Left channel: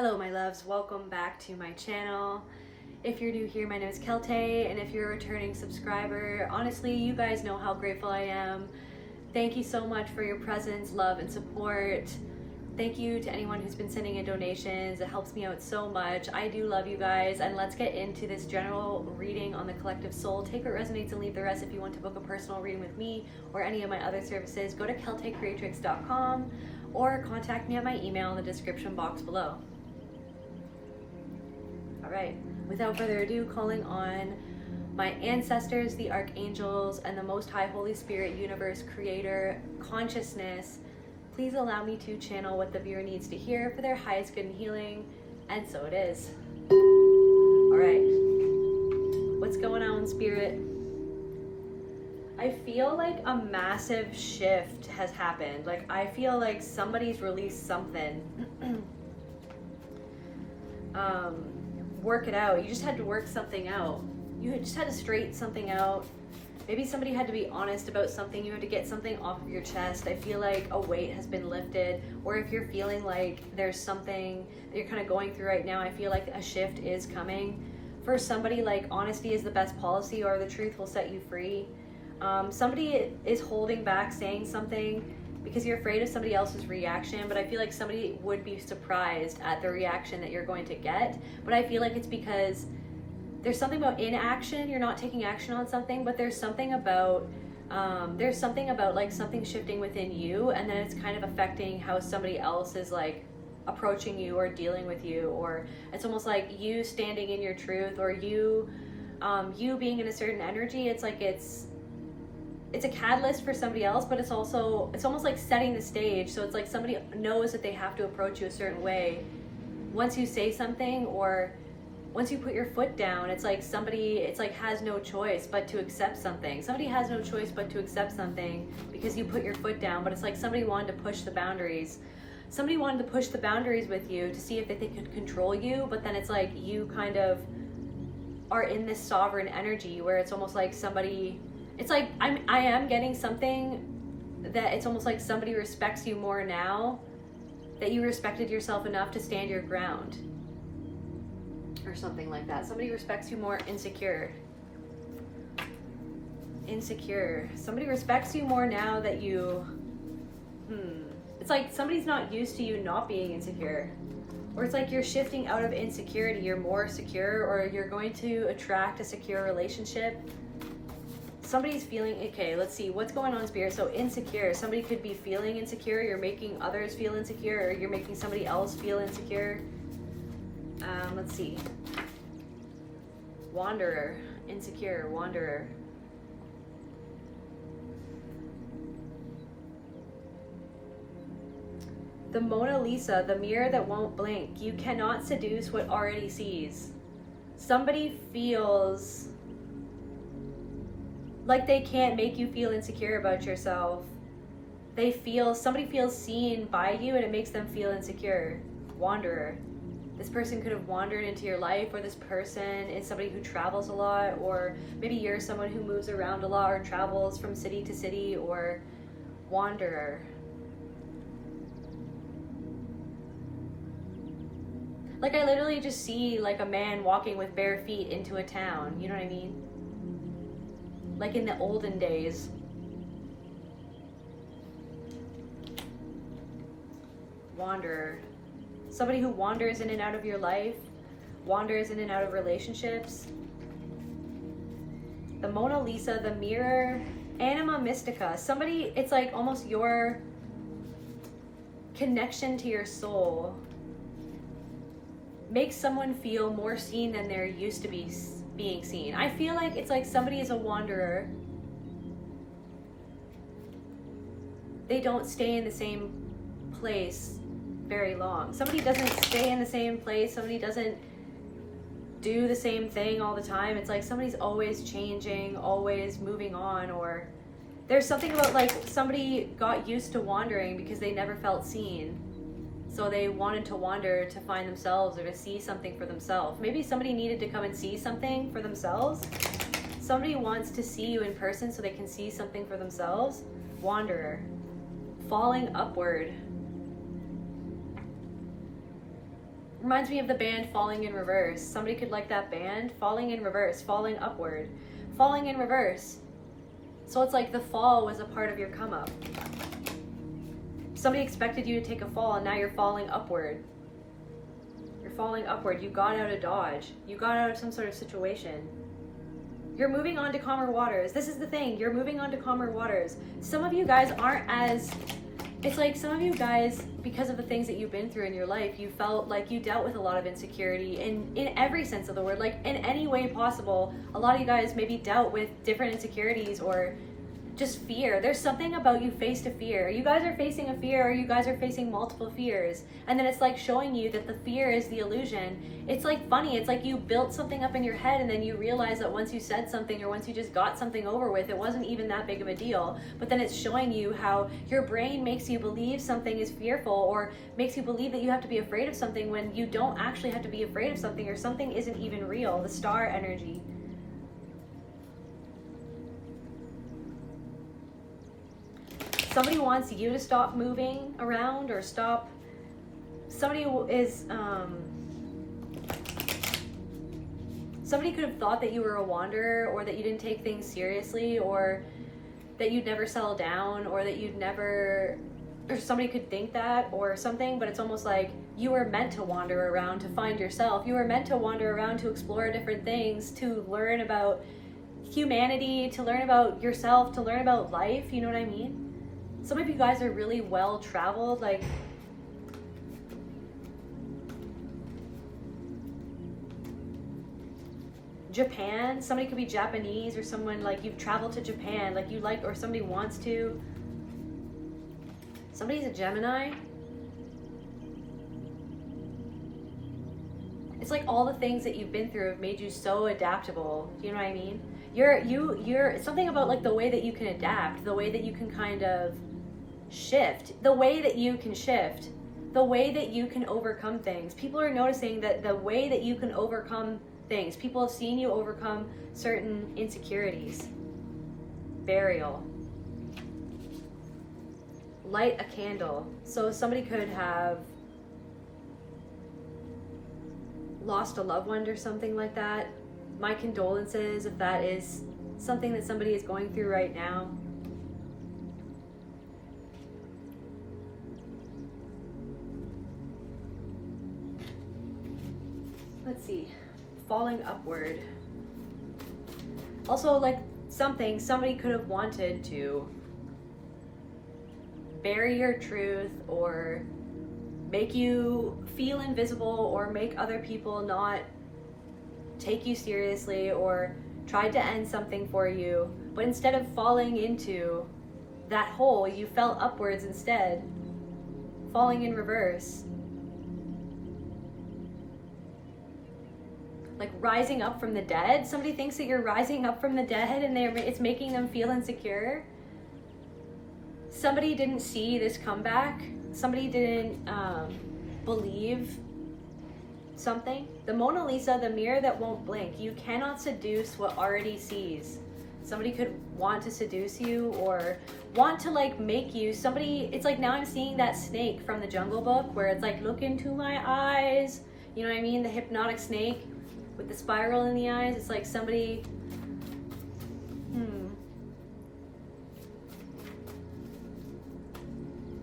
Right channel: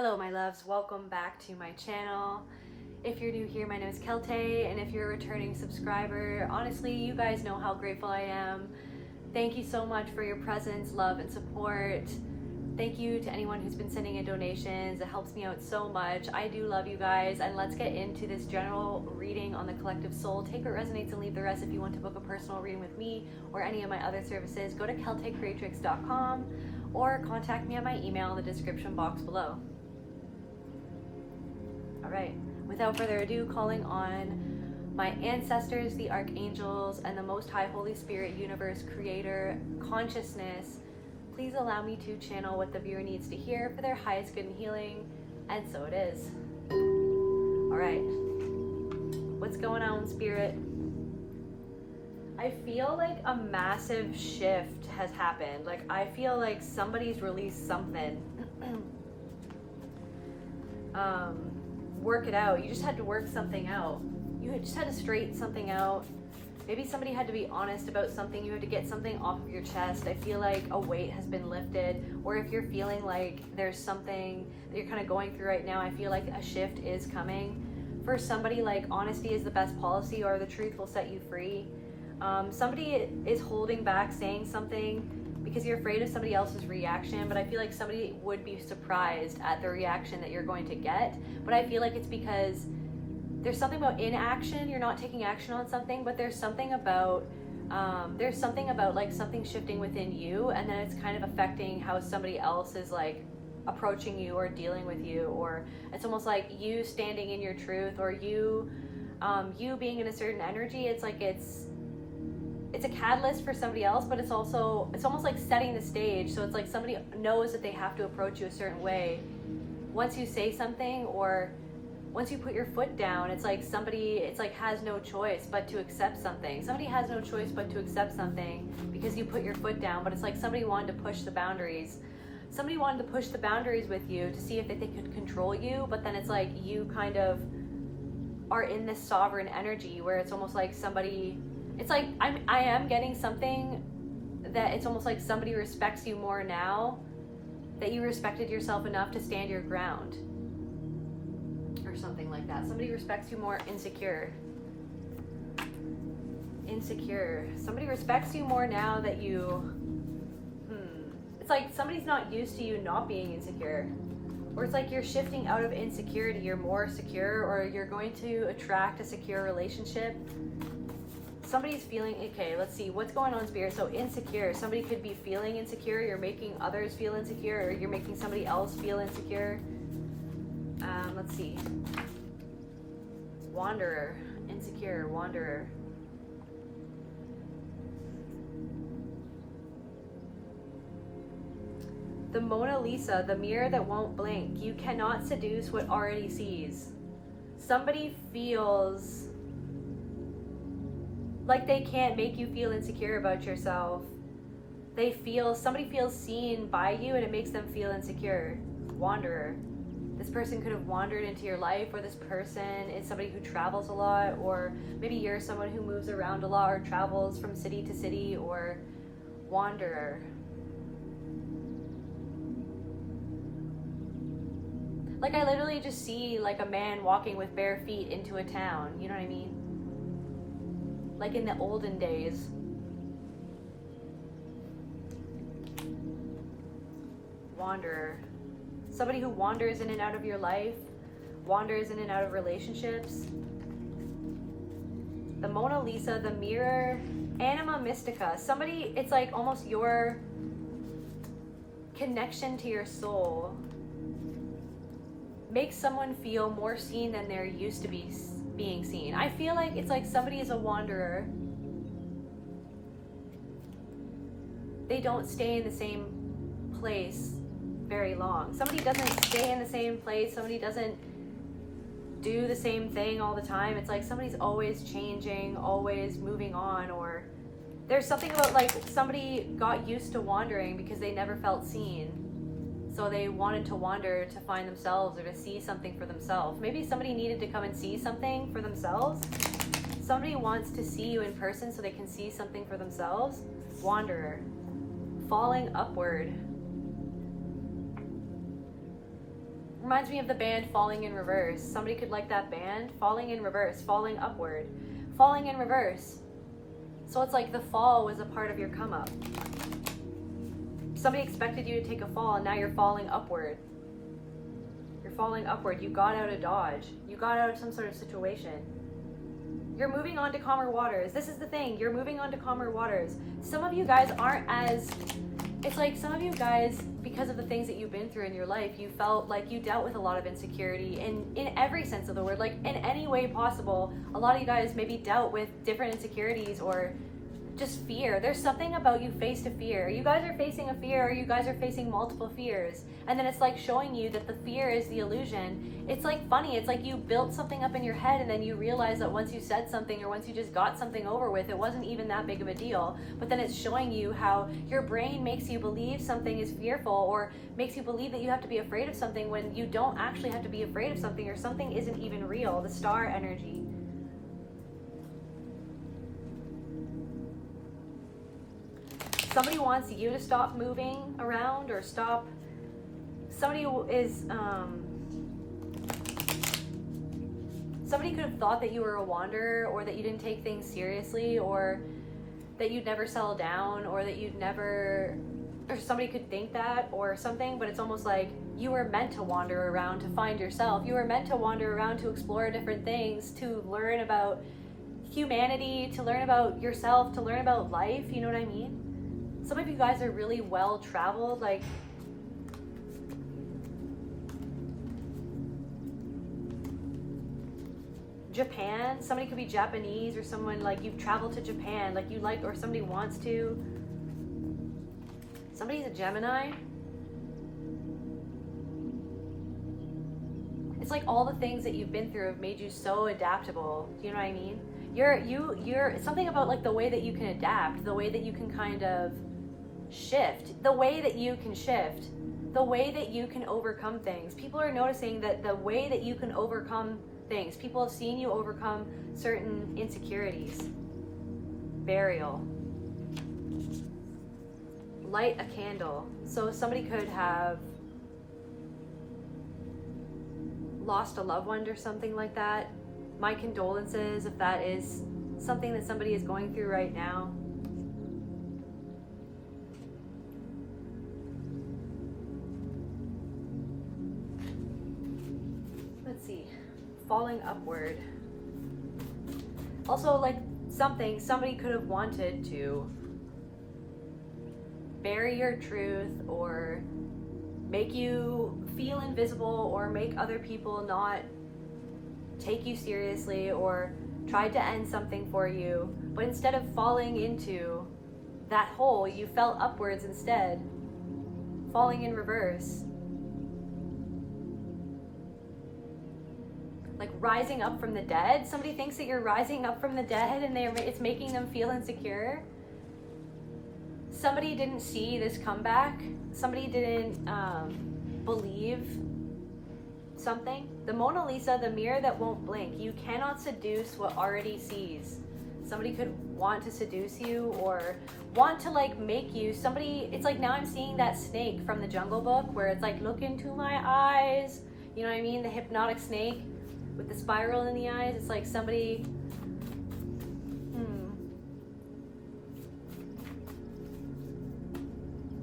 Hello my loves, welcome back to my channel. If you're new here, my name is Celtae, and if you're a returning subscriber, honestly, you guys know how grateful I am. Thank you so much for your presence, love, and support. Thank you to anyone who's been sending in donations. It helps me out so much. I do love you guys, and let's get into this general reading on the collective soul. Take what resonates and leave the rest. If you want to book a personal reading with me or any of my other services, go to celtaecreatrix.com or contact me at my email in the description box below. All right, without further ado, calling on my ancestors, the archangels, and the Most High Holy Spirit, universe, creator, consciousness, please allow me to channel what the viewer needs to hear for their highest good and healing, and so it is. All right, what's going on, Spirit? I feel like a massive shift has happened. Like, I feel like somebody's released something. Work it out. You just had to work something out. You just had to straighten something out. Maybe somebody had to be honest about something. You had to get something off of your chest. I feel like a weight has been lifted. Or if you're feeling like there's something that you're kind of going through right now, I feel like a shift is coming. For somebody, like, honesty is the best policy, or the truth will set you free. Somebody is holding back saying something because you're afraid of somebody else's reaction, but I feel like somebody would be surprised at the reaction that you're going to get. But I feel like it's because there's something about inaction. You're not taking action on something, but there's something about like something shifting within you, and then it's kind of affecting how somebody else is like approaching you or dealing with you, or it's almost like you standing in your truth, or you being in a certain energy. It's like it's a catalyst for somebody else, but it's almost like setting the stage. So it's like somebody knows that they have to approach you a certain way. Once you say something, or once you put your foot down, it's like somebody, it's like has no choice but to accept something. Somebody has no choice but to accept something because you put your foot down. But it's like somebody wanted to push the boundaries. Somebody wanted to push the boundaries with you to see if they could control you, but then it's like you kind of are in this sovereign energy where it's almost like somebody, it's like I am getting something that it's almost like somebody respects you more now that you respected yourself enough to stand your ground, or something like that. Somebody respects you more. Insecure. Somebody respects you more now that you it's like somebody's not used to you not being insecure, or it's like you're shifting out of insecurity. You're more secure, or you're going to attract a secure relationship. Somebody's feeling, okay, let's see, what's going on, Spirit? So insecure, somebody could be feeling insecure. You're making others feel insecure, or you're making somebody else feel insecure. Let's see. Wanderer, insecure, wanderer. The Mona Lisa, the mirror that won't blink. You cannot seduce what already sees. Somebody feels like they can't make you feel insecure about yourself. Somebody feels seen by you, and it makes them feel insecure. Wanderer. This person could have wandered into your life, or this person is somebody who travels a lot, or maybe you're someone who moves around a lot or travels from city to city, or wanderer. Like, I literally just see like a man walking with bare feet into a town, you know what I mean? Like in the olden days. Wanderer. Somebody who wanders in and out of your life, wanders in and out of relationships. The Mona Lisa, the mirror, anima mystica. Somebody, it's like almost your connection to your soul makes someone feel more seen than they're used to being seen. I feel like it's like somebody is a wanderer. They don't stay in the same place very long. Somebody doesn't stay in the same place. Somebody doesn't do the same thing all the time. It's like somebody's always changing, always moving on, or there's something about like somebody got used to wandering because they never felt seen. So they wanted to wander to find themselves, or to see something for themselves. Maybe somebody needed to come and see something for themselves. Somebody wants to see you in person so they can see something for themselves. Wanderer. Falling upward. Reminds me of the band Falling in Reverse. Somebody could like that band, Falling in Reverse, falling upward, falling in reverse. So it's like the fall was a part of your come up. Somebody expected you to take a fall, and now you're falling upward. You're falling upward. You got out of Dodge. You got out of some sort of situation. You're moving on to calmer waters. This is the thing. You're moving on to calmer waters. Some of you guys aren't as... It's like some of you guys, because of the things that you've been through in your life, you felt like you dealt with a lot of insecurity in every sense of the word, like in any way possible. A lot of you guys maybe dealt with different insecurities or just fear. There's something about you faced a fear. You guys are facing a fear, or you guys are facing multiple fears. And then it's like showing you that the fear is the illusion. It's like funny. It's like you built something up in your head, and then you realize that once you said something, or once you just got something over with, it wasn't even that big of a deal. But then it's showing you how your brain makes you believe something is fearful, or makes you believe that you have to be afraid of something when you don't actually have to be afraid of something, or something isn't even real. The star energy. Somebody wants you to stop moving around, or stop. Somebody is, somebody could have thought that you were a wanderer, or that you didn't take things seriously, or that you'd never settle down, or that you'd never, or somebody could think that or something, but it's almost like you were meant to wander around to find yourself. You were meant to wander around to explore different things, to learn about humanity, to learn about yourself, to learn about life, you know what I mean? Some of you guys are really well traveled, like Japan. Somebody could be Japanese, or someone like you've traveled to Japan, like you like, or somebody wants to. Somebody's a Gemini. It's like all the things that you've been through have made you so adaptable. You know what I mean? You're something about like the way that you can adapt, the way that you can kind of shift, the way that you can shift, the way that you can overcome things. People are noticing that the way that you can overcome things. People have seen you overcome certain insecurities. Burial. Light a candle. So somebody could have lost a loved one or something like that. My condolences if that is something that somebody is going through right now. Let's see. Falling upward. Also, like somebody could have wanted to bury your truth, or make you feel invisible, or make other people not take you seriously, or tried to end something for you. But instead of falling into that hole, you fell upwards instead, falling in reverse. Like rising up from the dead. Somebody thinks that you're rising up from the dead, and it's making them feel insecure. Somebody didn't see this comeback. Somebody didn't believe something. The Mona Lisa, the mirror that won't blink. You cannot seduce what already sees. Somebody could want to seduce you, or want to like make you somebody. It's like now I'm seeing that snake from the Jungle Book, where it's like, look into my eyes. You know what I mean? The hypnotic snake with the spiral in the eyes. It's like somebody,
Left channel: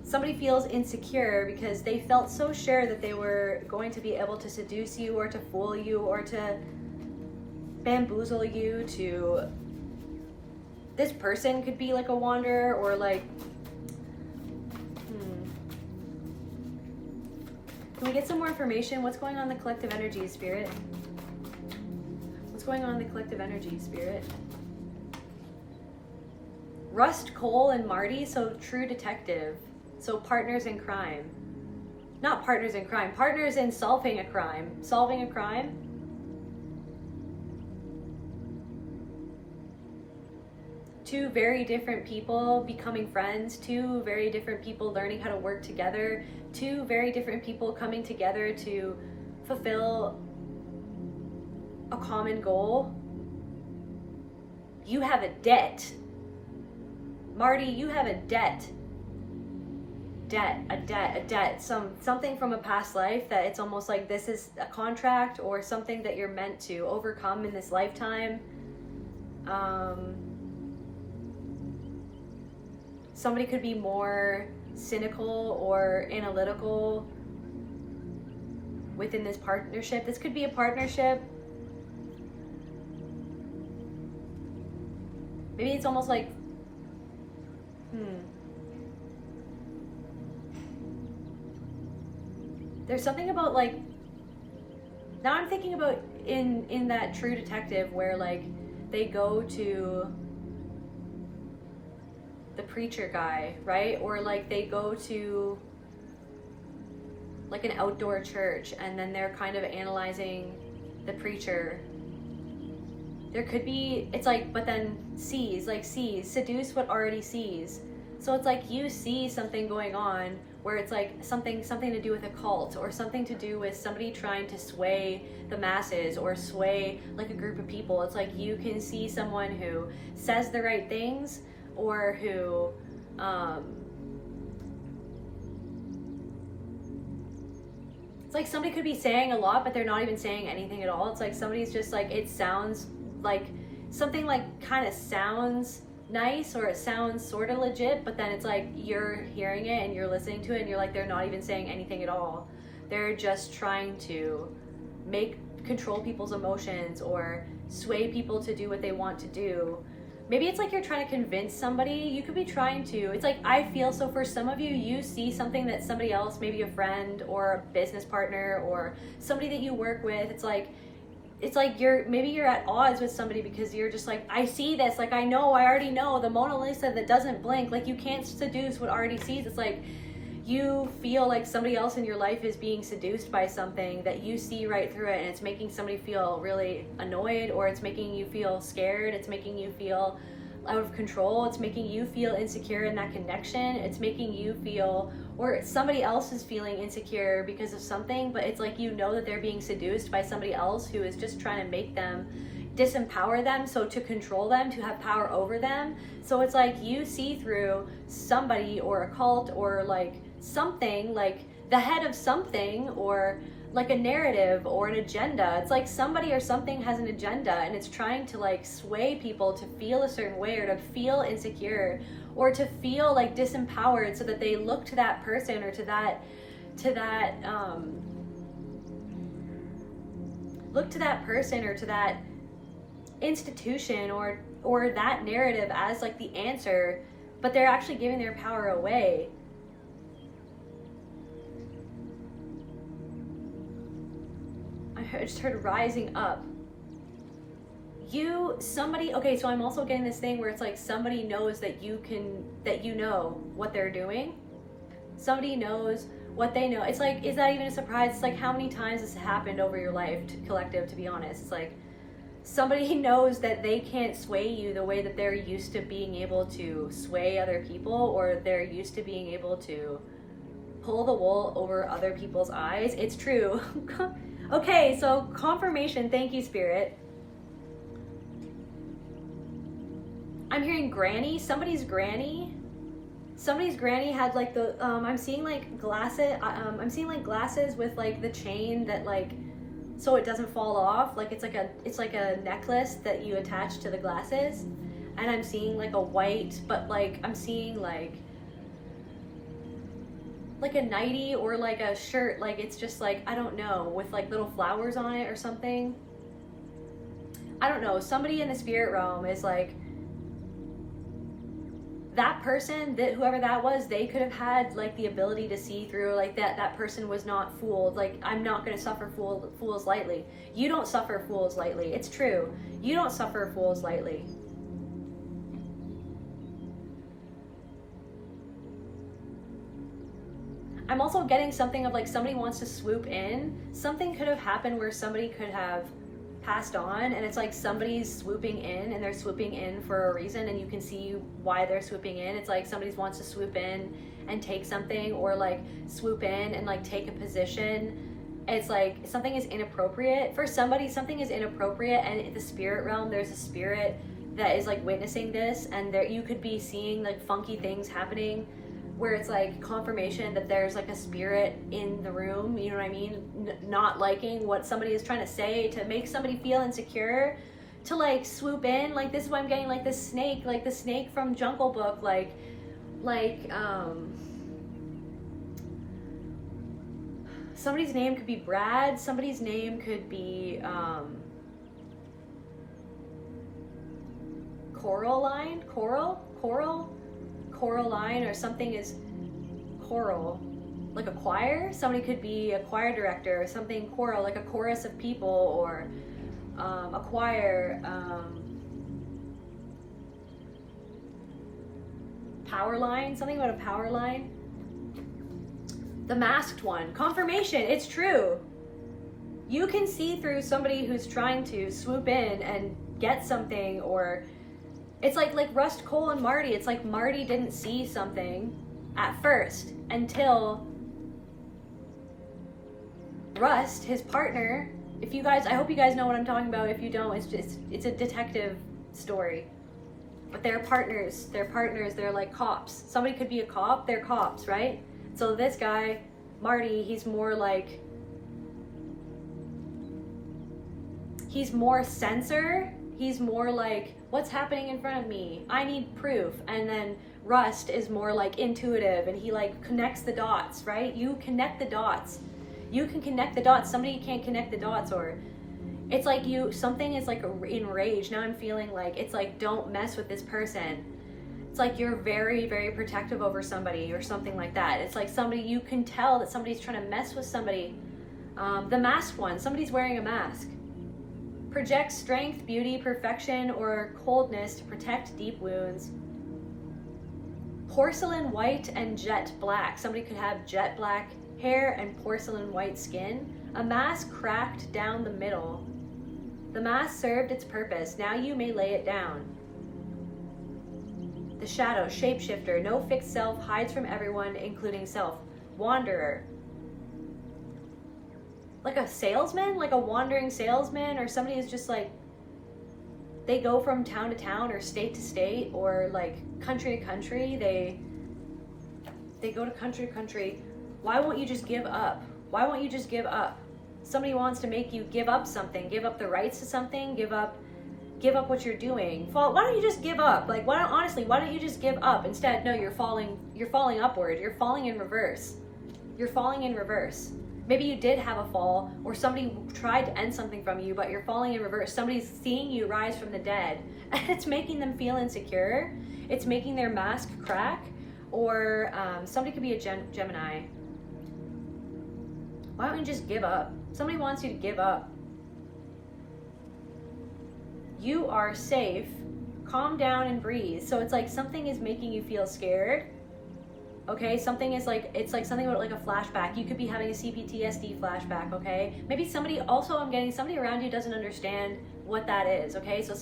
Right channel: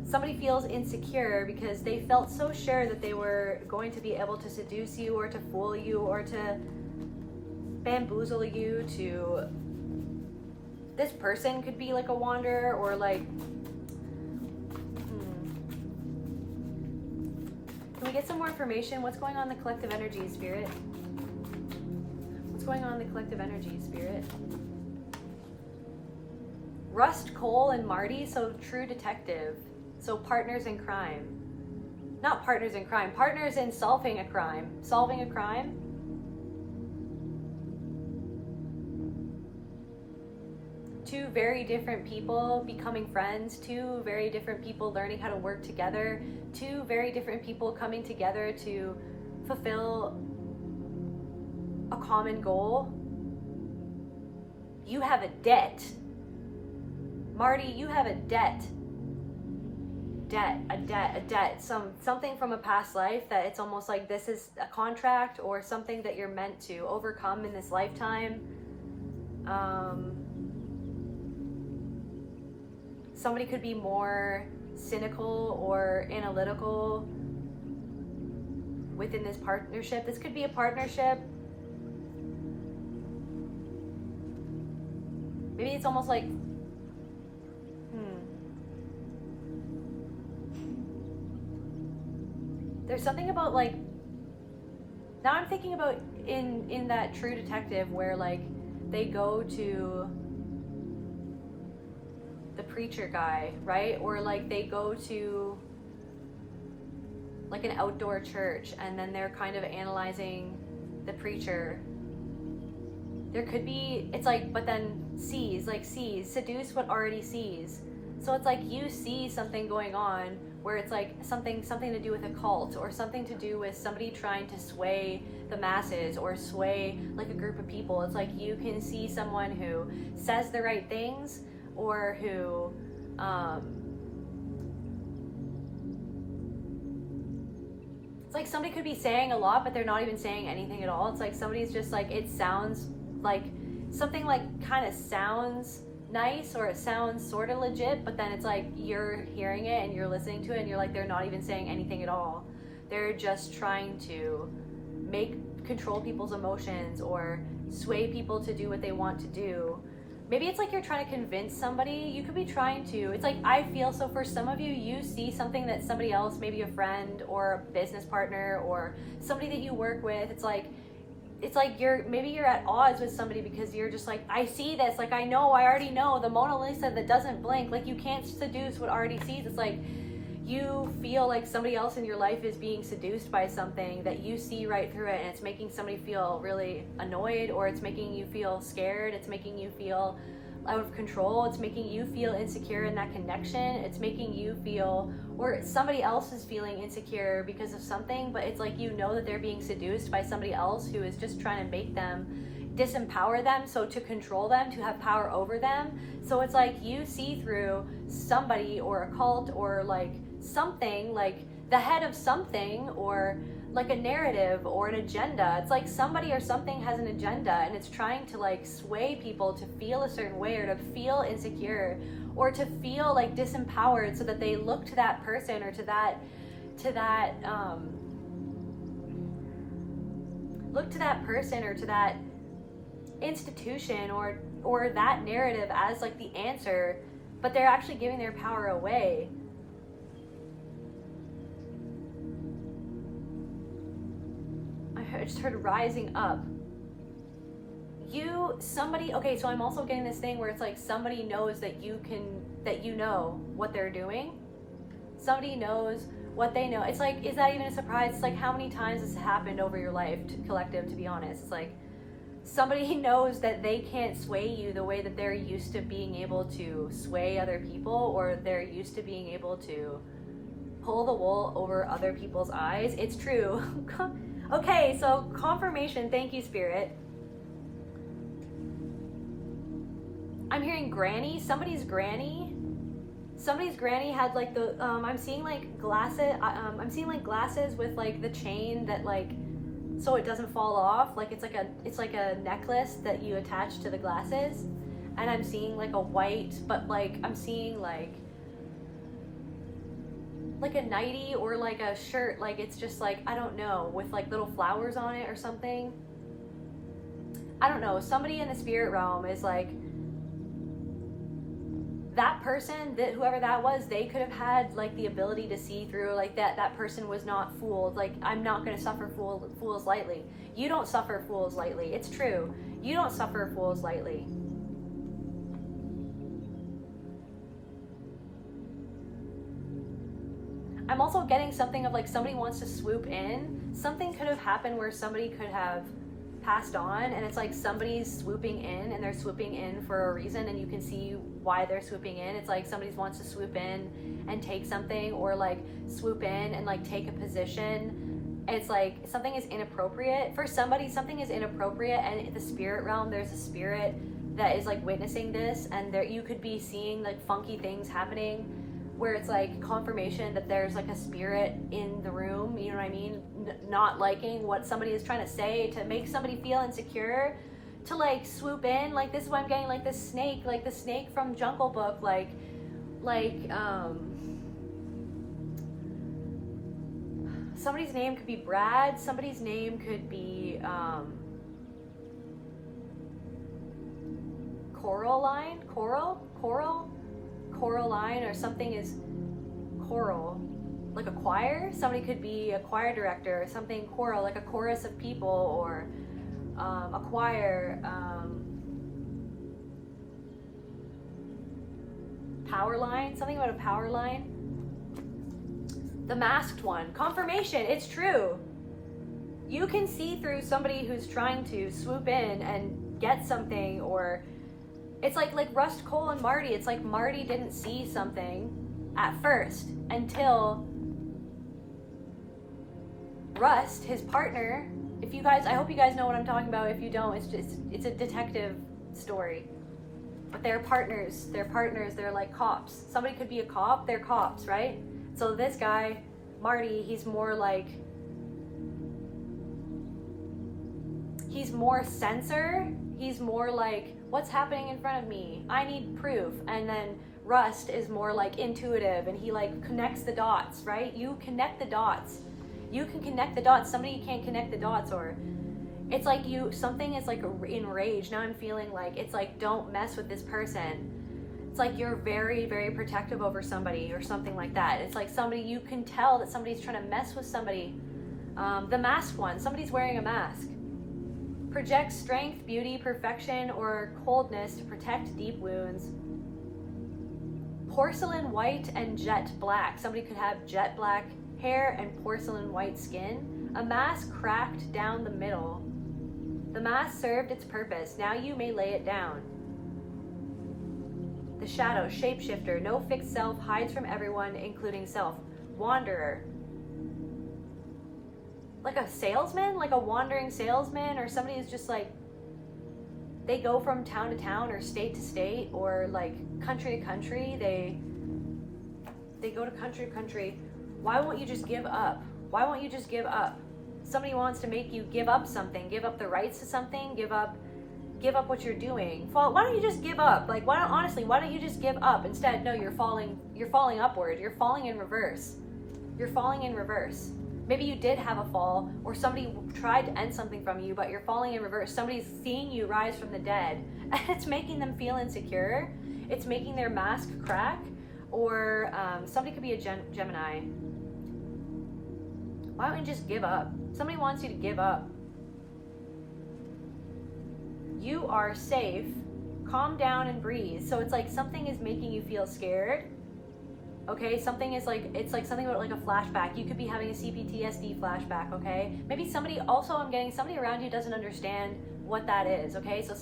somebody feels insecure because they felt so sure that they were going to be able to seduce you, or to fool you, or to bamboozle you. To this person could be like a wanderer, or like can we get some more information? What's going on in the collective energy, Spirit? What's going on in the collective energy, Spirit? Rust, Cole, and Marty, so true detective. So partners in crime. Not partners in crime, partners in solving a crime. Solving a crime. Two very different people becoming friends. Two very different people learning how to work together. Two very different people coming together to fulfill a common goal. You have a debt. Marty, you have a debt. debt, something from a past life that it's almost like this is a contract or something that you're meant to overcome in this lifetime. Somebody could be more cynical or analytical within this partnership. This could be a partnership. Maybe it's almost like, there's something about like, now I'm thinking about in that True Detective where like they go to the preacher guy, right? Or like they go to like an outdoor church and then they're kind of analyzing the preacher. There could be, it's like, but then sees, seduce what already sees. So it's like you see something going on where it's like something to do with a cult or something to do with somebody trying to sway the masses or sway like a group of people. It's like you can see someone who says the right things or who it's like somebody could be saying a lot but they're not even saying anything at all. It's like somebody's just like, it sounds like something like kind of sounds nice or it sounds sort of legit, but then it's like you're hearing it and you're listening to it and you're like, they're not even saying anything at all. They're just trying to control people's emotions or sway people to do what they want to do. Maybe it's like you're trying to convince somebody. You could be trying to, it's like, I feel, so for some of you, you see something that somebody else, maybe a friend or a business partner or somebody that you work with, it's like you're at odds with somebody because you're just like, I see this, like I already know the Mona Lisa that doesn't blink, like you can't seduce what already sees. It's like you feel like somebody else in your life is being seduced by something that you see right through it, and it's making somebody feel really annoyed, or it's making you feel scared, it's making you feel out of control, it's making you feel insecure in that connection, it's making you feel, or somebody else is feeling insecure because of something, but it's like you know that they're being seduced by somebody else who is just trying to make them, disempower them, so to control them, to have power over them. So it's like you see through somebody or a cult or like something, like the head of something, or like a narrative or an agenda. It's like somebody or something has an agenda and it's trying to like sway people to feel a certain way or to feel insecure or to feel like disempowered, so that they look to that person or to that look to that person or to that institution or that narrative as like the answer, but they're actually giving their power away. I just heard rising up. Okay, so I'm also getting this thing where it's like somebody knows that you know what they're doing. Somebody knows what they know. It's like, is that even a surprise? It's like, how many times has happened over your life, collective, to be honest? It's like somebody knows that they can't sway you the way that they're used to being able to sway other people, or they're used to being able to pull the wool over other people's eyes. It's true. Okay, so confirmation. Thank you, Spirit. I'm hearing granny. Somebody's granny had like the I'm seeing like glasses. I'm seeing like glasses with like the chain that like, so it doesn't fall off. Like it's like a necklace that you attach to the glasses. And I'm seeing like a white, but like I'm seeing like a nightie or like a shirt, like it's just like, I don't know, with like little flowers on it or something. I don't know. Somebody in the spirit realm is like, that person, that whoever that was, they could have had like the ability to see through, like that person was not fooled. Like, I'm not going to suffer fools lightly. You don't suffer fools lightly. It's true. You don't suffer fools lightly. I'm also getting something of like somebody wants to swoop in. Something could have happened where somebody could have passed on, and it's like somebody's swooping in, and they're swooping in for a reason, and you can see why they're swooping in. It's like somebody wants to swoop in and take something, or like swoop in and like take a position. And it's like something is inappropriate for somebody. Something is inappropriate, and in the spirit realm, there's a spirit that is like witnessing this, and there you could be seeing like funky things happening where it's like confirmation that there's like a spirit in the room, you know what I mean? Not liking what somebody is trying to say to make somebody feel insecure, to like swoop in. Like, this is why I'm getting like this snake, like the snake from Jungle Book, like somebody's name could be Brad, somebody's name could be Coraline, Coraline, or something is choral, like a choir. Somebody could be a choir director or something, choral, like a chorus of people, or a choir. Power line, something about a power line. The masked one, confirmation, it's true. You can see through somebody who's trying to swoop in and get something, or it's like Rust, Cole, and Marty. It's like Marty didn't see something at first until Rust, his partner, if you guys, I hope you guys know what I'm talking about. If you don't, it's a detective story. But they're partners, they're like cops. Somebody could be a cop, they're cops, right? So this guy, Marty, he's more censor. He's more like, what's happening in front of me? I need proof. And then Rust is more like intuitive, and he like connects the dots, right? You connect the dots. You can connect the dots. Somebody can't connect the dots, or it's like something is like enraged. Now I'm feeling like, it's like, don't mess with this person. It's like you're very, very protective over somebody or something like that. It's like somebody, you can tell that somebody's trying to mess with somebody. The masked one, somebody's wearing a mask. Projects strength, beauty, perfection, or coldness to protect deep wounds. Porcelain white and jet black. Somebody could have jet black hair and porcelain white skin. A mask cracked down the middle. The mask served its purpose. Now you may lay it down. The shadow, shapeshifter, no fixed self, hides from everyone, including self. Wanderer. Like a salesman, like a wandering salesman, or somebody who's just like, they go from town to town or state to state, or like country to country. They go to country to country. Why won't you just give up? Why won't you just give up? Somebody wants to make you give up something, give up the rights to something, give up what you're doing. Why don't you just give up? Like, why don't you just give up? Instead, no, you're falling upward. You're falling in reverse. You're falling in reverse. Maybe you did have a fall, or somebody tried to end something from you, but you're falling in reverse. Somebody's seeing you rise from the dead, and it's making them feel insecure. It's making their mask crack. Or somebody could be a Gemini. Why don't you just give up? Somebody wants you to give up. You are safe. Calm down and breathe. So it's like something is making you feel scared. Okay, something is like, it's like something about like a flashback. You could be having a CPTSD flashback, okay? Maybe somebody, also I'm getting somebody around you doesn't understand what that is, okay? So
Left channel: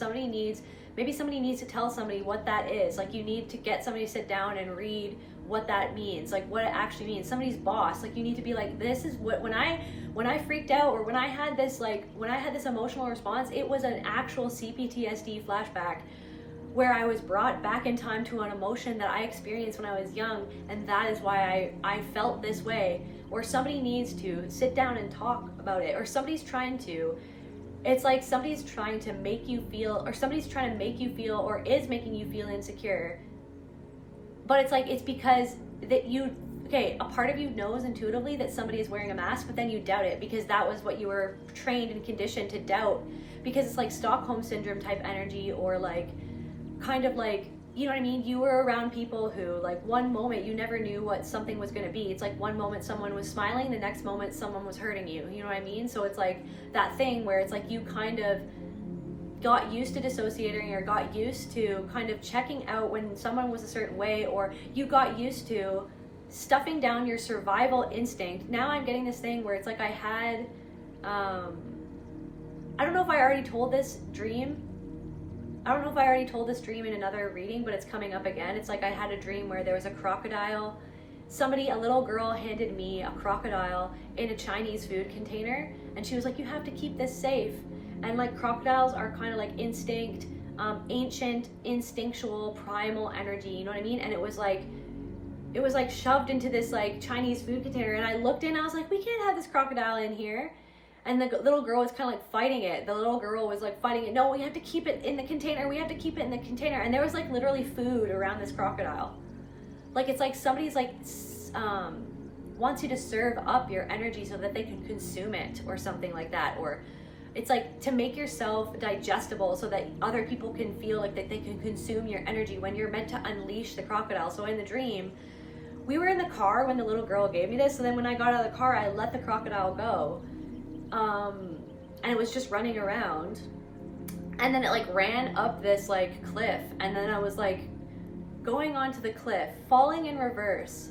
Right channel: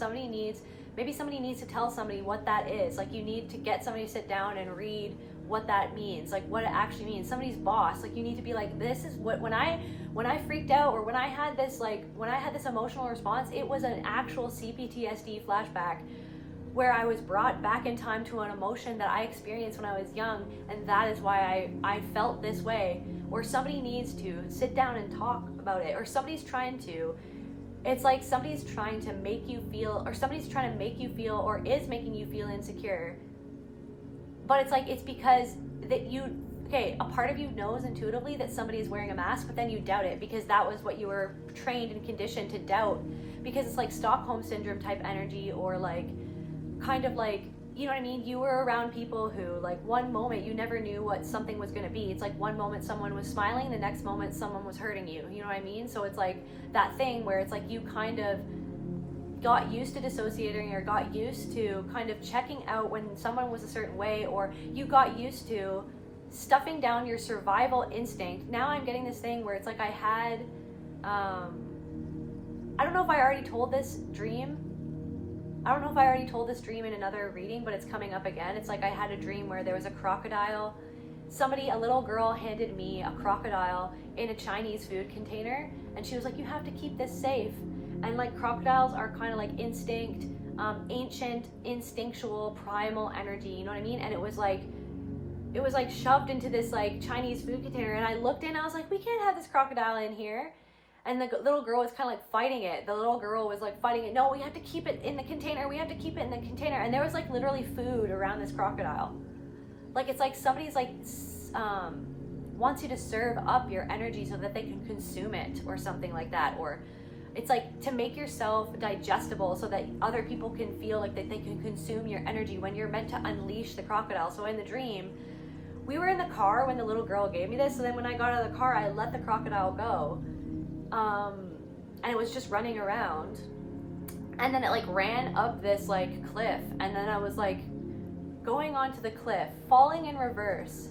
maybe somebody needs to tell somebody what that is. Like, you need to get somebody to sit down and read what that means, like what it actually means. Somebody's boss, like you need to be like, this is what, when I freaked out, or when I had this emotional response, it was an actual CPTSD flashback where I was brought back in time to an emotion that I experienced when I was young, and that is why I felt this way. Or somebody needs to sit down and talk about it, or somebody's trying to. It's like somebody's trying to make you feel, or somebody's trying to make you feel, or is making you feel insecure. But it's like, it's because that a part of you knows intuitively that somebody is wearing a mask, but then you doubt it because that was what you were trained and conditioned to doubt, because it's like Stockholm syndrome type energy, or like, kind of like, you know what I mean? You were around people who, like, one moment you never knew what something was going to be. It's like one moment someone was smiling, the next moment someone was hurting you. You know what I mean? So it's like that thing where it's like you kind of got used to dissociating, or got used to kind of checking out when someone was a certain way, or you got used to stuffing down your survival instinct. Now I'm getting this thing where it's like I had, I don't know if I already told this dream. I don't know if I already told this dream in another reading, but it's coming up again. It's like I had a dream where there was a crocodile. A little girl handed me a crocodile in a Chinese food container, and she was like, you have to keep this safe. And like, crocodiles are kind of like ancient, instinctual, primal energy, you know what I mean? And it was like, it was like shoved into this like Chinese food container, and I looked in, I was like, we can't have this crocodile in here. And the little girl was kind of like fighting it. The little girl was like fighting it. No, we have to keep it in the container. We have to keep it in the container. And there was like literally food around this crocodile. Like, it's like somebody's like wants you to serve up your energy so that they can consume it or something like that. Or it's like to make yourself digestible so that other people can feel like that they can consume your energy when you're meant to unleash the crocodile. So in the dream, we were in the car when the little girl gave me this. So then when I got out of the car, I let the crocodile go. And it was just running around, and then it like ran up this like cliff, and then I was like going onto the cliff, falling in reverse,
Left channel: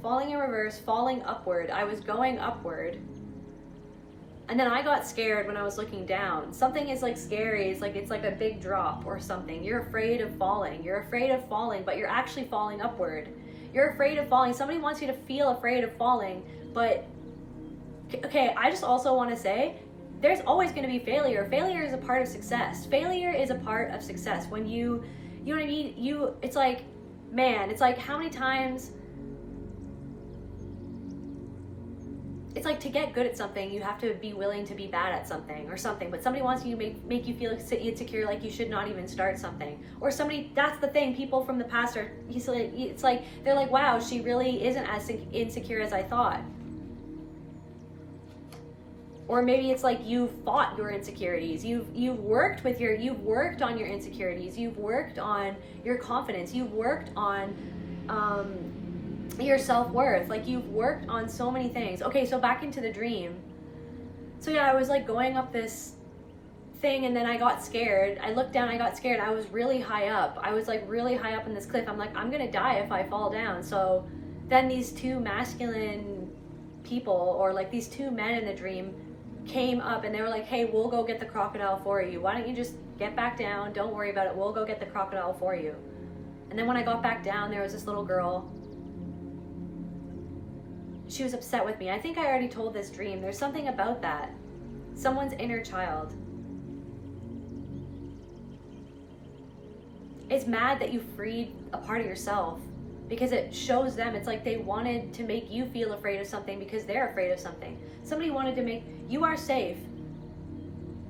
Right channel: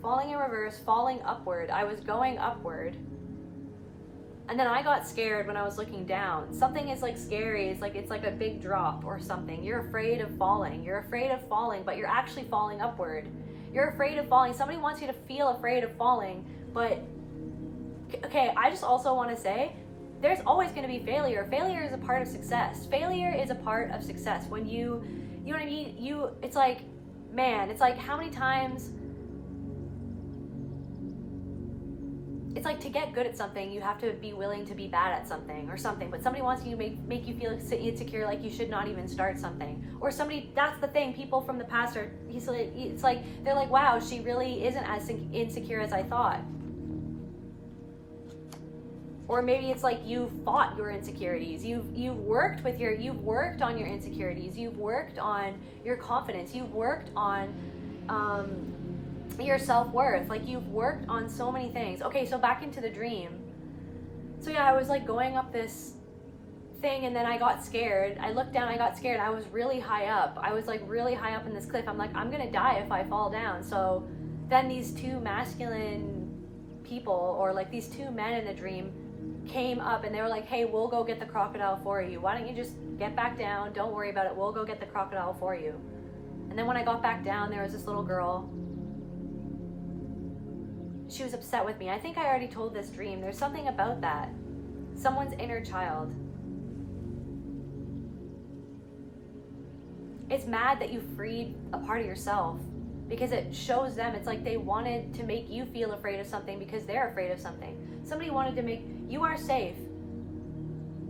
falling upward. I was going upward, and then I got scared when I was looking down. Something is like scary. It's like a big drop or something. You're afraid of falling, but you're actually falling upward. You're afraid of falling. Somebody wants you to feel afraid of falling, but okay, I just also want to say, there's always going to be failure. Failure is a part of success. Failure is a part of success. When you know what I mean? It's like, man, it's like how many times, it's like to get good at something, you have to be willing to be bad at something or something, but somebody wants you to make you feel insecure, like you should not even start something. Or somebody, that's the thing, people from the past are, it's like, they're like, wow, she really isn't as insecure as I thought. Or maybe it's like you've fought your insecurities. You've worked on your insecurities. You've worked on your confidence. You've worked on your self-worth. Like, you've worked on so many things. Okay, so back into the dream. So yeah, I was like going up this thing, and then I got scared. I looked down, I got scared. I was really high up. I was like really high up in this cliff. I'm like, I'm gonna die if I fall down. So then these two masculine people, or like these two men in the dream, came up, and they were like, hey, we'll go get the crocodile for you. Why don't you just get back down? Don't worry about it. We'll go get the crocodile for you. And then when I got back down, there was this little girl. She was upset with me. I think I already told this dream. There's something about that. Someone's inner child is mad that you freed a part of yourself, because it shows them, it's like they wanted to make you feel afraid of something because they're afraid of something. Somebody wanted to make, you are safe.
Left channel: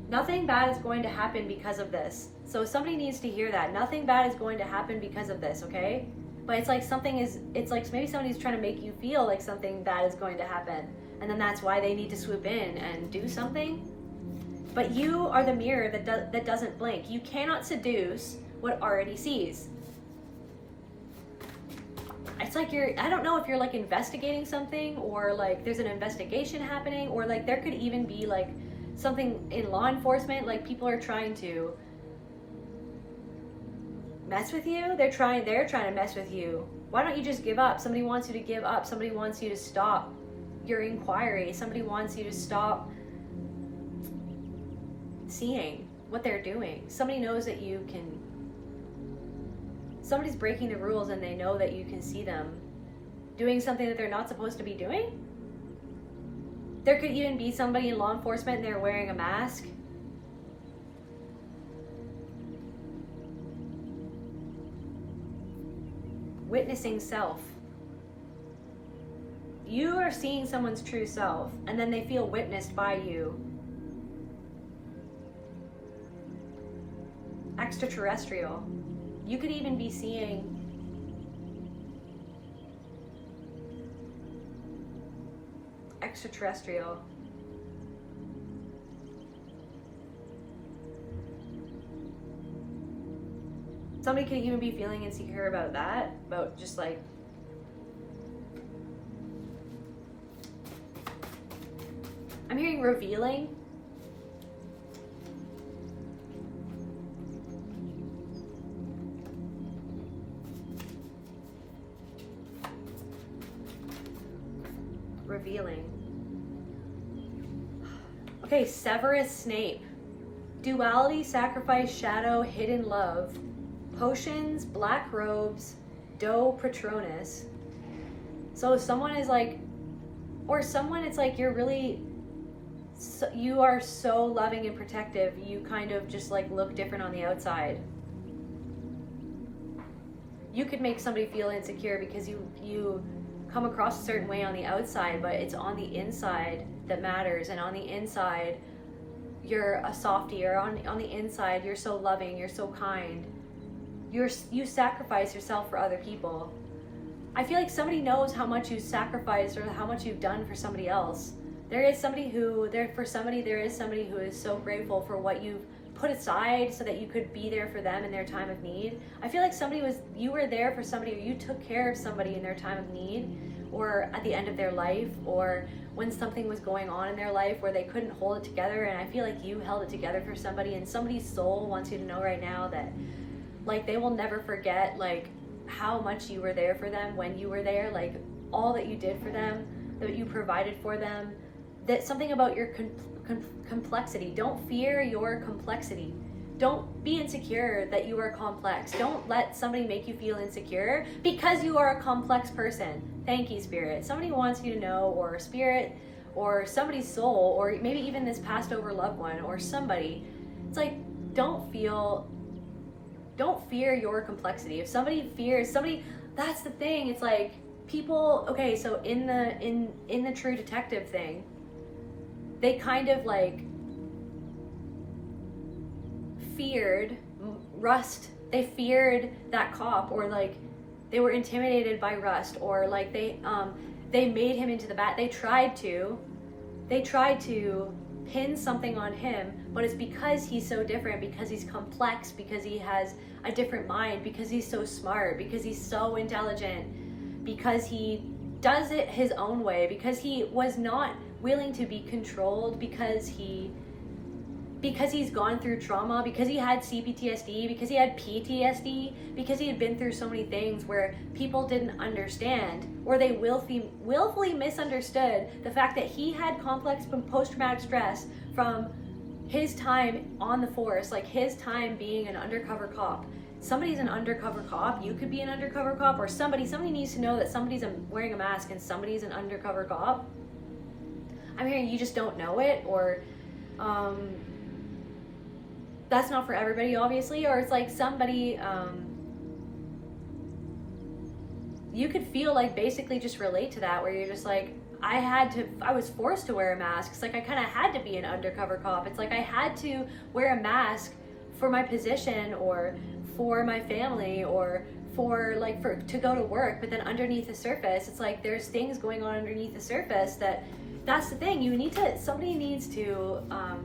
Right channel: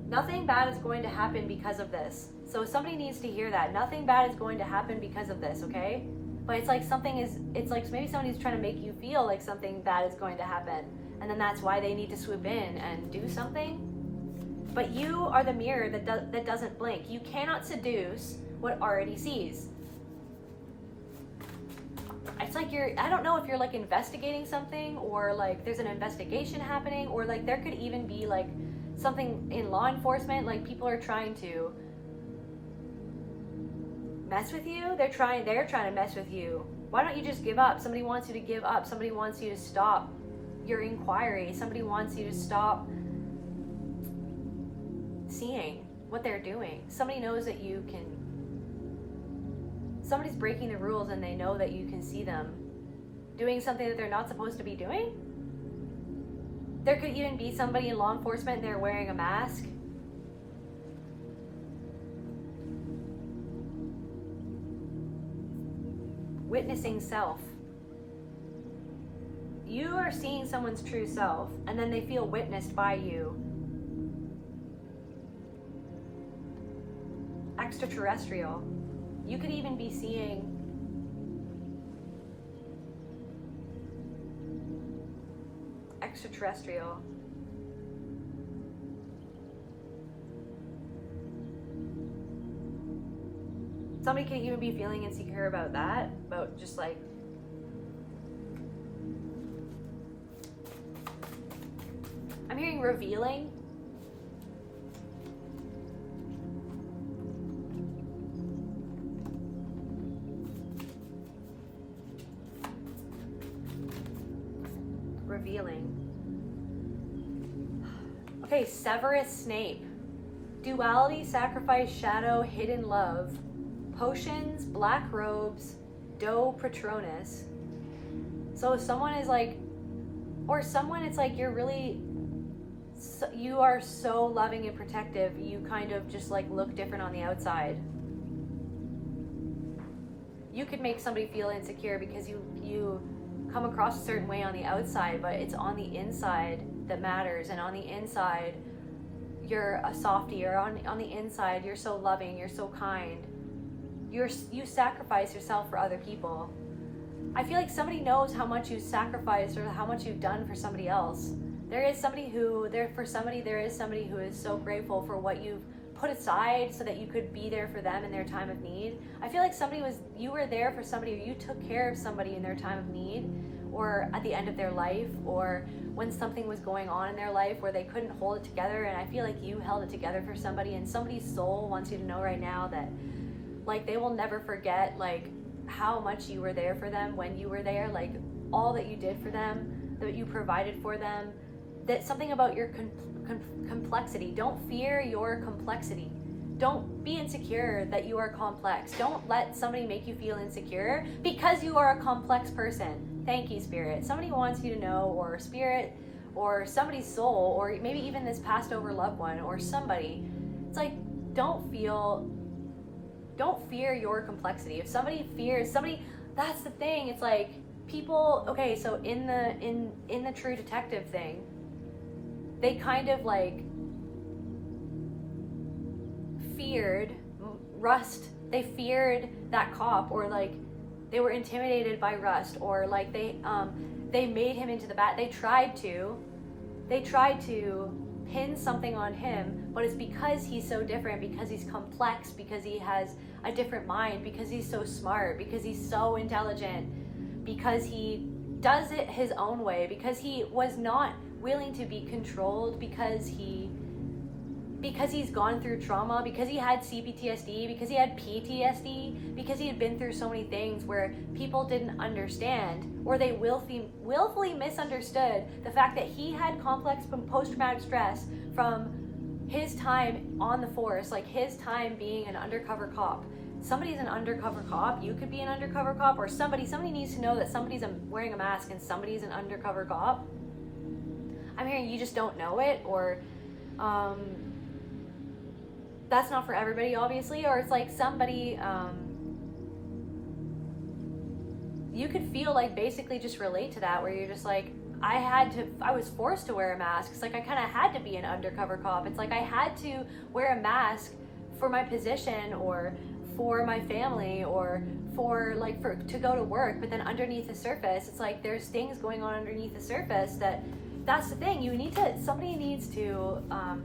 Nothing bad is going to happen because of this. So somebody needs to hear that. Nothing bad is going to happen because of this, okay? But it's like it's like maybe somebody's trying to make you feel like something bad is going to happen. And then that's why they need to swoop in and do something. But you are the mirror that doesn't blink. You cannot seduce what already sees. It's like I don't know if you're like investigating something, or like there's an investigation happening, or like there could even be like something in law enforcement, like people are trying to mess with you. They're trying to mess with you. Why don't you just give up? Somebody wants you to give up. Somebody wants you to stop your inquiry. Somebody wants you to stop seeing what they're doing. Somebody knows that you can. Somebody's breaking the rules, and they know that you can see them doing something that they're not supposed to be doing. There could even be somebody in law enforcement and they're wearing a mask. Witnessing self. You are seeing someone's true self, and then they feel witnessed by you. Extraterrestrial. You could even be seeing extraterrestrial. Somebody could even be feeling insecure about that, about just like, I'm hearing revealing. Revealing. Okay, Severus Snape. Duality, sacrifice, shadow, hidden love. Potions, black robes, do patronus. So someone is like, or someone, it's like you're really, you are so loving and protective, you kind of just like look different on the outside. you could make somebody feel insecure because you come across a certain way on the outside, but it's on the inside that matters. And on the inside, you're a softie, or on the inside, you're so loving, you're so kind. You sacrifice yourself for other people. I feel like somebody knows how much you sacrificed or how much you've done for somebody else. There is somebody who is so grateful for what you've put aside so that you could be there for them in their time of need. I feel like you were there for somebody, or you took care of somebody in their time of need, or at the end of their life, or when something was going on in their life where they couldn't hold it together. And I feel like you held it together for somebody, and somebody's soul wants you to know right now that like they will never forget like how much you were there for them when you were there, like all that you did for them, that you provided for them. That something about your complexity. Don't fear your complexity. Don't be insecure that you are complex. Don't let somebody make you feel insecure because you are a complex person. Thank you, Spirit. Somebody wants you to know, or Spirit, or somebody's soul, or maybe even this passed over loved one, or somebody. It's like, don't fear your complexity. If somebody fears somebody, that's the thing. It's like people, okay, so in the True Detective thing, they kind of like feared Rust. They feared that cop, or like they were intimidated by Rust, or like they made him into the bat. They tried to pin something on him, but it's because he's so different, because he's complex, because he has a different mind, because he's so smart, because he's so intelligent, because he does it his own way, because he was not willing to be controlled, because he's gone through trauma, because he had CPTSD, because he had PTSD, because he had been through so many things where people didn't understand, or they willfully misunderstood the fact that he had complex post-traumatic stress from his time on the force, like his time being an undercover cop. Somebody's an undercover cop. You could be an undercover cop, or somebody needs to know that somebody's wearing a mask and somebody's an undercover cop. I'm hearing you just don't know it, or that's not for everybody, obviously, or it's like somebody, you could feel like basically just relate to that, where you're just like, I was forced to wear a mask. It's like I kind of had to be an undercover cop. It's like I had to wear a mask for my position, or for my family, or to go to work. But then underneath the surface, it's like there's things going on underneath the surface that's the thing. Somebody needs to,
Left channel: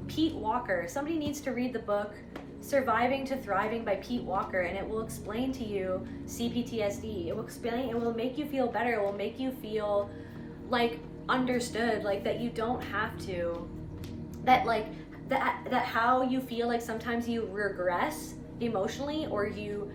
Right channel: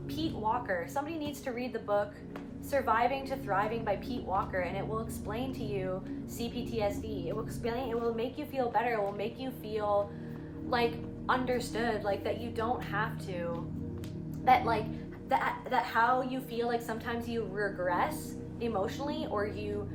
Pete Walker, somebody needs to read the book Surviving to Thriving by Pete Walker, and it will explain to you CPTSD. It will make you feel better. It will make you feel like understood, like that you don't have to, that how you feel like sometimes you regress emotionally, or you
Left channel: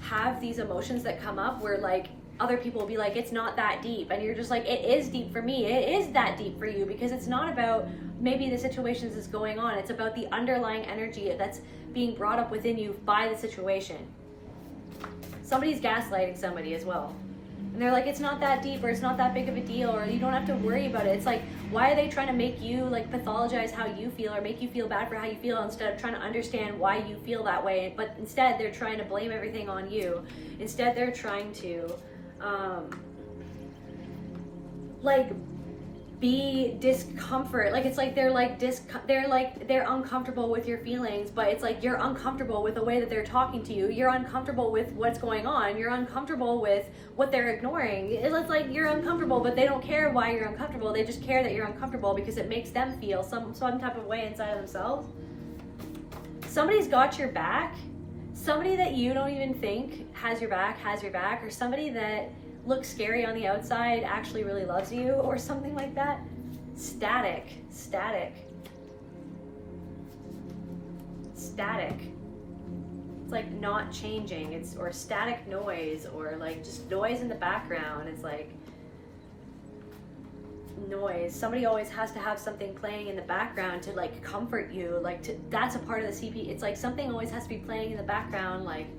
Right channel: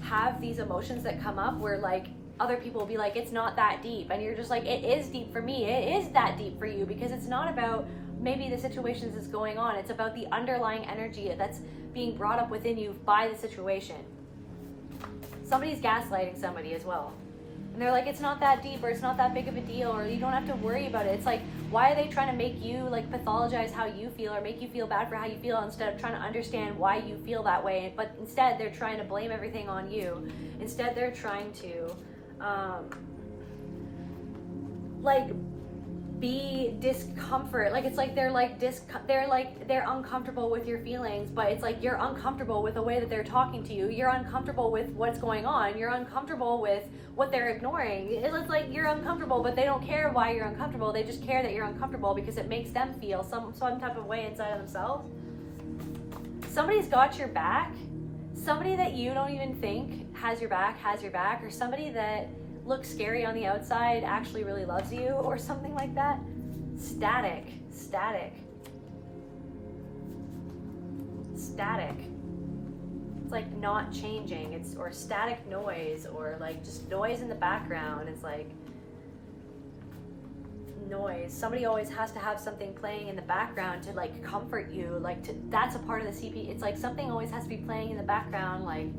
have these emotions that come up where like other people will be like, it's not that deep, and you're just like, it is deep for me. It is that deep for you, because it's not about maybe the situations that's going on. It's about the underlying energy that's being brought up within you by the situation. Somebody's gaslighting somebody as well, and they're like, it's not that deep, or it's not that big of a deal, or you don't have to worry about it. It's like, why are they trying to make you like pathologize how you feel, or make you feel bad for how you feel, instead of trying to understand why you feel that way? But instead they're trying to blame everything on you. Instead they're trying to like be discomfort, like it's like they're uncomfortable with your feelings, but it's like you're uncomfortable with the way that they're talking to you. You're uncomfortable with what's going on. You're uncomfortable with what they're ignoring. It's like you're uncomfortable, but they don't care why you're uncomfortable. They just care that you're uncomfortable because it makes them feel some type of way inside of themselves. Somebody's got your back. Somebody that you don't even think has your back, or somebody that looks scary on the outside actually really loves you, or something like that. Static. It's like not changing. Or static noise, or like just noise in the background. It's like noise. Somebody always has to have something playing in the background to like comfort you, that's a part of the CP. It's like something always has to be playing in the background, like,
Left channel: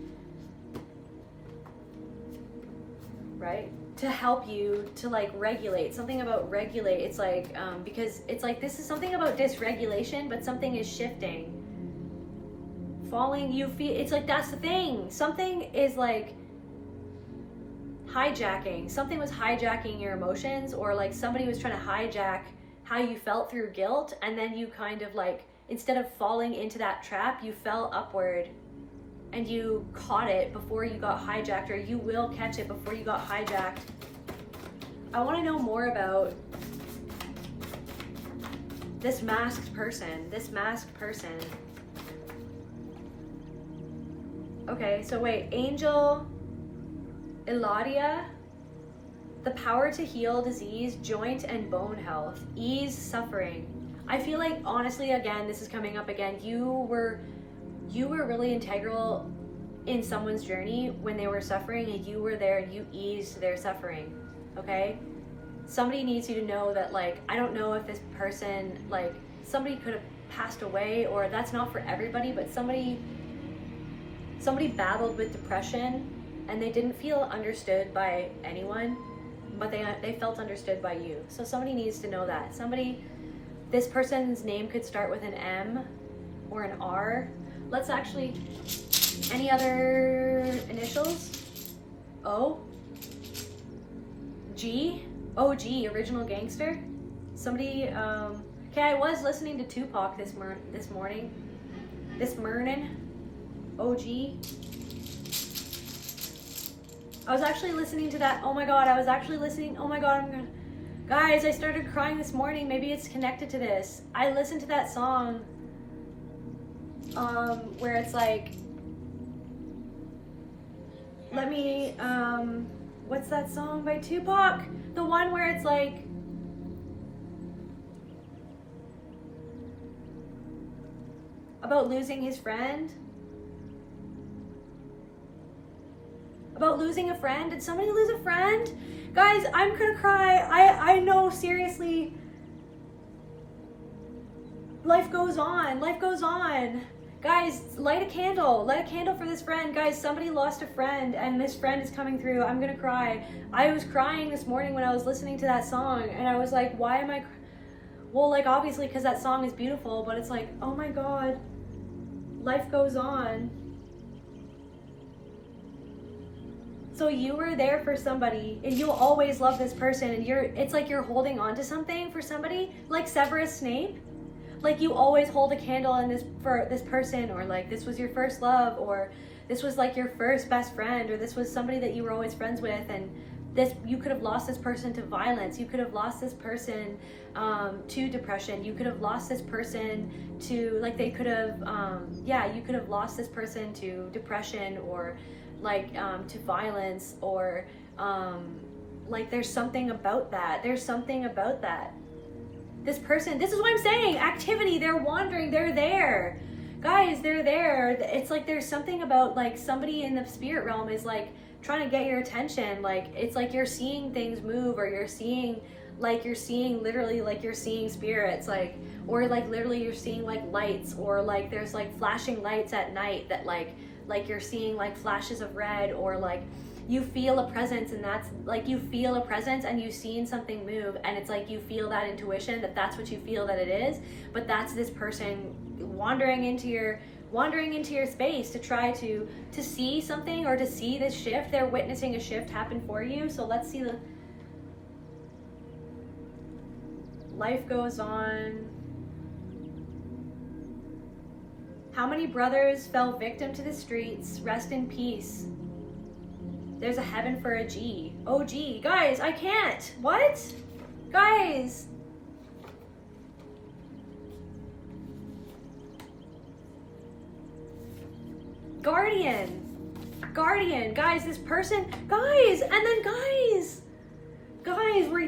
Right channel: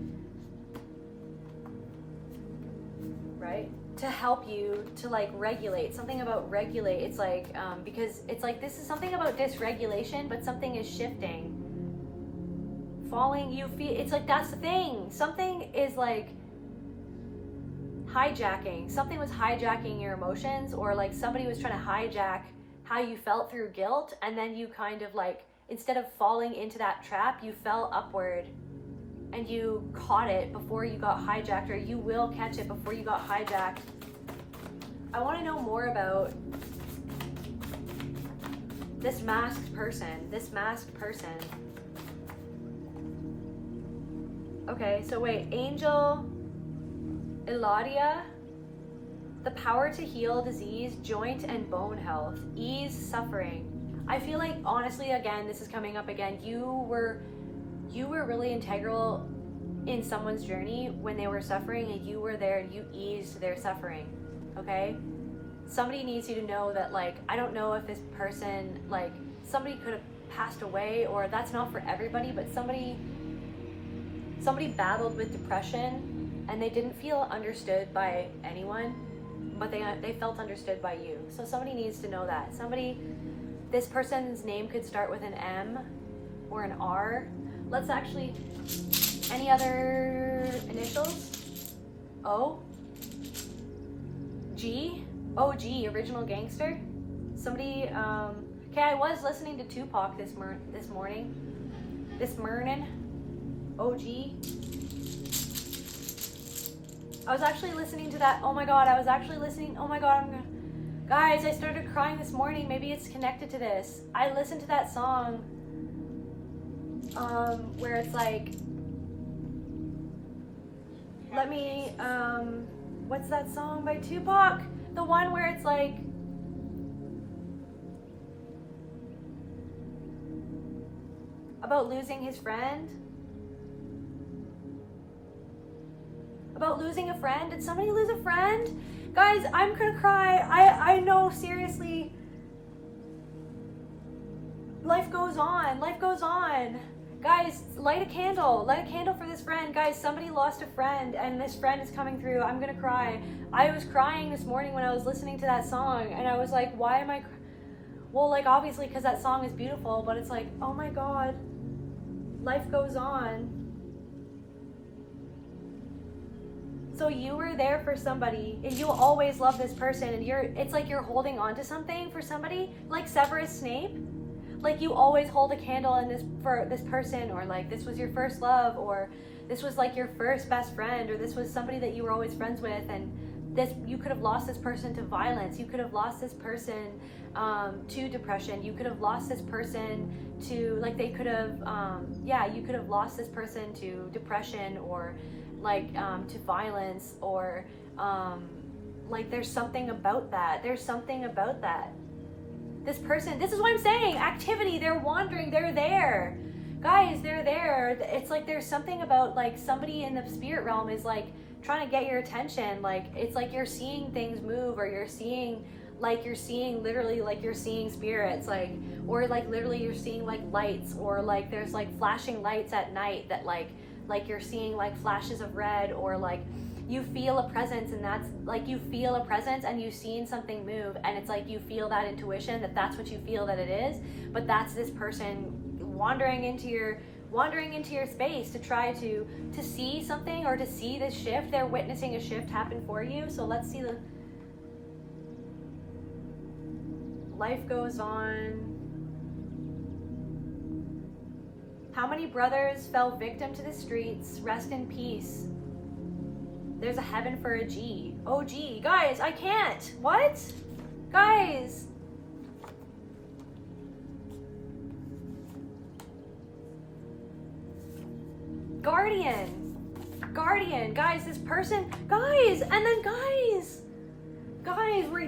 right, to help you to like regulate. Something about regulate. It's like because it's like this is something about dysregulation, but something is shifting, falling. You feel it's like that's the thing. Something is like hijacking. Something was hijacking your emotions, or like somebody was trying to hijack how you felt through guilt, and then you kind of like, instead of falling into that trap, you fell upward and you caught it before you got hijacked, or you will catch it before you got hijacked. I want to know more about this masked person, Okay, so wait, Angel Eladia, the power to heal disease, joint and bone health, ease suffering. I feel like, honestly, again, this is coming up again, you were really integral in someone's journey when they were suffering, and you were there, you eased their suffering, okay? Somebody needs you to know that, like, I don't know if this person, like, somebody could have passed away, or that's not for everybody, but somebody battled with depression and they didn't feel understood by anyone, but they felt understood by you. So somebody needs to know that. This person's name could start with an M or an R. Let's actually, any other initials? O? G? OG, Original Gangster? Somebody, okay, I was listening to Tupac this morning. OG. I was actually listening to that. Oh my god, guys, I started crying this morning. Maybe it's connected to this. I listened to that song where it's like, what's that song by Tupac? The one where it's like, about losing his friend. About losing a friend. Did somebody lose a friend? Guys, I'm gonna cry. I know, seriously. Life goes on. Guys, light a candle for this friend. Guys, somebody lost a friend and this friend is coming through. I'm gonna cry. I was crying this morning when I was listening to that song, and I was like, why am I well, like, obviously because that song is beautiful, but it's like, oh my god, life goes on. So you were there for somebody, and you'll always love this person, and it's like you're holding on to something for somebody, like Severus Snape. Like, you always hold a candle for this person, or like this was your first love, or this was like your first best friend, or this was somebody that you were always friends with, and you could have lost this person to violence, you could have lost this person to depression, you could have lost this person to, like, they could have, you could have lost this person to depression, or like to violence, or like there's something about that. This person, this is what I'm saying, activity, they're wandering, they're there. Guys, they're there. It's like there's something about, like, somebody in the spirit realm is like trying to get your attention. Like, it's like you're seeing things move, or you're seeing literally, like, you're seeing spirits, like, or like literally you're seeing like lights, or like there's like flashing lights at night that like you're seeing like flashes of red, or like you feel a presence, and that's like, you feel a presence and you've seen something move, and it's like you feel that intuition that that's what you feel that it is, but that's this person wandering into your space to try to see something, or to see this shift. They're witnessing a shift happen for you. So let's see. Life goes on. How many brothers fell victim to the streets? Rest in peace. There's a heaven for a G. Oh, G. Guys, I can't. What? Guys. Guardian. Guys, this person. Guys, and then guys,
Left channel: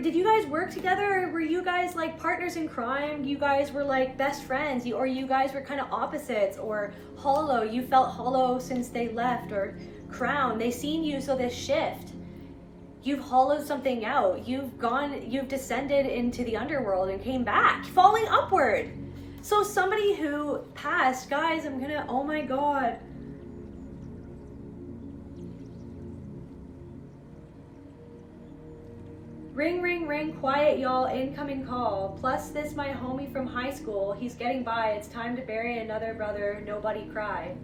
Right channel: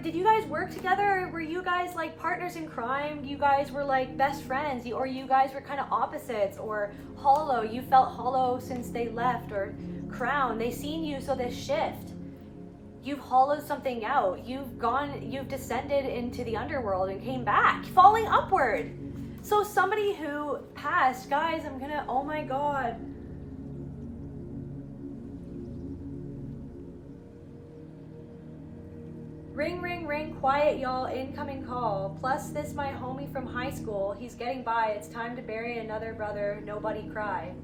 did you guys work together? Were you guys like partners in crime? You guys were like best friends, or you guys were kind of opposites, or hollow. You felt hollow since they left, or crown. They seen you, so this shift. You've hollowed something out. You've descended into the underworld and came back, falling upward. So somebody who passed, guys, oh my god. Ring, ring, ring, quiet, y'all, incoming call. Plus this, my homie from high school. He's getting by. It's time to bury another brother. Nobody cry.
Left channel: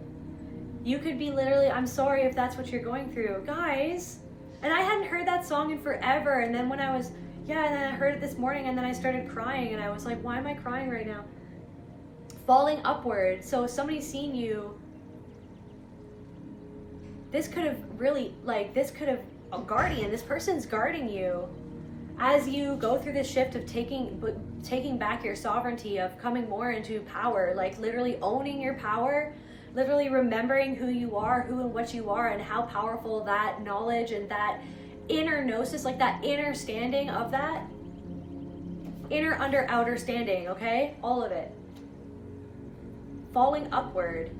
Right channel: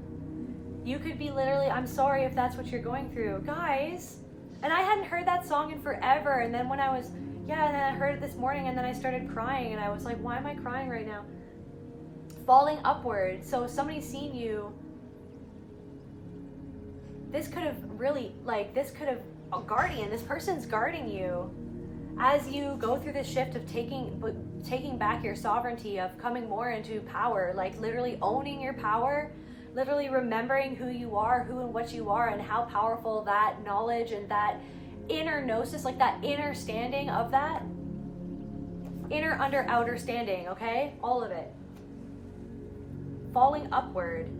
You could be literally, I'm sorry if that's what you're going through. Guys, And I hadn't heard that song in forever. And then when I was, and then I heard it this morning, and then I started crying, and I was like, why am I crying right now? Falling upward. So somebody's seen you. This could have really, a guardian, this person's guarding you as you go through this shift of taking back your sovereignty, of coming more into power, like literally owning your power, literally remembering who you are, who and what you are, and how powerful that knowledge and that inner gnosis, like that inner standing of that, inner, under, outer standing, okay? All of it. Falling upward.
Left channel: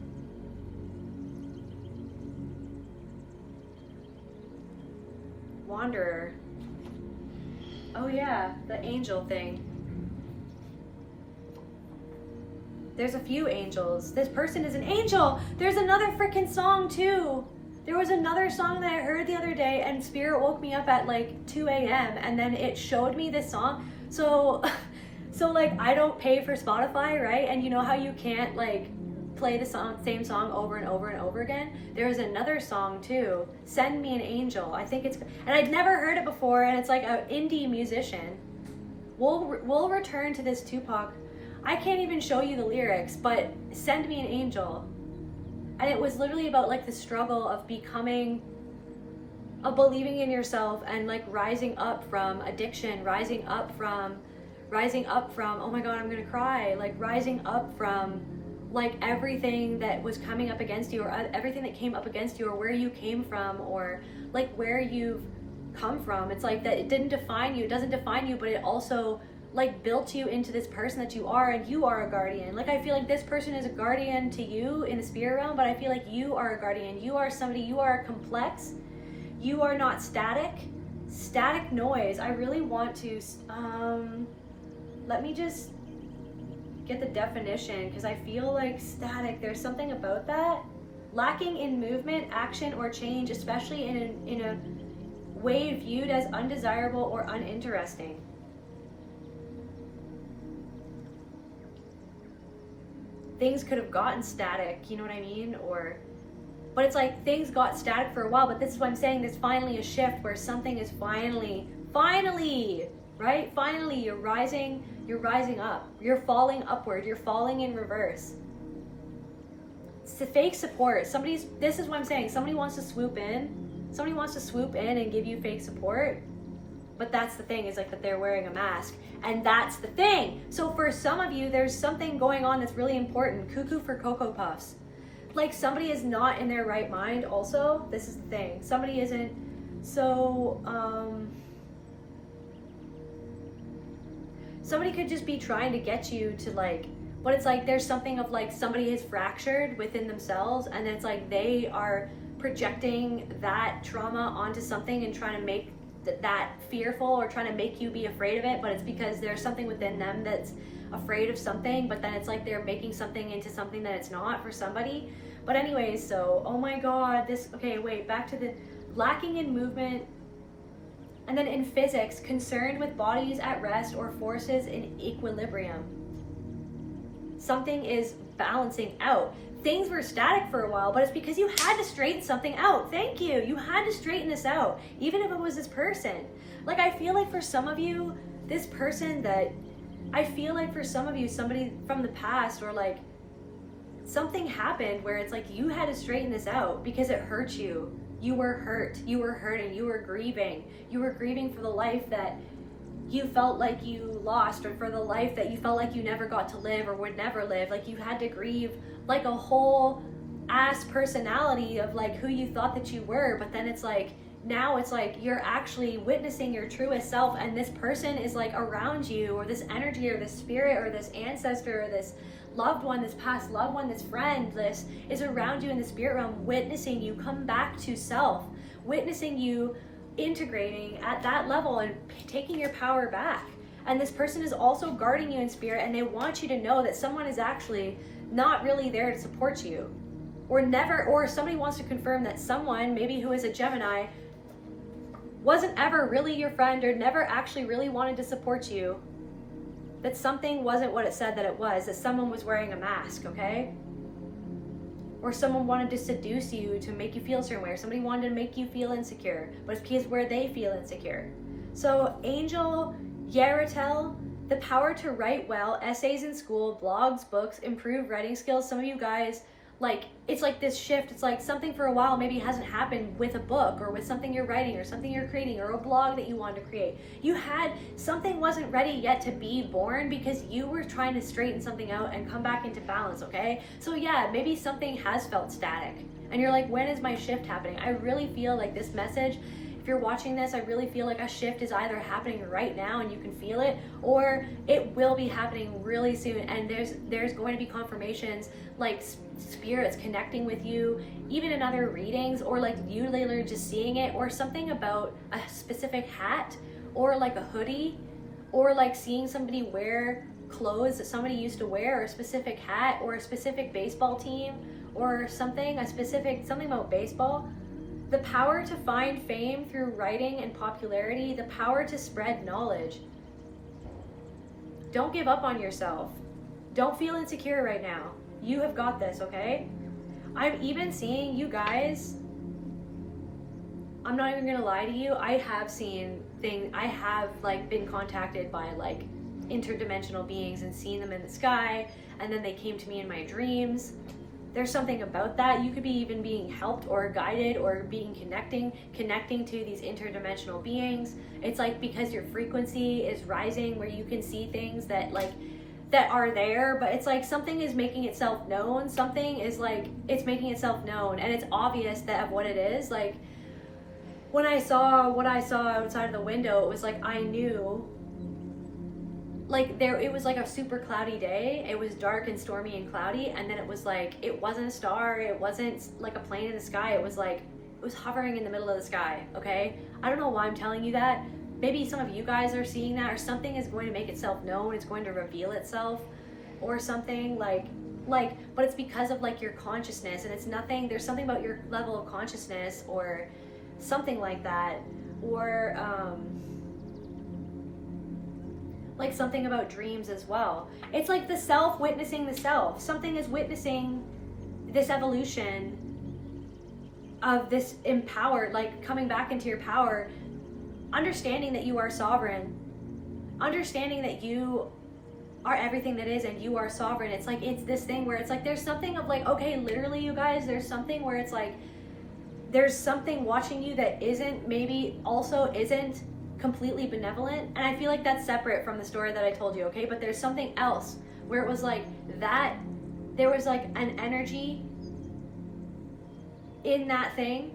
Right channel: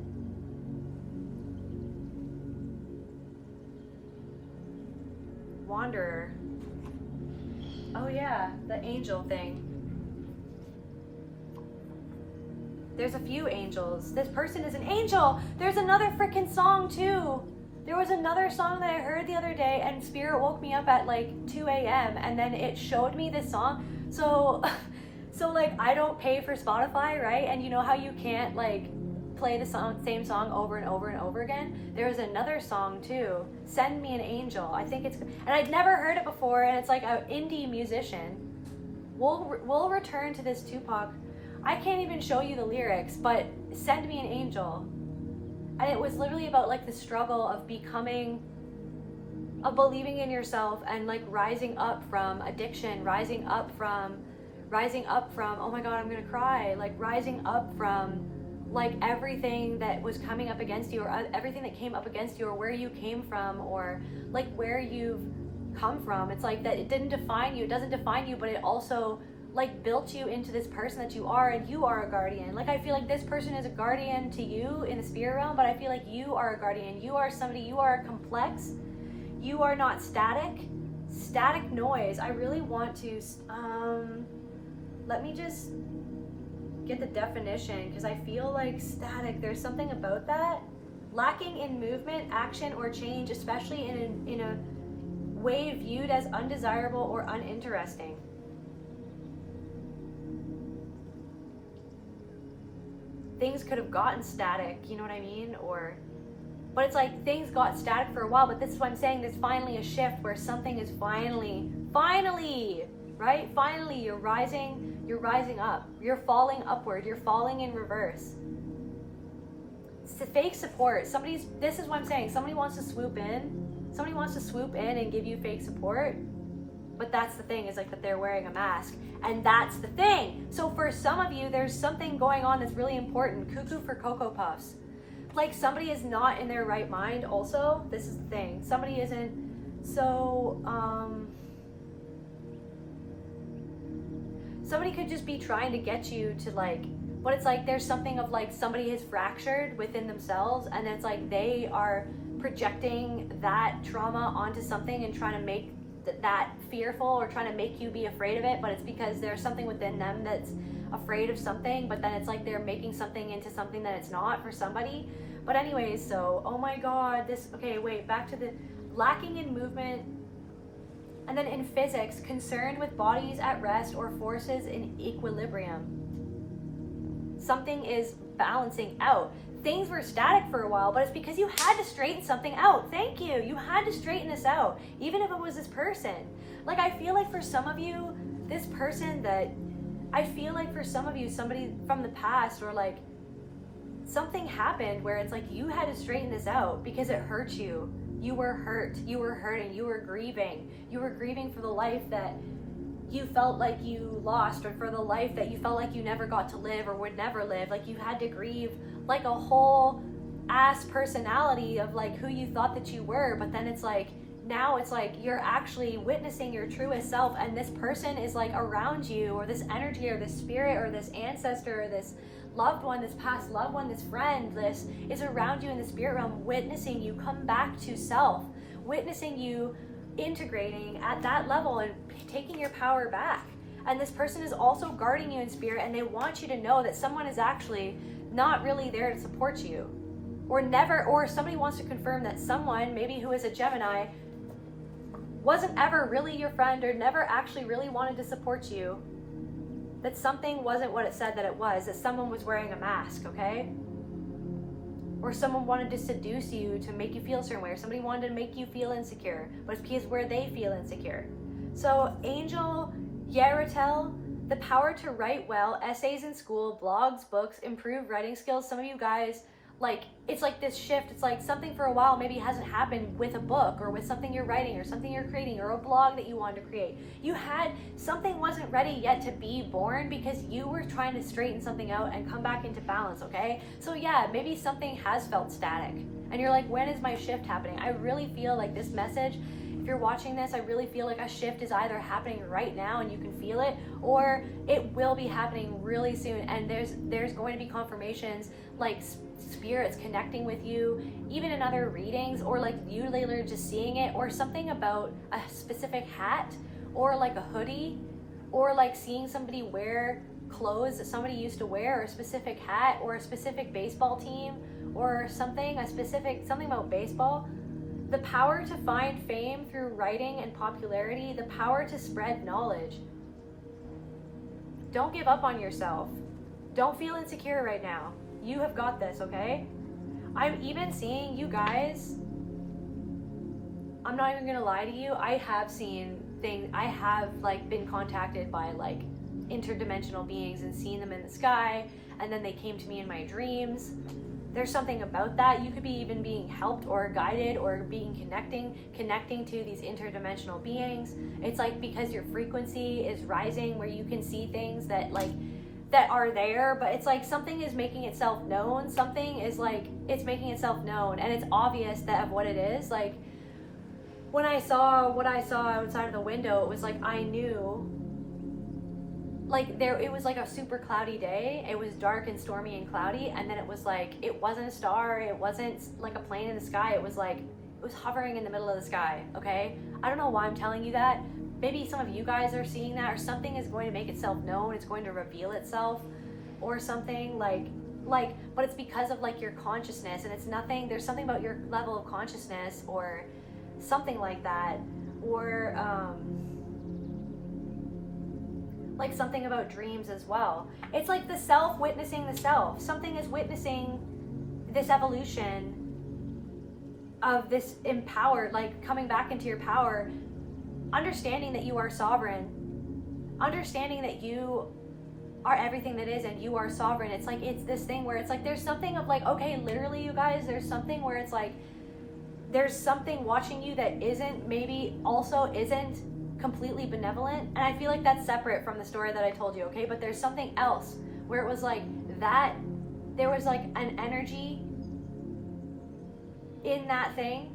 Wanderer. Oh yeah, the angel thing. There's a few angels. This person is an angel. There's another freaking song too. There was another song that I heard the other day, and Spirit woke me up at like 2 a.m. and then it showed me this song. So like I don't pay for Spotify, right? And you know how you can't like play the same song over and over and over again? There's another song too, Send Me an Angel. I think it's, and I'd never heard it before, and it's like an indie musician. We'll return to this Tupac. I can't even show you the lyrics, but Send Me an Angel. And it was literally about like the struggle of believing in yourself, and like rising up from addiction, rising up from, oh my God, I'm gonna cry, like rising up from like everything that was coming up against you, or everything that came up against you, or where you came from, or like where you've come from. It's like that it didn't define you, it doesn't define you, but it also like built you into this person that you are, and you are a guardian. Like I feel like this person is a guardian to you in the spirit realm, but I feel like you are a guardian. You are somebody, you are complex. You are not static. Static noise. I really want to, let me just get the definition, because I feel like static, there's something about that. Lacking in movement, action, or change, especially in a way viewed as undesirable or uninteresting. Things could have gotten static, you know what I mean? But it's like things got static for a while, but this is what I'm saying, there's finally a shift where something is finally, right? Finally, you're rising up, you're falling upward, you're falling in reverse. It's the fake support. This is what I'm saying, somebody wants to swoop in and give you fake support, but that's the thing, is like that they're wearing a mask, and that's the thing. So for some of you, there's something going on that's really important. Cuckoo for Cocoa Puffs. Like somebody is not in their right mind also. This is the thing. Somebody isn't. So, somebody could just be trying to get you to like, but it's like there's something of like somebody is fractured within themselves, and then it's like they are projecting that trauma onto something and trying to make that fearful, or trying to make you be afraid of it, but it's because there's something within them that's afraid of something, but then it's like they're making something into something that it's not for somebody. But anyways, so, oh my God, back to the lacking in movement. And then in physics, concerned with bodies at rest or forces in equilibrium. Something is balancing out. Things were static for a while, but it's because you had to straighten something out. Thank you. You had to straighten this out, even if it was this person. Like, I feel like for some of you, somebody from the past, or like something happened where it's like you had to straighten this out because it hurt you. You were hurt. You were hurting. You were grieving. You were grieving for the life that you felt like you lost, or for the life that you felt like you never got to live or would never live. Like you had to grieve like a whole ass personality of like who you thought that you were, but then it's like now it's like you're actually witnessing your truest self, and this person is like around you, or this energy, or this spirit, or this ancestor, or this loved one, this past loved one, this friend, this is around you in the spirit realm, witnessing you come back to self, witnessing you integrating at that level and taking your power back. And this person is also guarding you in spirit, and they want you to know that someone is actually not really there to support you, or somebody wants to confirm that someone, maybe who is a Gemini, wasn't ever really your friend, or never actually really wanted to support you, that something wasn't what it said that it was, that someone was wearing a mask, okay? or someone wanted to seduce you to make you feel a certain way, or somebody wanted to make you feel insecure, but it's because where they feel insecure. So Angel Yaratel, the power to write well, essays in school, blogs, books, improve writing skills. Some of you guys, like, it's like this shift. It's like something for a while maybe hasn't happened with a book or with something you're writing or something you're creating or a blog that you wanted to create. You had, something wasn't ready yet to be born because you were trying to straighten something out and come back into balance, okay? So yeah, maybe something has felt static and you're like, when is my shift happening? I really feel like this message, if you're watching this, I really feel like a shift is either happening right now and you can feel it, or it will be happening really soon. And there's going to be confirmations, like spirits connecting with you, even in other readings, or like you literally just seeing it, or something about a specific hat, or like a hoodie, or like seeing somebody wear clothes that somebody used to wear, or a specific hat, or a specific baseball team, or something about baseball. The power to find fame through writing and popularity, the power to spread knowledge. Don't give up on yourself. Don't feel insecure right now. You have got this, okay? I'm even seeing you guys, I'm not even gonna lie to you, I have seen things, I have like been contacted by like interdimensional beings and seen them in the sky, and then they came to me in my dreams. There's something about that. You could be even being helped or guided or being connecting to these interdimensional beings. It's like because your frequency is rising where you can see things that are there, but it's like something is making itself known. Something is like, it's making itself known, and it's obvious that of what it is. Like when I saw what I saw outside of the window, it was like I knew, like it was like a super cloudy day. It was dark and stormy and cloudy, and then it was like, it wasn't a star, it wasn't like a plane in the sky, it was like, it was hovering in the middle of the sky, okay? I don't know why I'm telling you that. Maybe some of you guys are seeing that, or something is going to make itself known, it's going to reveal itself, or something like, but it's because of like your consciousness, and it's nothing, there's something about your level of consciousness, or something like that, or like something about dreams as well. It's like the self witnessing the self. Something is witnessing this evolution of this empowered, like coming back into your power, understanding that you are sovereign, understanding that you are everything that is and you are sovereign. It's like, it's this thing where it's like, there's something of like, okay, literally you guys, there's something where it's like, there's something watching you that isn't, maybe also isn't completely benevolent. And I feel like that's separate from the story that I told you, okay? But there's something else where it was like that, there was like an energy in that thing.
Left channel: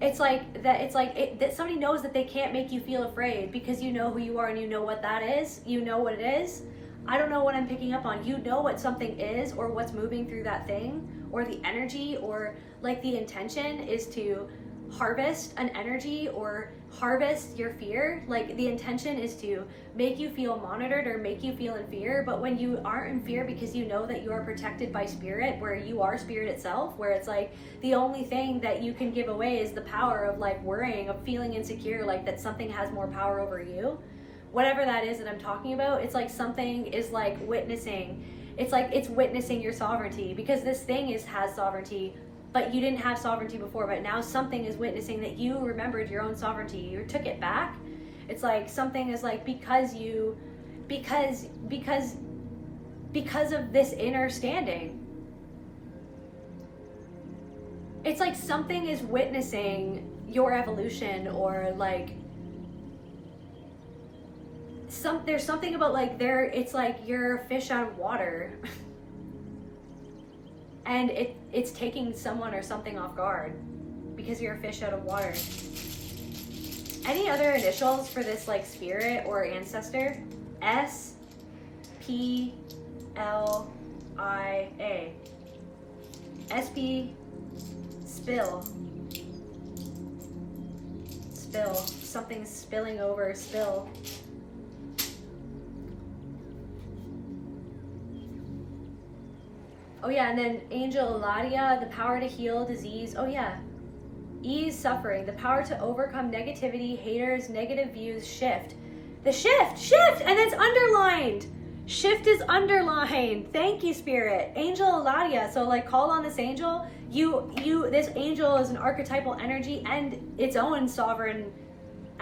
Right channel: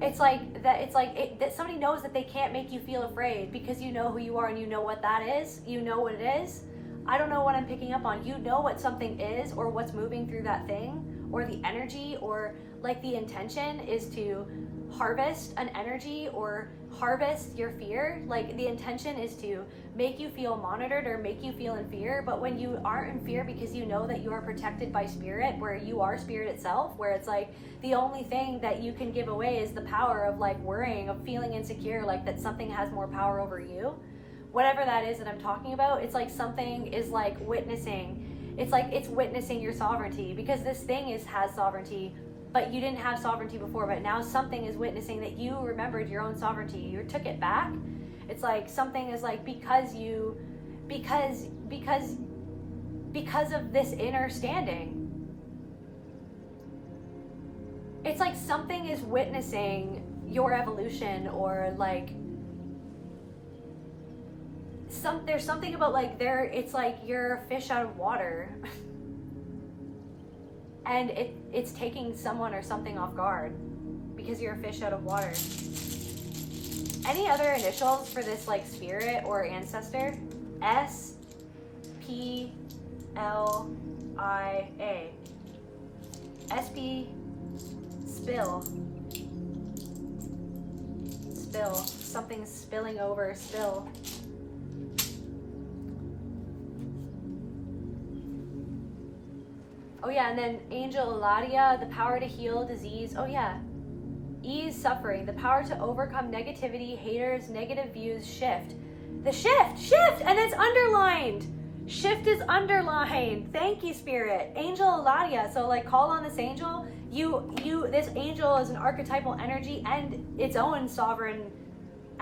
It's like that, it's like that somebody knows that they can't make you feel afraid because you know who you are and you know what that is. You know what it is. I don't know what I'm picking up on. You know what something is, or what's moving through that thing, or the energy, or like the intention is to harvest an energy or harvest your fear. Like the intention is to make you feel monitored or make you feel in fear. But when you aren't in fear because you know that you are protected by spirit, where you are spirit itself, where it's like the only thing that you can give away is the power of like worrying, of feeling insecure, like that something has more power over you. Whatever that is that I'm talking about, it's like something is like witnessing. It's like it's witnessing your sovereignty, because this thing has sovereignty, but you didn't have sovereignty before, but now something is witnessing that you remembered your own sovereignty. You took it back. It's like something is like, because of this inner standing. It's like something is witnessing your evolution, or like there's something about like it's like you're a fish out of water. And it's taking someone or something off guard because you're a fish out of water. Any other initials for this like spirit or ancestor? S-P-L-I-A. S-P, spill. Spill. Something's spilling over, spill. Oh yeah, and then Angel Eladia, the power to heal disease. Oh yeah. Ease suffering, the power to overcome negativity, haters, negative views, shift. The shift, and it's underlined. Shift is underlined. Thank you, Spirit. Angel Eladia. So like call on this angel. This angel is an archetypal energy and its own sovereign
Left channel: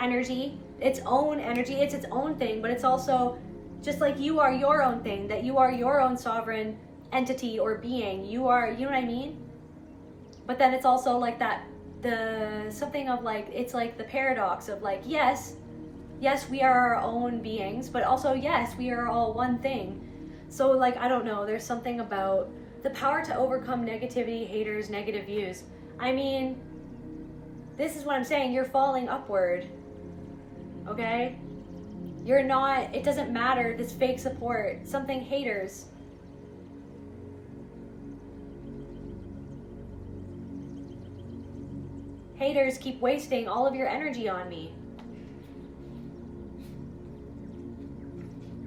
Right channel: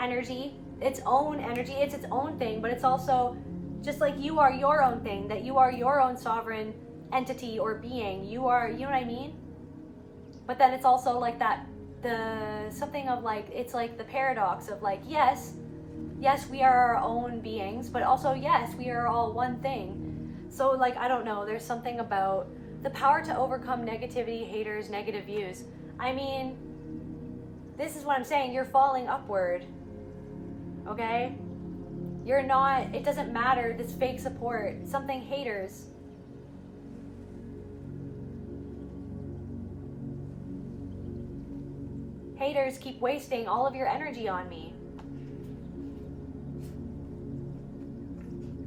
energy. Its own energy. It's its own thing, but it's also just like you are your own thing, that you are your own sovereign entity or being. You are, you know what I mean? But then it's also like that, something of like, it's like the paradox of like, yes, we are our own beings, but also, yes, we are all one thing. So like, I don't know, there's something about the power to overcome negativity, haters, negative views. I mean, this is what I'm saying, you're falling upward, okay? You're not, it doesn't matter, this fake support, something haters. Haters keep wasting all of your energy on me.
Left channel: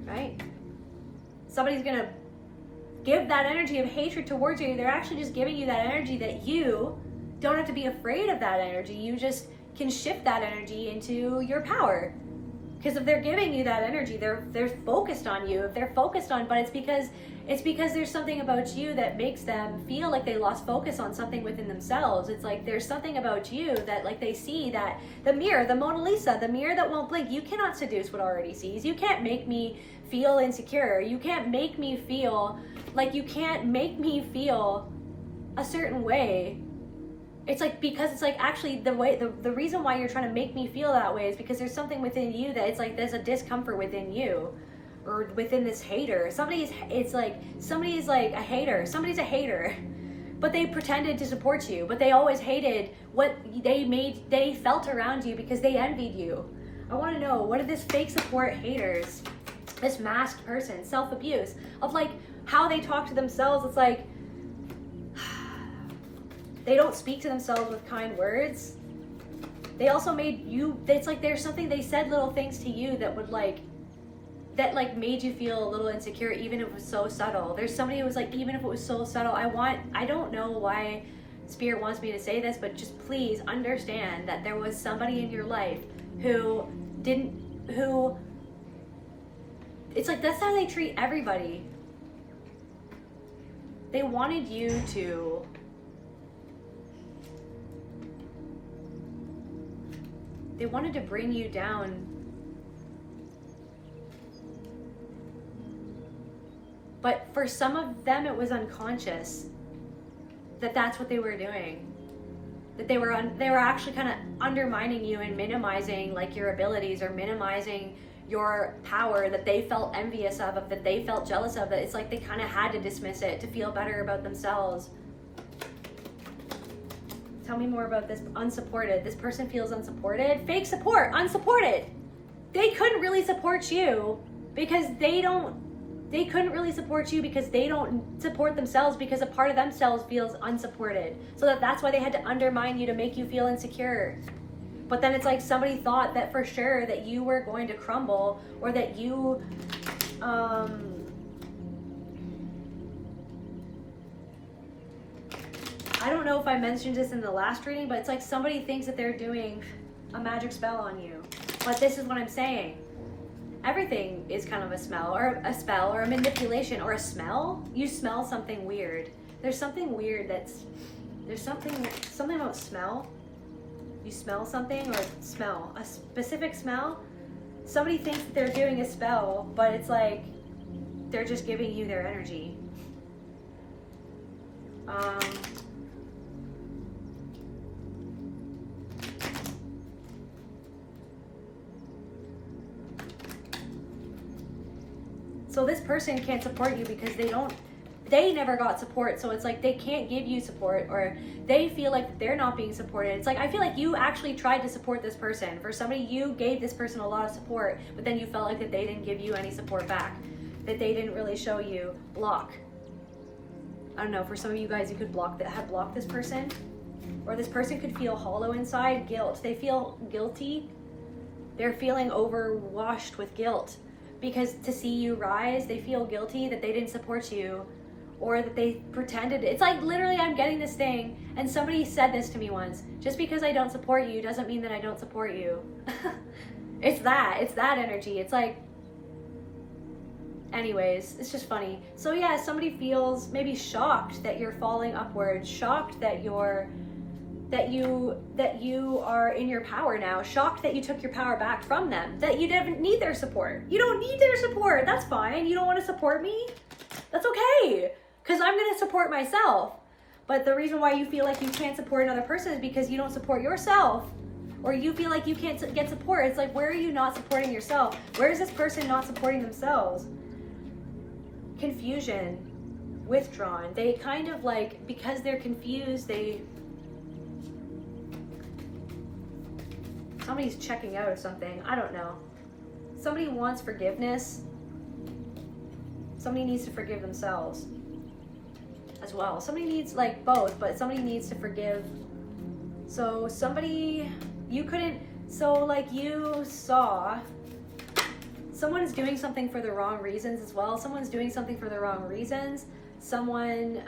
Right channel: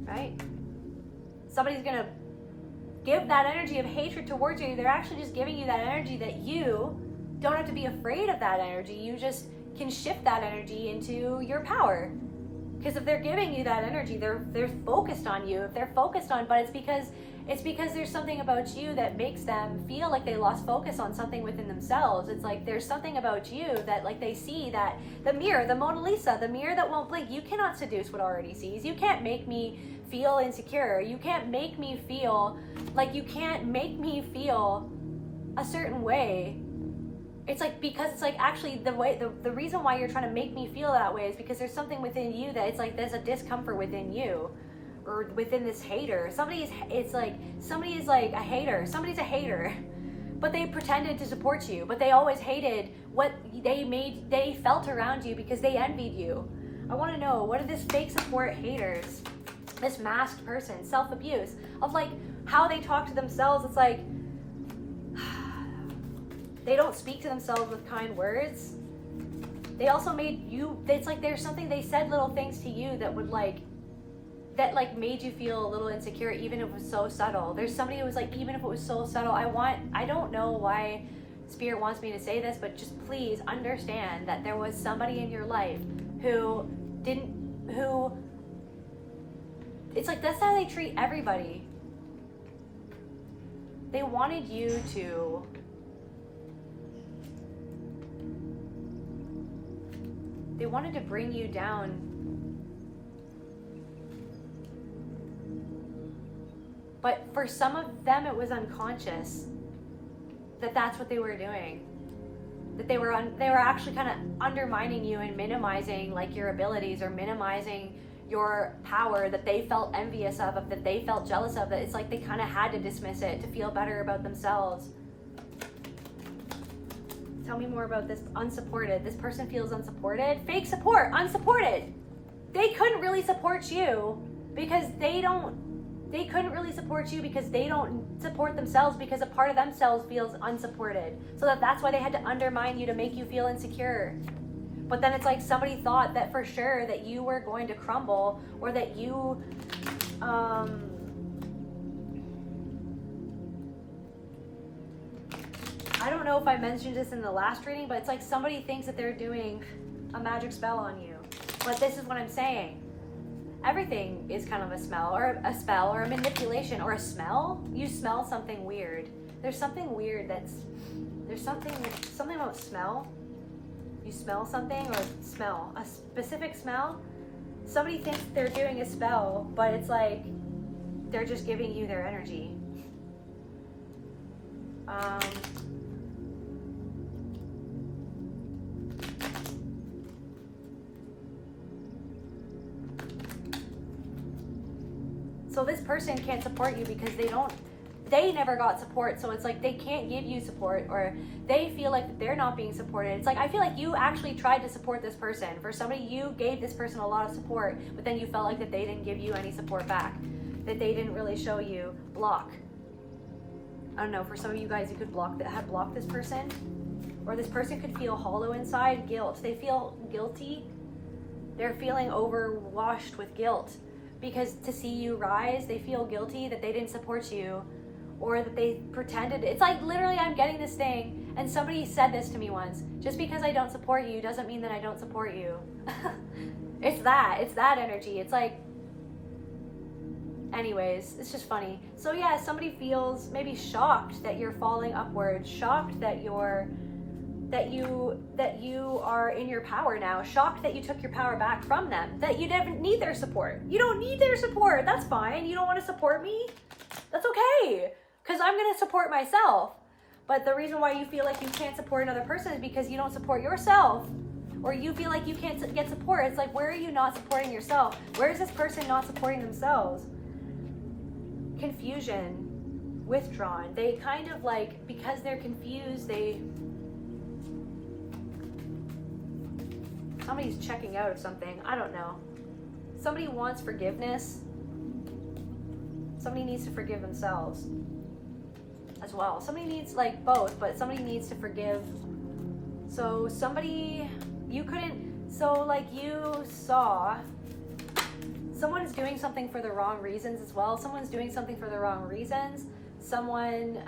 Right? Somebody's gonna give that energy of hatred towards you. They're actually just giving you that energy that you don't have to be afraid of that energy. You just can shift that energy into your power. Because if they're giving you that energy, they're focused on you. If they're focused on, but it's because there's something about you that makes them feel like they lost focus on something within themselves. It's like there's something about you that like they see that the mirror, the Mona Lisa, the mirror that won't blink. You cannot seduce what already sees. You can't make me feel insecure. You can't make me feel like, you can't make me feel a certain way. It's like, because it's like actually the reason why you're trying to make me feel that way is because there's something within you that it's like there's a discomfort within you or within this hater. Somebody's like a hater. Somebody's a hater, but they pretended to support you, but they always hated what they felt around you because they envied you. I want to know, what are this fake support haters, this masked person, self-abuse of like how they talk to themselves? It's like, they don't speak to themselves with kind words. They also made you, it's like there's something, they said little things to you that would like, that like made you feel a little insecure, even if it was so subtle. There's somebody who was like, even if it was so subtle, I don't know why Spirit wants me to say this, but just please understand that there was somebody in your life who it's like, that's how they treat everybody. They wanted you to, they wanted to bring you down. But for some of them, it was unconscious that that's what they were doing. That they were actually kind of undermining you and minimizing like your abilities or minimizing your power that they felt envious of, that they felt jealous of. That it's like they kind of had to dismiss it to feel better about themselves. Tell me more about this. Unsupported. This person feels unsupported. Fake support. Unsupported. They couldn't really support you because they couldn't really support you because they don't support themselves, because a part of themselves feels unsupported. So that's why they had to undermine you to make you feel insecure. But then it's like somebody thought that for sure that you were going to crumble, or that you, I don't know if I mentioned this in the last reading, but it's like somebody thinks that they're doing a magic spell on you. But this is what I'm saying. Everything is kind of a spell or a manipulation or a smell. You smell something weird. There's something weird there's something about smell. You smell something or smell, a specific smell. Somebody thinks that they're doing a spell, but it's like they're just giving you their energy. So this person can't support you because they never got support. So it's like they can't give you support, or they feel like they're not being supported. It's like, I feel like you actually tried to support this person. For somebody, you gave this person a lot of support, but then you felt like that they didn't give you any support back, that they didn't really show you. Block. I don't know, for some of you guys, you could block this person, or this person could feel hollow inside. Guilt. They feel guilty. They're feeling overwashed with guilt. Because to see you rise, they feel guilty that they didn't support you, or that they pretended. It's like literally, I'm getting this thing, and somebody said this to me once: just because I don't support you doesn't mean that I don't support you. It's that energy. It's like Anyways, it's just funny. So yeah, somebody feels maybe shocked that you're falling upwards, shocked that you are in your power now, shocked that you took your power back from them, that you didn't need their support. You don't need their support. That's fine. You don't want to support me? That's okay, because I'm going to support myself. But the reason why you feel like you can't support another person is because you don't support yourself, or you feel like you can't get support. It's like, where are you not supporting yourself? Where is this person not supporting themselves? Confusion, withdrawn. They kind of like, because they're confused, somebody's checking out of something. I don't know. Somebody wants forgiveness. Somebody needs to forgive themselves as well. Somebody needs, like, both, but somebody needs to forgive. So somebody, you saw someone's doing something for the wrong reasons as well. Someone's doing something for the wrong reasons. Someone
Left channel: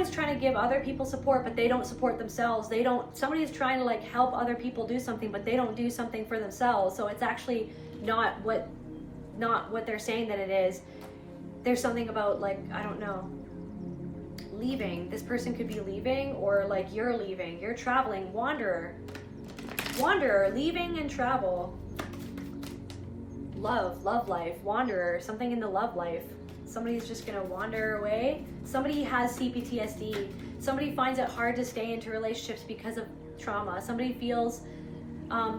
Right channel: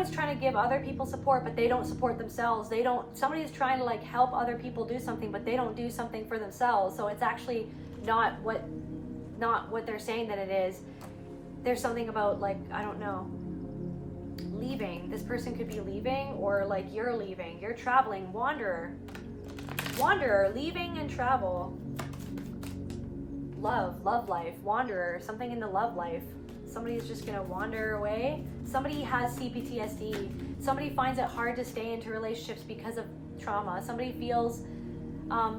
is trying to give other people support, but they don't support themselves. Somebody's trying to like help other people do something, but they don't do something for themselves. So it's actually not what they're saying that it is. There's something about, like, I don't know, leaving. This person could be leaving, or like you're leaving. You're traveling, wanderer, leaving and travel. Love life, wanderer, something in the love life. Somebody's just gonna wander away. Somebody has CPTSD. Somebody finds it hard to stay into relationships because of trauma. Somebody feels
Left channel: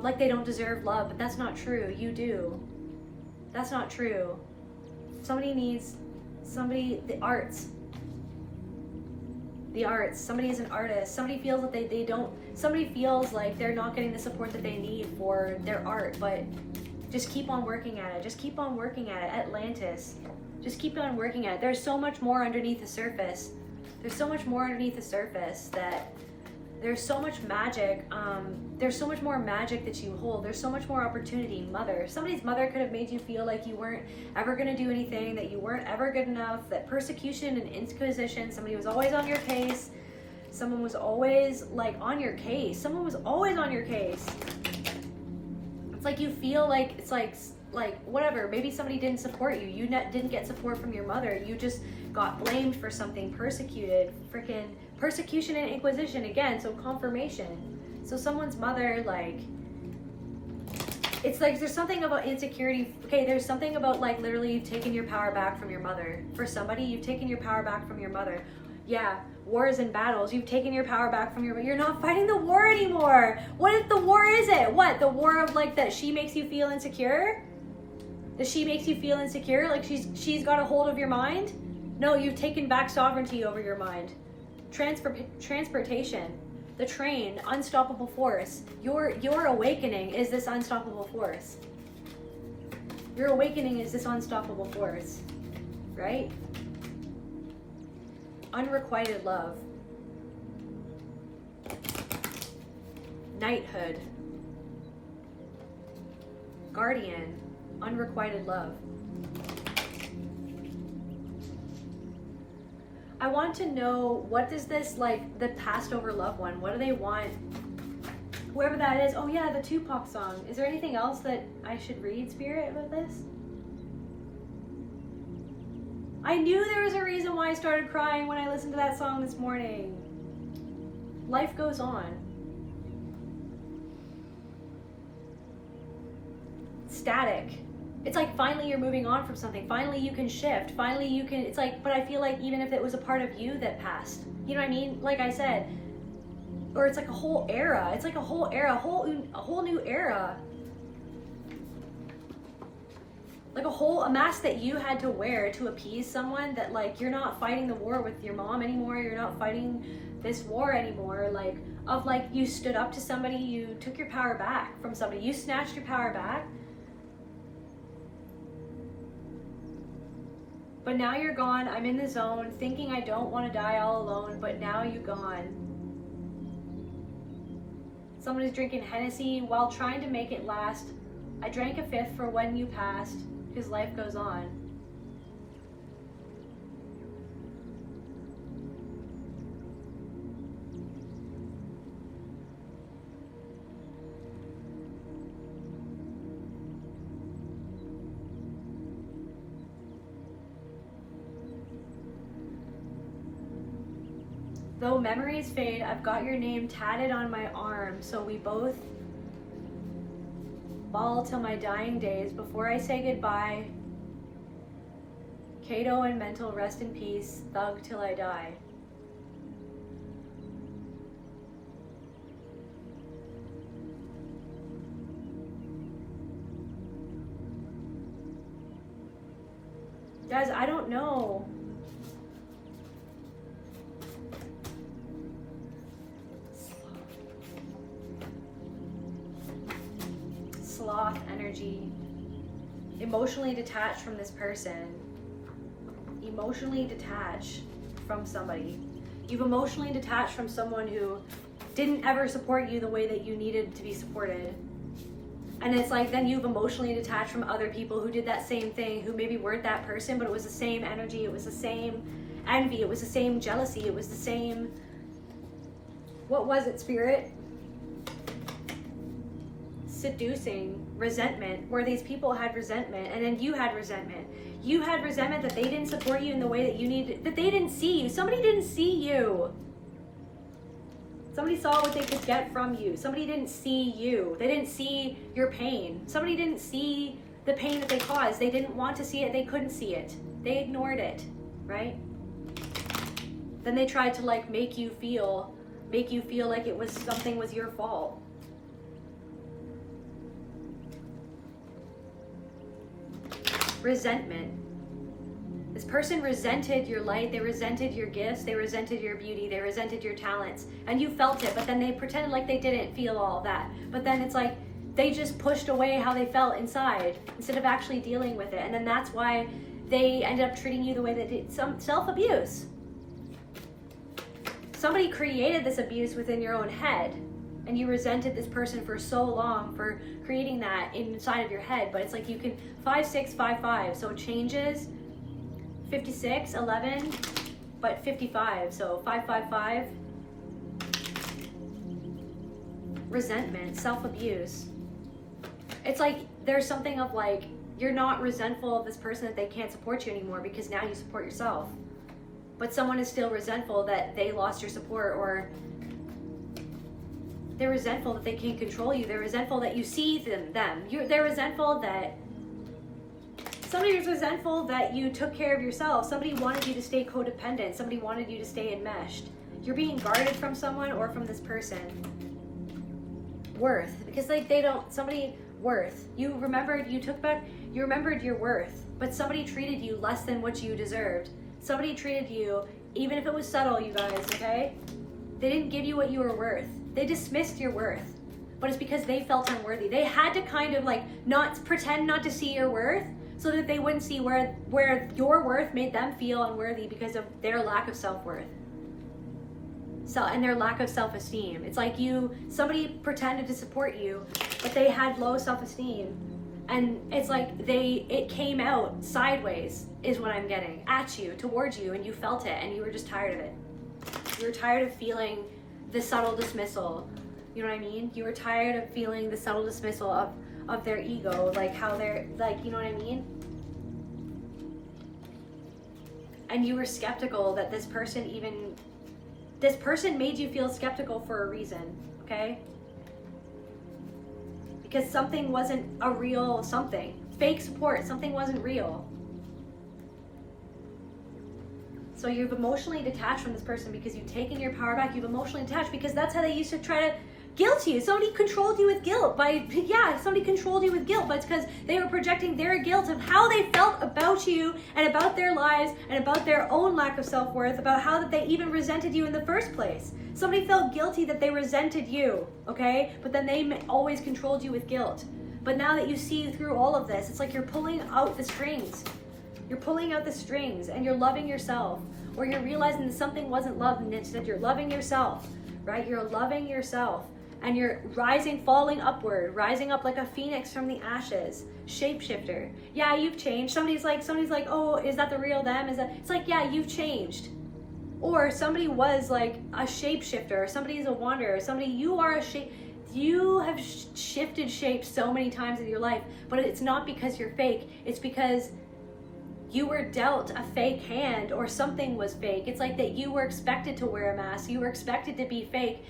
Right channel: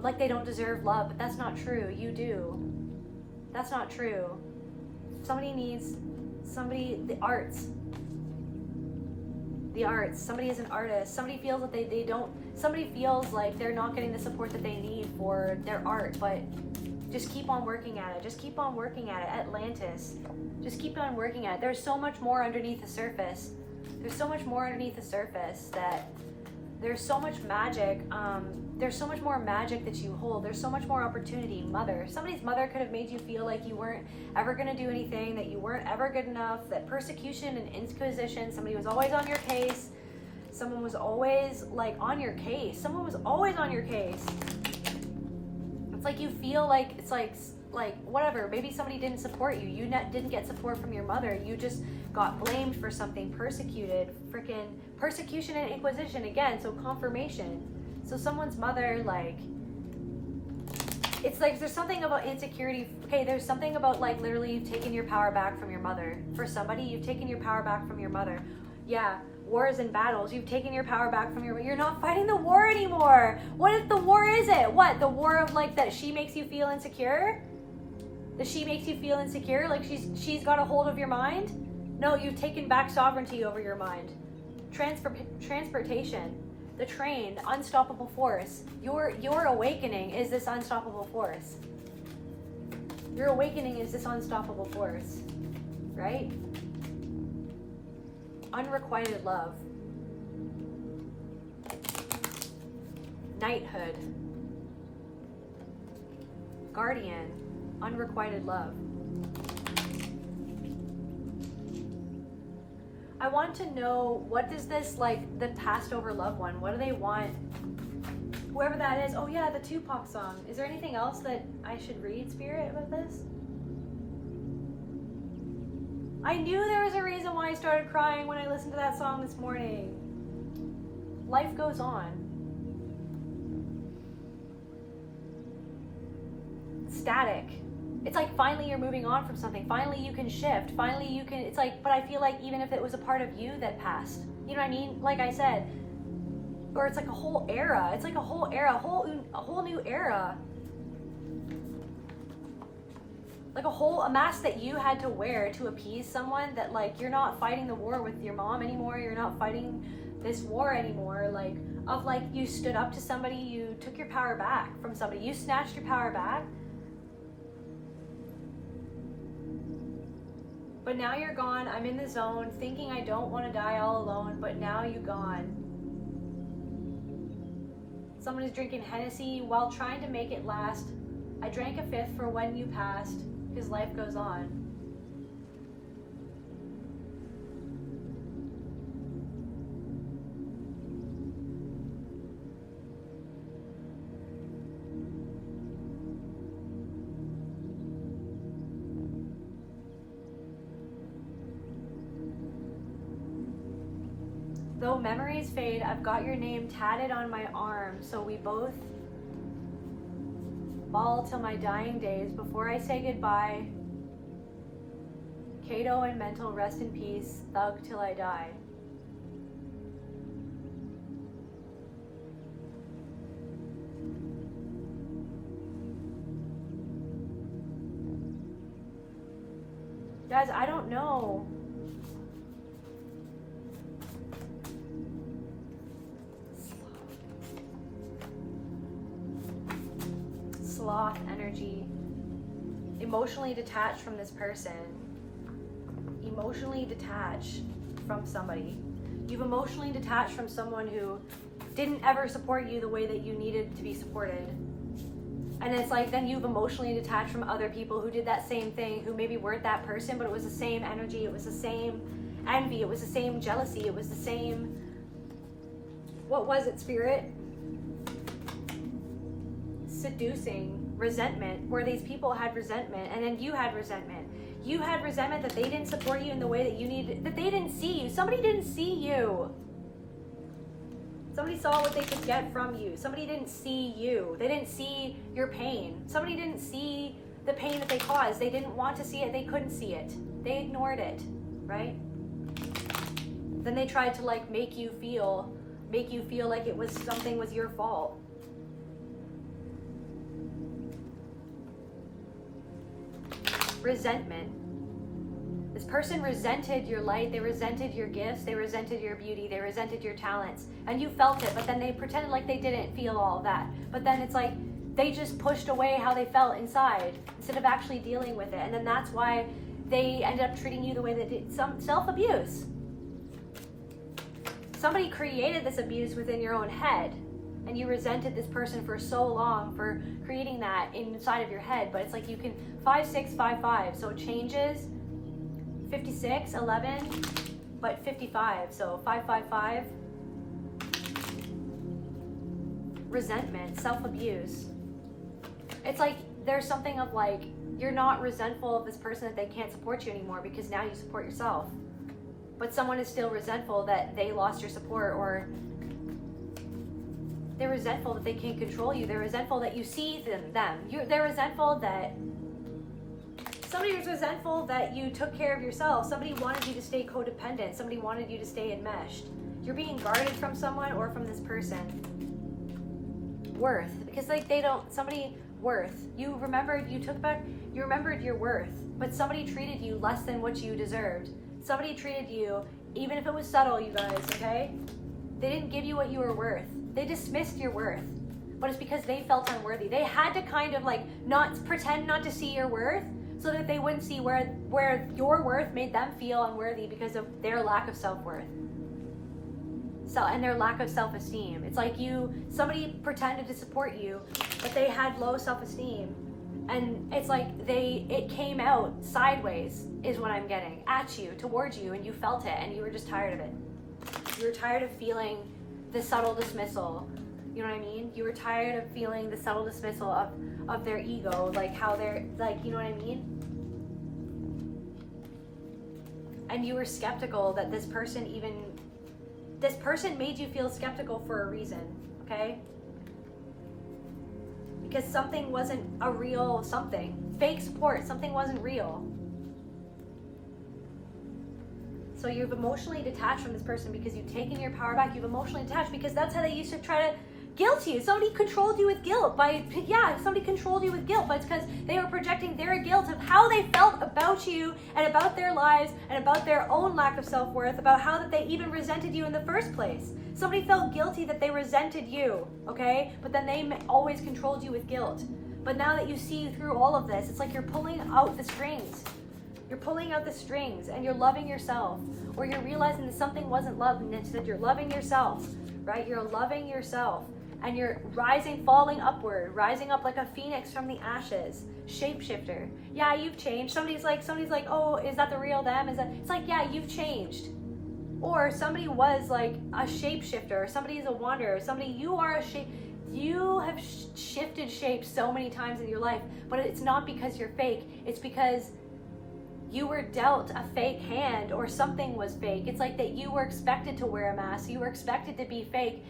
like they don't deserve love, but that's not true. You do. That's not true. The arts. Somebody is an artist. Somebody feels that somebody feels like they're not getting the support that they need for their art, but just keep on working at it. Just keep on working at it. Atlantis. Just keep on working at it. There's so much more underneath the surface. There's so much more underneath the surface that there's so much magic. There's so much more magic that you hold. There's so much more opportunity. Mother. Somebody's mother could have made you feel like you weren't ever going to do anything, that you weren't ever good enough, that persecution and inquisition, somebody was always on your case. Someone was always like on your case. Someone was always on your case. It's like you feel like it's like whatever, maybe somebody didn't support you. You didn't get support from your mother. You just got blamed for something, persecuted, freaking persecution and inquisition again. So confirmation. So someone's mother, like, it's like there's something about insecurity. Okay, there's something about like literally taking your power back from your mother. For somebody, you've taken your power back from your mother. Yeah, wars and battles. You've taken your power back from you're not fighting the war anymore. What if the war is it? What, the war of like that she makes you feel insecure? That she makes you feel insecure, like she's got a hold of your mind? No, you've taken back sovereignty over your mind. Transportation, the train, unstoppable force. Your awakening is this unstoppable force. Your awakening is this unstoppable force, right? Unrequited love. Knighthood. Guardian. Unrequited love. I want to know, what does this, like, the passed over loved one, what do they want? Whoever that is. Oh yeah, the Tupac song. Is there anything else that I should read, Spirit, about this? I knew there was a reason why I started crying when I listened to that song this morning. Life goes on. Static. It's like finally you're moving on from something. Finally you can shift. Finally you can, it's like, but I feel like even if it was a part of you that passed, you know what I mean? Like I said, or it's like a whole era. It's like a whole era, a whole new era. Like a mask that you had to wear to appease someone, that like you're not fighting the war with your mom anymore. You're not fighting this war anymore. Like of like you stood up to somebody, you took your power back from somebody, you snatched your power back. But now you're gone. I'm in the zone thinking I don't want to die all alone, but now you're gone. Someone is drinking Hennessy while trying to make it last. I drank a fifth for when you passed, because life goes on. Though memories fade, I've got your name tatted on my arm, so we both ball till my dying days. Before I say goodbye, Cato and mental, rest in peace, thug till I die. Guys, I don't know. Sloth energy. Emotionally detached from this person. Emotionally detached from somebody. You've emotionally detached from someone who didn't ever support you the way that you needed to be supported. And it's like then you've emotionally detached from other people who did that same thing, who maybe weren't that person, but it was the same energy, it was the same envy, it was the same jealousy, it was the same, what was it, spirit? Seducing, resentment, where these people had resentment, and then you had resentment. You had resentment that they didn't support you in the way that you needed, that they didn't see you. Somebody didn't see you. Somebody saw what they could get from you. Somebody didn't see you. They didn't see your pain. Somebody didn't see the pain that they caused. They didn't want to see it. They couldn't see it. They ignored it, right? Then they tried to like make you feel like it was something was your fault. Resentment. This person resented your light, they resented your gifts, they resented your beauty, they resented your talents, and you felt it, but then they pretended like they didn't feel all of that. But then it's like they just pushed away how they felt inside instead of actually dealing with it. And then that's why they ended up treating you the way they did. Some self-abuse. Somebody created this abuse within your own head, and you resented this person for so long for creating that inside of your head. But it's like you can 5, 6, 5, 5, so it changes. 56, 11, but 55, so 5, 5, 5. Resentment, self-abuse. It's like there's something of like you're not resentful of this person that they can't support you anymore because now you support yourself. But someone is still resentful that they lost your support, or they're resentful that they can't control you. They're resentful that you see them. They're resentful that somebody was resentful that you took care of yourself. Somebody wanted you to stay codependent. Somebody wanted you to stay enmeshed. You're being guarded from someone or from this person. Worth, because like worth. You remembered your worth, but somebody treated you less than what you deserved. Somebody treated you, even if it was subtle, you guys, okay? They didn't give you what you were worth. They dismissed your worth, but it's because they felt unworthy. They had to kind of like pretend not to see your worth, so that they wouldn't see where your worth made them feel unworthy because of their lack of self-worth. And their lack of self-esteem. It's like somebody pretended to support you, but they had low self-esteem. And it's like it came out sideways, is what I'm getting, at you, towards you, and you felt it, and you were just tired of it. You were tired of feeling the subtle dismissal. You know what I mean? You were tired of feeling the subtle dismissal of their ego, like how they're, like, you know what I mean? And you were skeptical that this person made you feel skeptical for a reason, okay? Because something wasn't a real something. Fake support, something wasn't real. So you've emotionally detached from this person because you've taken your power back. You've emotionally detached because that's how they used to try to guilt you. Somebody controlled you with guilt somebody controlled you with guilt, but it's because they were projecting their guilt of how they felt about you and about their lives and about their own lack of self-worth, about how that they even resented you in the first place. Somebody felt guilty that they resented you, okay? But then they always controlled you with guilt. But now that you see through all of this, it's like you're pulling out the strings. You're pulling out the strings and you're loving yourself, or you're realizing that something wasn't love and instead you're loving yourself, right? You're loving yourself. And you're falling upward, rising up like a phoenix from the ashes. Shapeshifter. Yeah, you've changed. Somebody's like, oh, is that the real them? It's like, yeah, you've changed. Or somebody was like a shapeshifter, or somebody's a wanderer, you have shifted shapes so many times in your life, but it's not because you're fake. It's because you were dealt a fake hand or something was fake. It's like that you were expected to wear a mask. You were expected to be fake.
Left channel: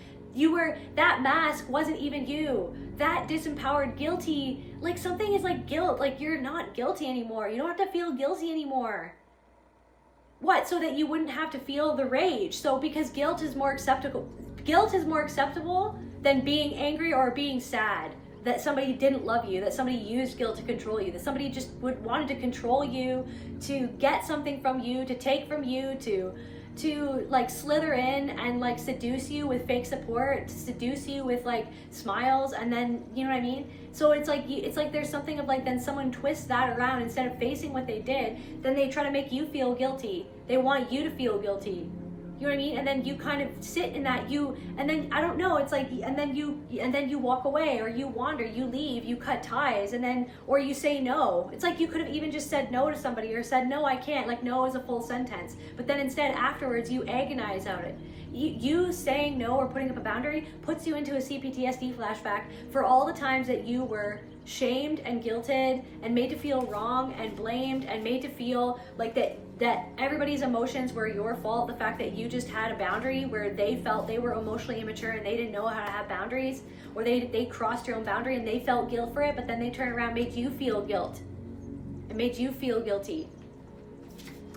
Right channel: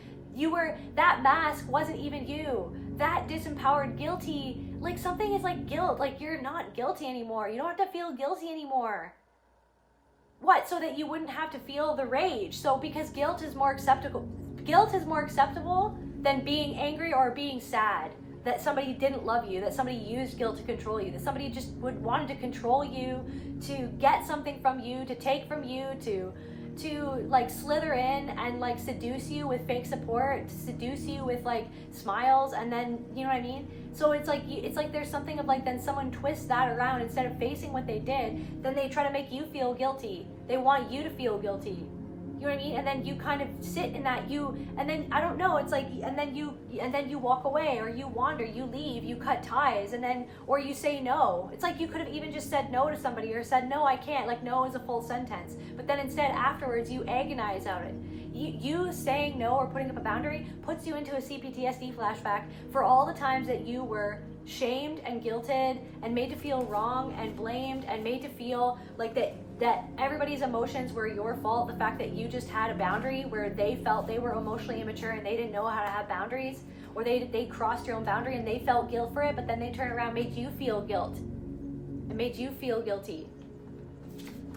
That mask wasn't even you. That disempowered, guilty, like something is like guilt. Like you're not guilty anymore. You don't have to feel guilty anymore. What? So that you wouldn't have to feel the rage. So because guilt is more acceptable than being angry or being sad that somebody didn't love you, that somebody used guilt to control you, that somebody just wanted to control you, to get something from you, to take from you, to like slither in and like seduce you with fake support, to seduce you with like smiles, and then, you know what I mean? So it's like there's something of like, then someone twists that around. Instead of facing what they did, then they try to make you feel guilty. They want you to feel guilty. You know what I mean? And then you kind of sit in that, and then I don't know, it's like, and then you walk away, or you wander, you leave, you cut ties, and then, or you say no. It's like you could have even just said no to somebody, or said, no, I can't. Like no is a full sentence. But then instead afterwards you agonize out it. You saying no or putting up a boundary puts you into a CPTSD flashback for all the times that you were shamed and guilted and made to feel wrong and blamed and made to feel like that everybody's emotions were your fault. The fact that you just had a boundary where they felt they were emotionally immature and they didn't know how to have boundaries, or they crossed your own boundary and they felt guilt for it, but then they turned around and made you feel guilt and made you feel guilty.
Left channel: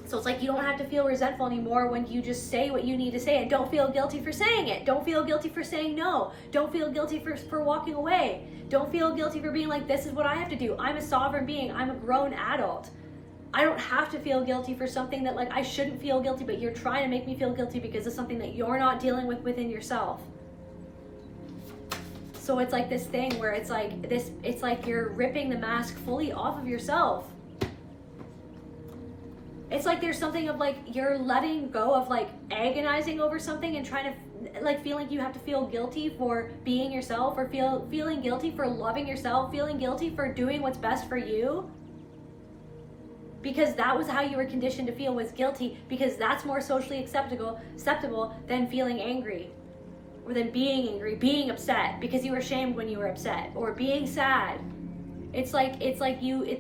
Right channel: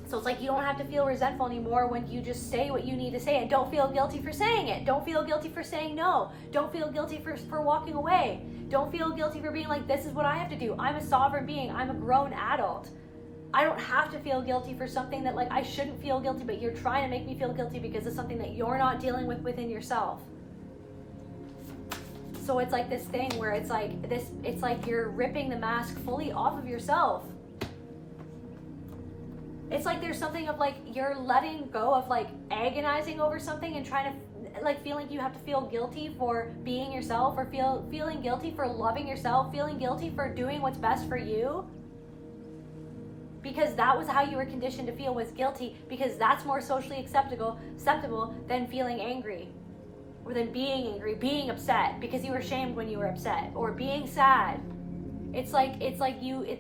So it's like you don't have to feel resentful anymore when you just say what you need to say, and don't feel guilty for saying it. Don't feel guilty for saying no. Don't feel guilty for walking away. Don't feel guilty for being like, this is what I have to do. I'm a sovereign being. I'm a grown adult. I don't have to feel guilty for something that like I shouldn't feel guilty, but you're trying to make me feel guilty because of something that you're not dealing with within yourself. So it's like this thing where it's like you're ripping the mask fully off of yourself. It's like there's something of like you're letting go of like agonizing over something and trying to like feeling you have to feel guilty for being yourself, or feeling guilty for loving yourself, feeling guilty for doing what's best for you. Because that was how you were conditioned to feel, was guilty, because that's more socially acceptable than feeling angry, or than being angry, being upset because you were shamed when you were upset, or being sad. It's like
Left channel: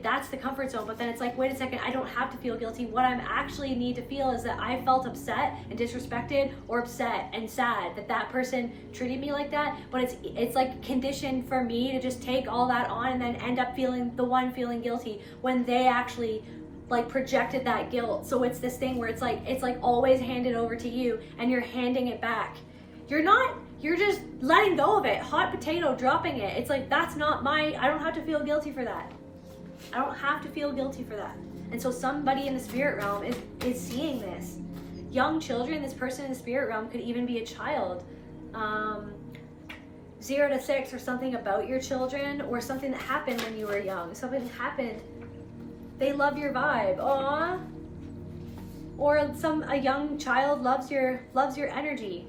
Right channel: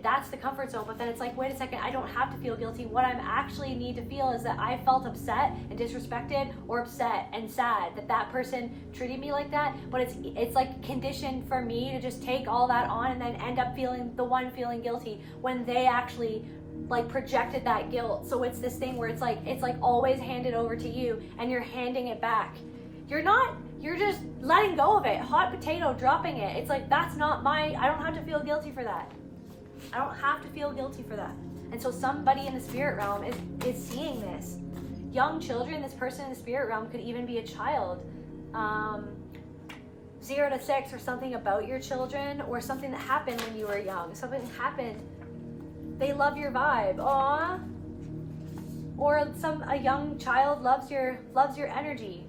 that's the comfort zone. But then it's like, wait a second, I don't have to feel guilty. What I actually need to feel is that I felt upset and disrespected, or upset and sad that person treated me like that. But it's like conditioned for me to just take all that on and then end up feeling guilty when they actually like projected that guilt. So it's this thing where it's like always handed over to you, and you're handing it back. You're just letting go of it, hot potato, dropping it. It's like, that's not I don't have to feel guilty for that. I don't have to feel guilty for that. And so somebody in the spirit realm is seeing this. Young children, this person in the spirit realm could even be a child. 0 to 6, or something about your children, or something that happened when you were young. Something that happened. They love your vibe. Aww. Or a young child loves your energy.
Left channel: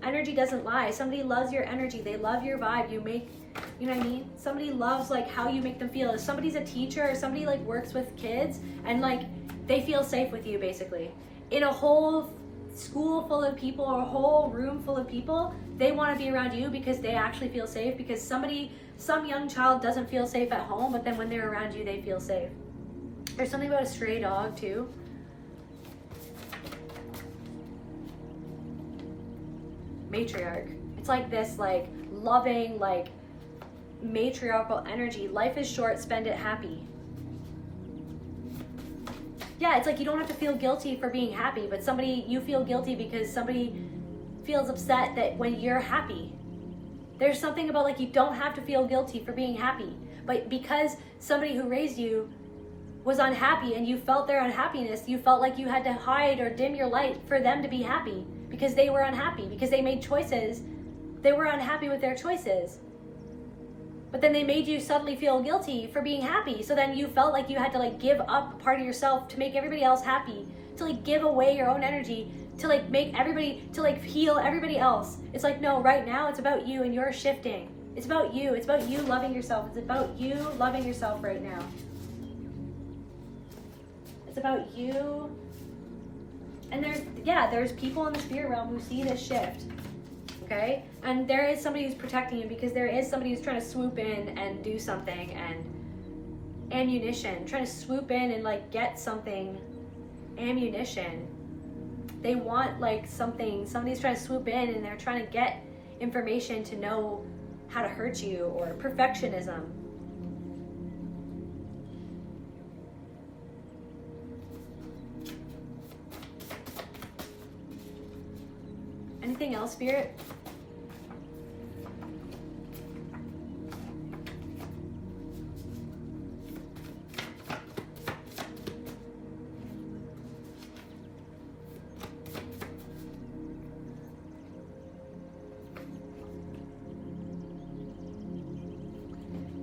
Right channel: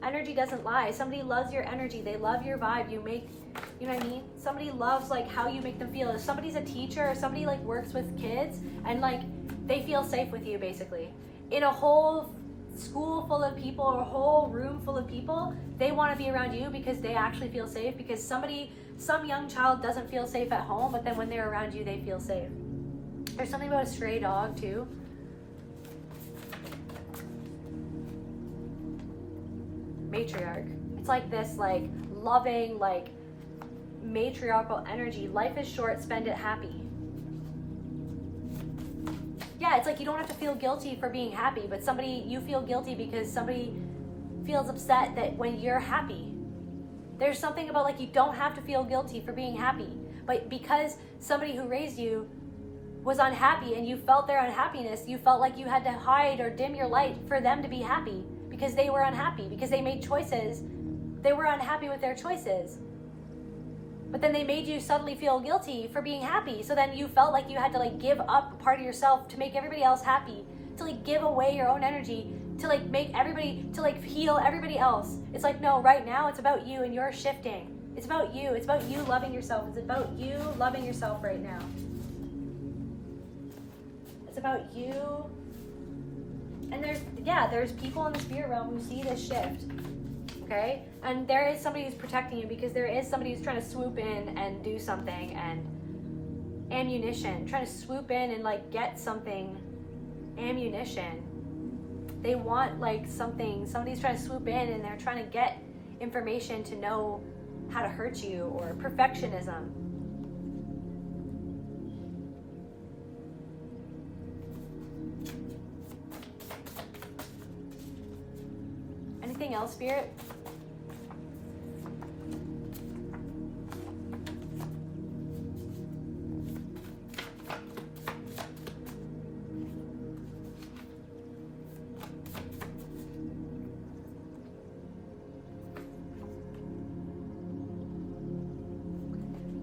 Energy doesn't lie. Somebody loves your energy. They love your vibe. You know what I mean? Somebody loves like how you make them feel. If somebody's a teacher, or somebody like works with kids, and like they feel safe with you, basically. In a whole school full of people, or a whole room full of people, they want to be around you because they actually feel safe, because some young child doesn't feel safe at home, but then when they're around you, they feel safe. There's something about a stray dog too. Matriarch. It's like this like loving, like matriarchal energy. Life is short, spend it happy. Yeah, it's like you don't have to feel guilty for being happy, but you feel guilty because somebody feels upset that when you're happy. There's something about like you don't have to feel guilty for being happy, but because somebody who raised you was unhappy and you felt their unhappiness, you felt like you had to hide or dim your light for them to be happy, because they were unhappy, because they made choices. They were unhappy with their choices. But then they made you suddenly feel guilty for being happy. So then you felt like you had to like give up a part of yourself to make everybody else happy, to like give away your own energy, to like make everybody, to like heal everybody else. It's like, no, right now it's about you and you're shifting. It's about you. It's about you loving yourself. It's about you loving yourself right now. It's about you. And there's people in the spirit realm who see this shift. Okay? And there is somebody who's protecting you, because there is somebody who's trying to swoop in and do something. And ammunition, trying to swoop in and like get something, ammunition. They want like somebody's trying to swoop in and they're trying to get information to know how to hurt you, or perfectionism. Anything else, Spirit?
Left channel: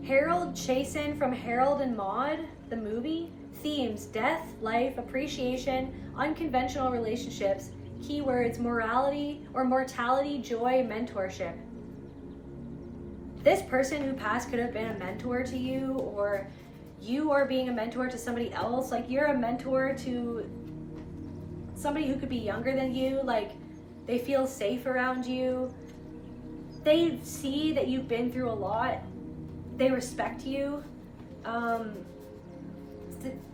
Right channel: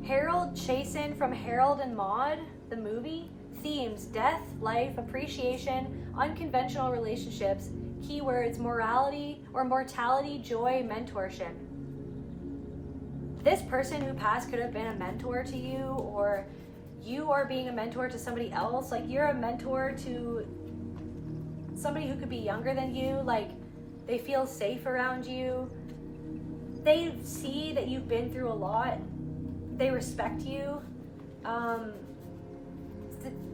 Harold Chasen from Harold and Maude, the movie. Themes: death, life, appreciation, unconventional relationships. Keywords: morality or mortality, joy, mentorship. This person who passed could have been a mentor to you, or you are being a mentor to somebody else. Like, you're a mentor to somebody who could be younger than you. Like, they feel safe around you. They see that you've been through a lot. They respect you.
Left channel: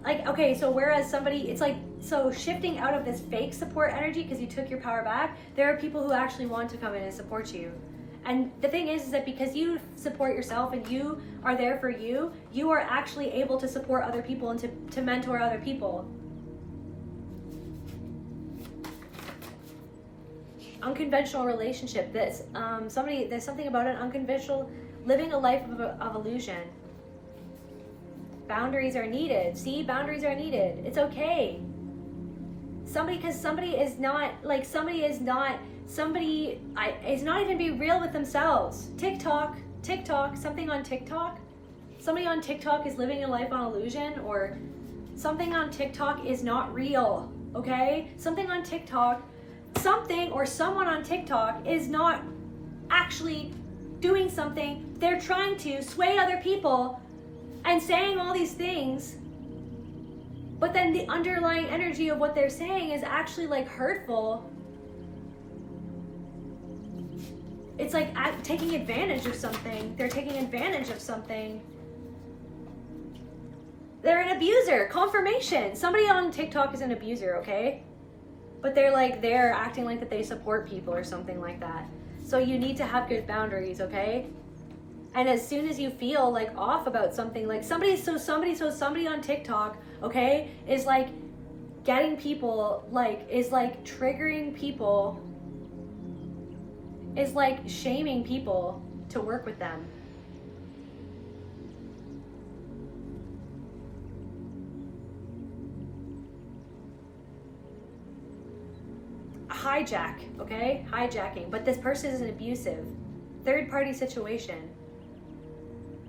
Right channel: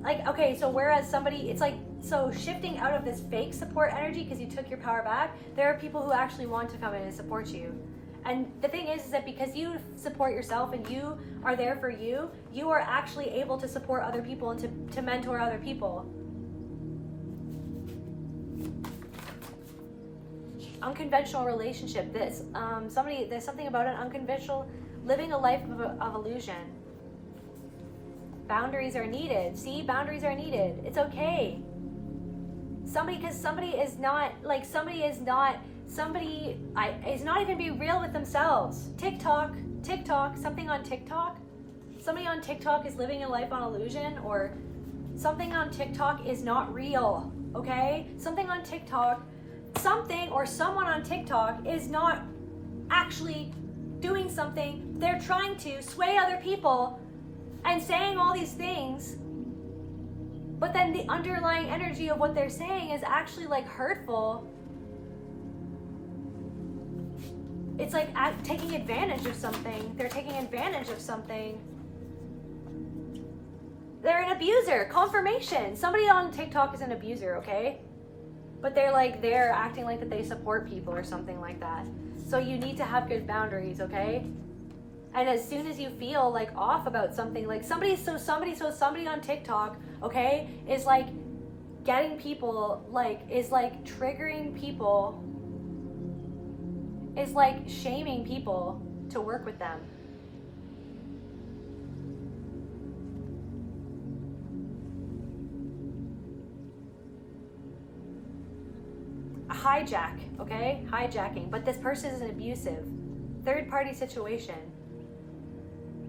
Like, okay, so whereas somebody, it's like, so shifting out of this fake support energy because you took your power back, there are people who actually want to come in and support you. And the thing is that because you support yourself and you are there for you, you are actually able to support other people and to mentor other people. Unconventional relationship. There's something about an unconventional, living a life of illusion. Boundaries are needed. See, boundaries are needed. It's okay. Somebody is not even being real with themselves. TikTok, something on TikTok. Somebody on TikTok is living a life on illusion, or something on TikTok is not real, okay? Something on TikTok, or someone on TikTok is not actually doing something. They're trying to sway other people and saying all these things, but then the underlying energy of what they're saying is actually like hurtful. It's like taking advantage of something. They're taking advantage of something. They're an abuser. Confirmation. Somebody on TikTok is an abuser, okay? But they're acting like that they support people or something like that. So you need to have good boundaries, okay? And as soon as you feel like off about something, like somebody on TikTok, okay, is like getting people, like, is like triggering people, is like shaming people to work with them. Hijack, okay? Hijacking. But this person is an abusive third-party situation.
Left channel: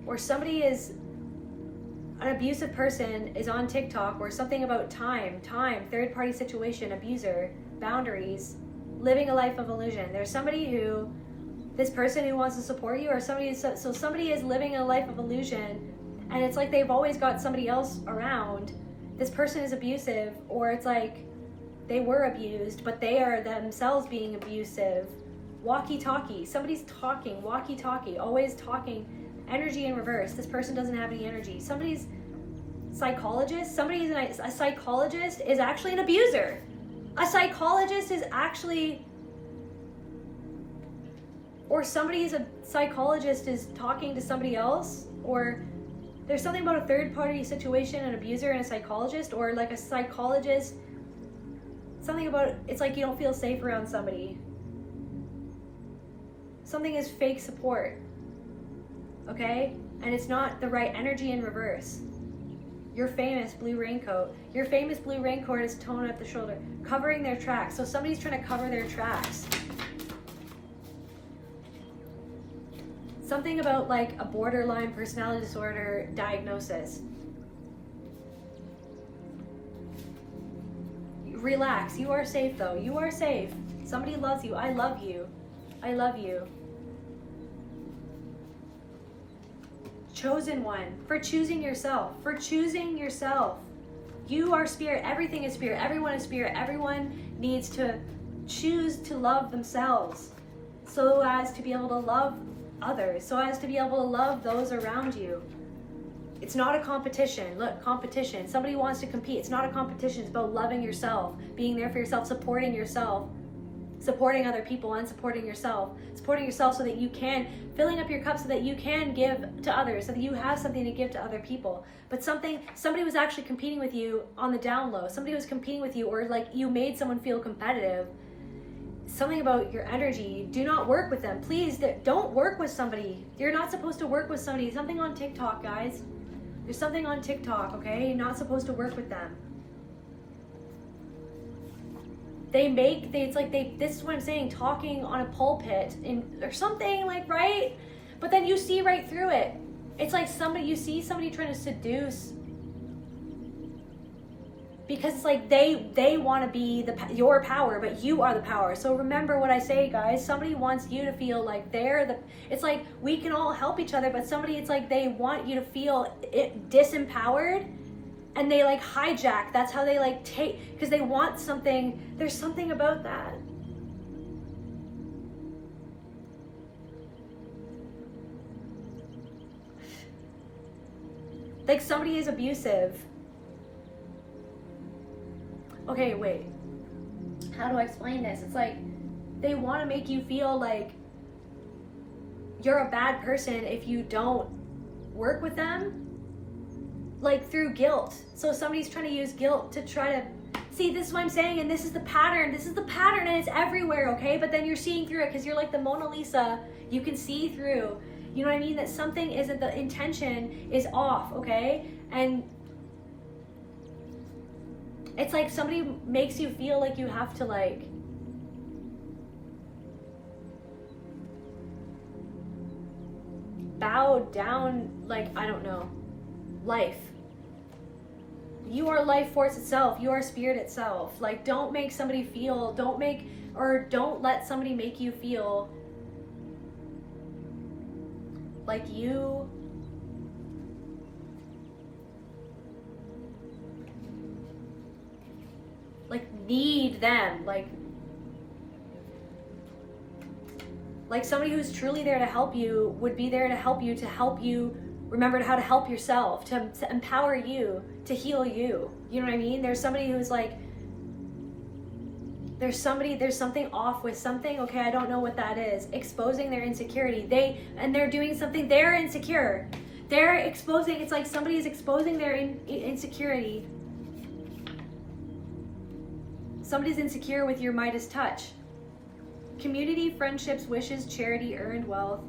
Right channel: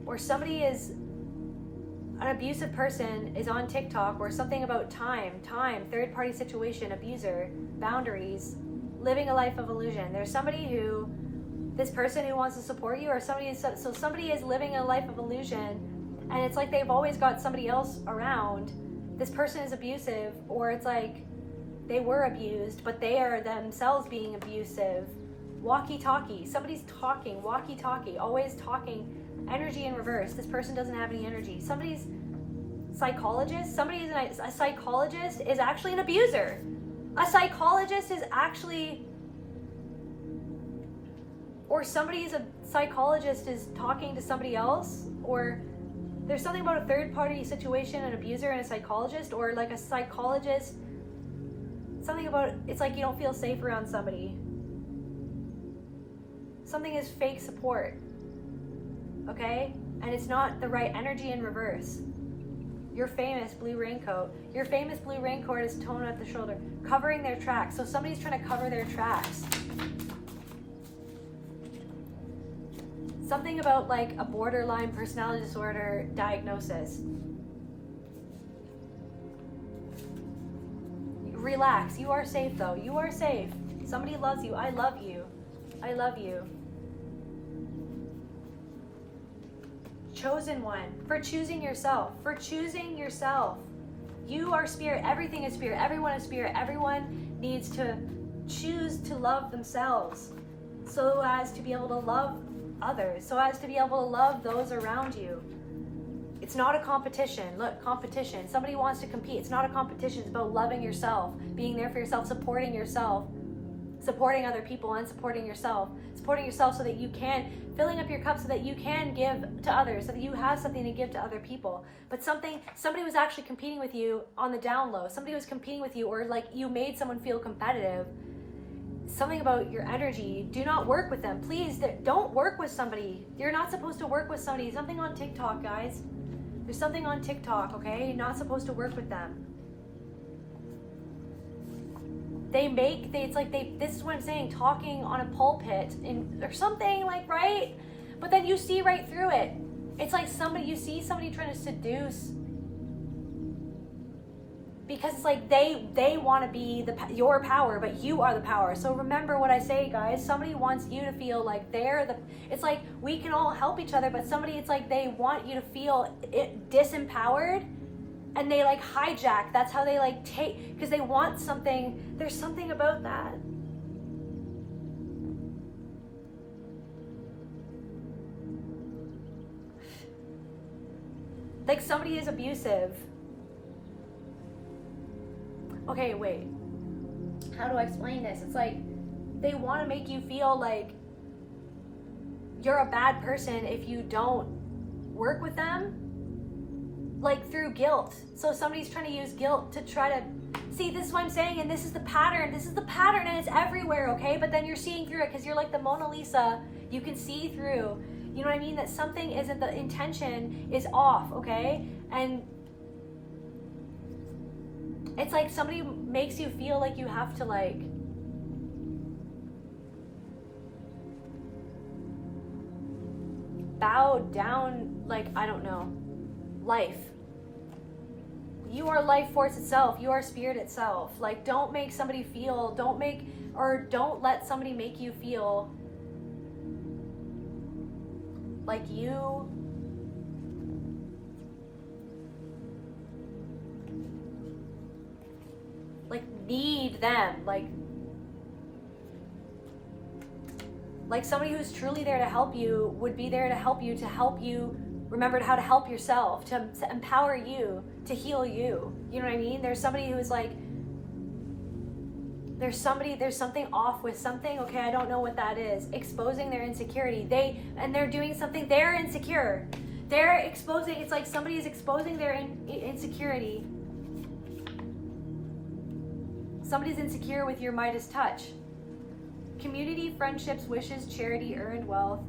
Or somebody is an abusive person is on TikTok, or something about time, third-party situation, abuser, boundaries, living a life of illusion. There's this person who wants to support you, or somebody is living a life of illusion, and it's like they've always got somebody else around. This person is abusive, or it's like they were abused, but they are themselves being abusive. Walkie-talkie. Somebody's talking. Walkie-talkie. Always talking. Energy in reverse. This person doesn't have any energy. Somebody's psychologist. A psychologist is actually an abuser. A psychologist is actually, or somebody's a psychologist is talking to somebody else, or there's something about a third-party situation, an abuser and a psychologist, or like a psychologist, something about, it's like you don't feel safe around somebody. Something is fake support. Okay? And it's not the right energy in reverse. Your famous blue raincoat. Your famous blue raincoat is tone at the shoulder, covering their tracks. So somebody's trying to cover their tracks. Something about like a borderline personality disorder diagnosis. Relax. You are safe though. You are safe. Somebody loves you. I love you. I love you. Chosen one, for choosing yourself, You are spirit. Everything is spirit. Everyone is spirit. Everyone needs to choose to love themselves so as to be able to love others, so as to be able to love those around you. It's not a competition. Look, competition. Somebody wants to compete. It's not a competition. It's about loving yourself, being there for yourself, supporting other people, and supporting yourself so that you can, filling up your cup so that you can give to others, so that you have something to give to other people. But somebody was actually competing with you on the down low. Somebody was competing with you, or like you made someone feel competitive. Something about your energy. Do not work with them. Please don't work with somebody. You're not supposed to work with somebody. Something on TikTok, guys. There's something on TikTok, okay? You're not supposed to work with them. This is what I'm saying, talking on a pulpit or something, like, right? But then you see right through it. It's like you see somebody trying to seduce, because it's like they want to be your power, but you are the power. So remember what I say, guys. Somebody wants you to feel like it's like we can all help each other, but it's like they want you to feel disempowered, and they like hijack. That's how they like take, because they want something. There's something about that. Like somebody is abusive. Okay, wait. How do I explain this? It's like they want to make you feel like you're a bad person if you don't work with them, like through guilt. So somebody's trying to use guilt to try to see. This is what I'm saying, and this is the pattern, and it's everywhere, okay? But then you're seeing through it because you're like the Mona Lisa. You can see through, you know what I mean? That something isn't, the intention is off, okay? And it's like somebody makes you feel like you have to like bow down, like, I don't know, life. You are life force itself. You are spirit itself. Like, don't let somebody make you feel like you need them, like somebody who's truly there to help you would be there to help you remember how to help yourself, to empower you, to heal you. You know what I mean? There's somebody who's like, there's something off with something, okay? I don't know what that is. Exposing their insecurity. They're doing something, they're insecure. They're exposing, it's like somebody is exposing their insecurity. Somebody's insecure with your Midas touch. Community, friendships, wishes, charity, earned wealth.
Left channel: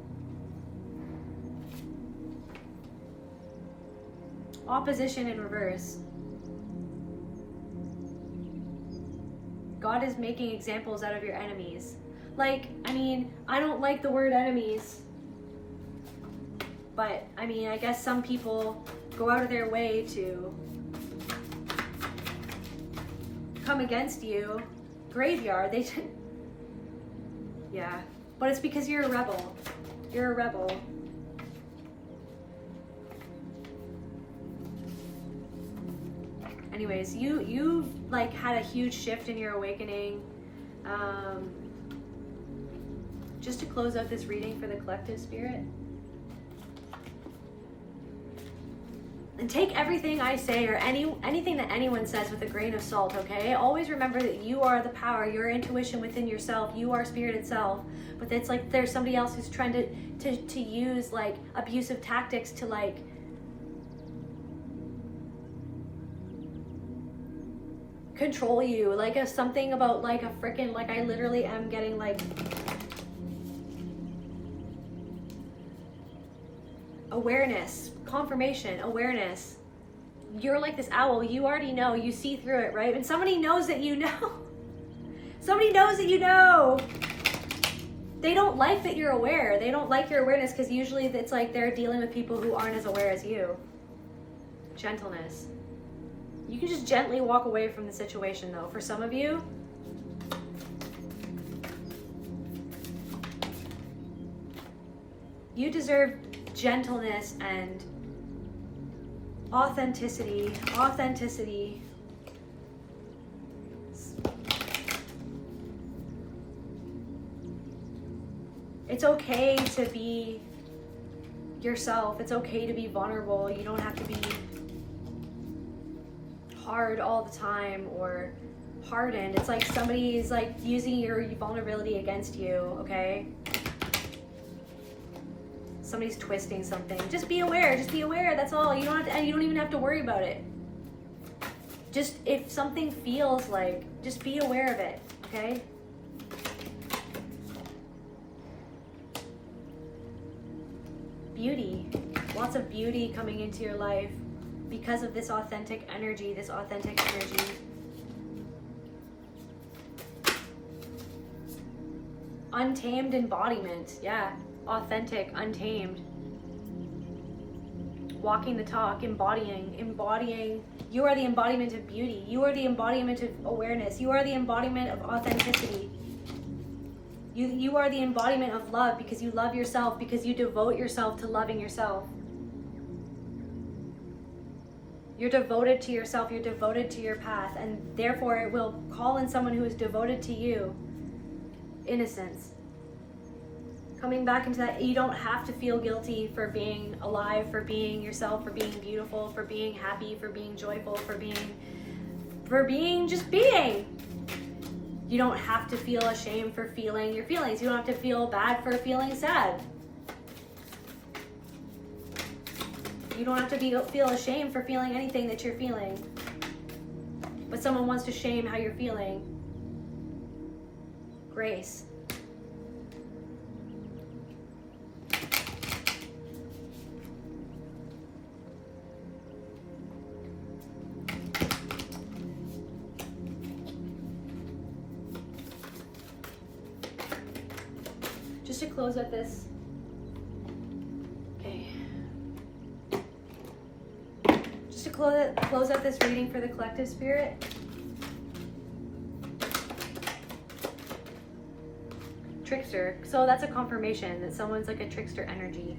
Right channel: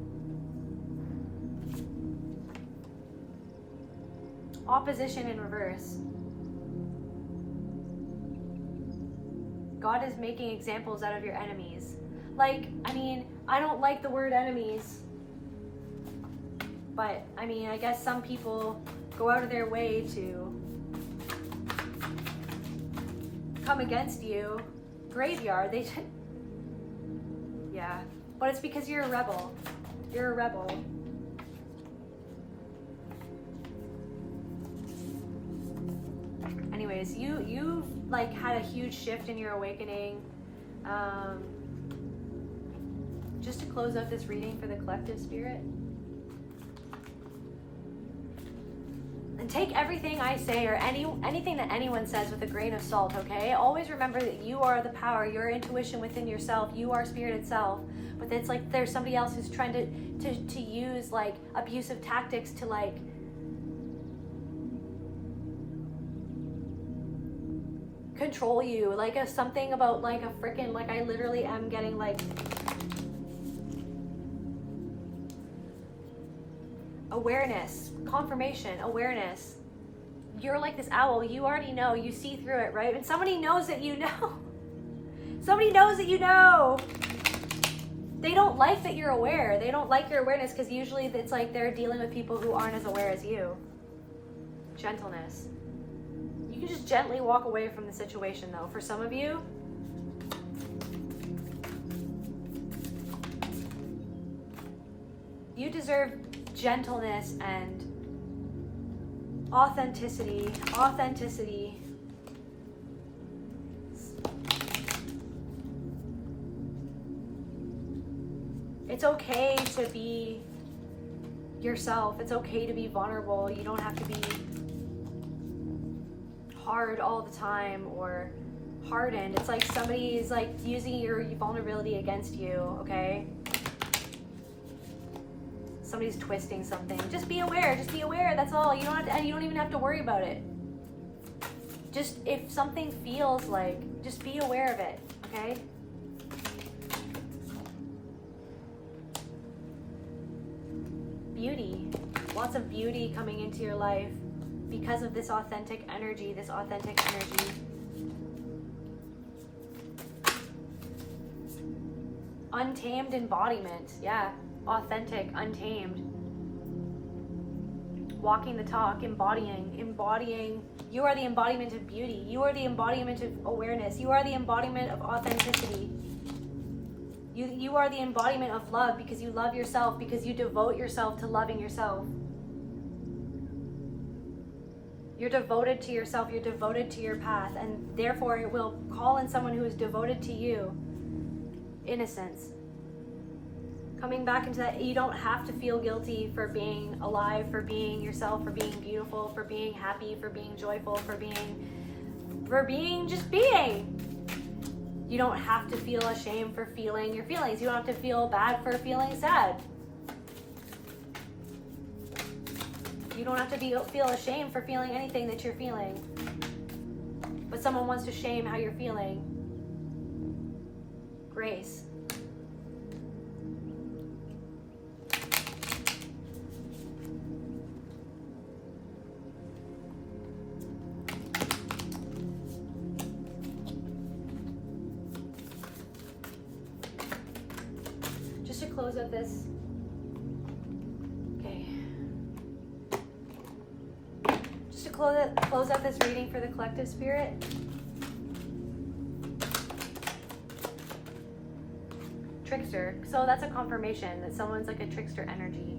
Opposition in reverse. God is making examples out of your enemies. Like, I mean, I don't like the word enemies, but I mean, I guess some people go out of their way to come against you. Graveyard, they should. Yeah, but it's because you're a rebel. You're a rebel. Anyways, you've like had a huge shift in your awakening. Just to close out this reading for the collective spirit. And take everything I say or anything that anyone says with a grain of salt, okay? Always remember that you are the power, your intuition within yourself, you are spirit itself. But it's like there's somebody else who's trying to use like abusive tactics to like control you. Like something about like a freaking, like I literally am getting like awareness, confirmation, awareness. You're like this owl. You already know. You see through it, right? And somebody knows that you know. Somebody knows that you know. They don't like that you're aware. They don't like your awareness because usually it's like they're dealing with people who aren't as aware as you. Gentleness. You can just gently walk away from the situation, though. For some of you, you deserve gentleness and authenticity. It's okay to be yourself. It's okay to be vulnerable. You don't have to be hard all the time or hardened. It's like somebody is like using your vulnerability against you, okay? Somebody's twisting something. Just be aware, that's all. You don't have to, and you don't even have to worry about it. Just if something feels like, just be aware of it, okay? Beauty, lots of beauty coming into your life because of this authentic energy, Untamed embodiment, yeah, authentic, untamed. Walking the talk, embodying. You are the embodiment of beauty. You are the embodiment of awareness. You are the embodiment of authenticity. You are the embodiment of love because you love yourself, because you devote yourself to loving yourself. You're devoted to yourself, you're devoted to your path, and therefore it will call in someone who is devoted to you. Innocence. Coming back into that, you don't have to feel guilty for being alive, for being yourself, for being beautiful, for being happy, for being joyful, for being just being. You don't have to feel ashamed for feeling your feelings. You don't have to feel bad for feeling sad. You don't have to feel ashamed for feeling anything that you're feeling. But someone wants to shame how you're feeling. Grace. Just to close up this. Okay. Just to close out this reading for the collective spirit. Trickster. So that's a confirmation that someone's like a trickster energy.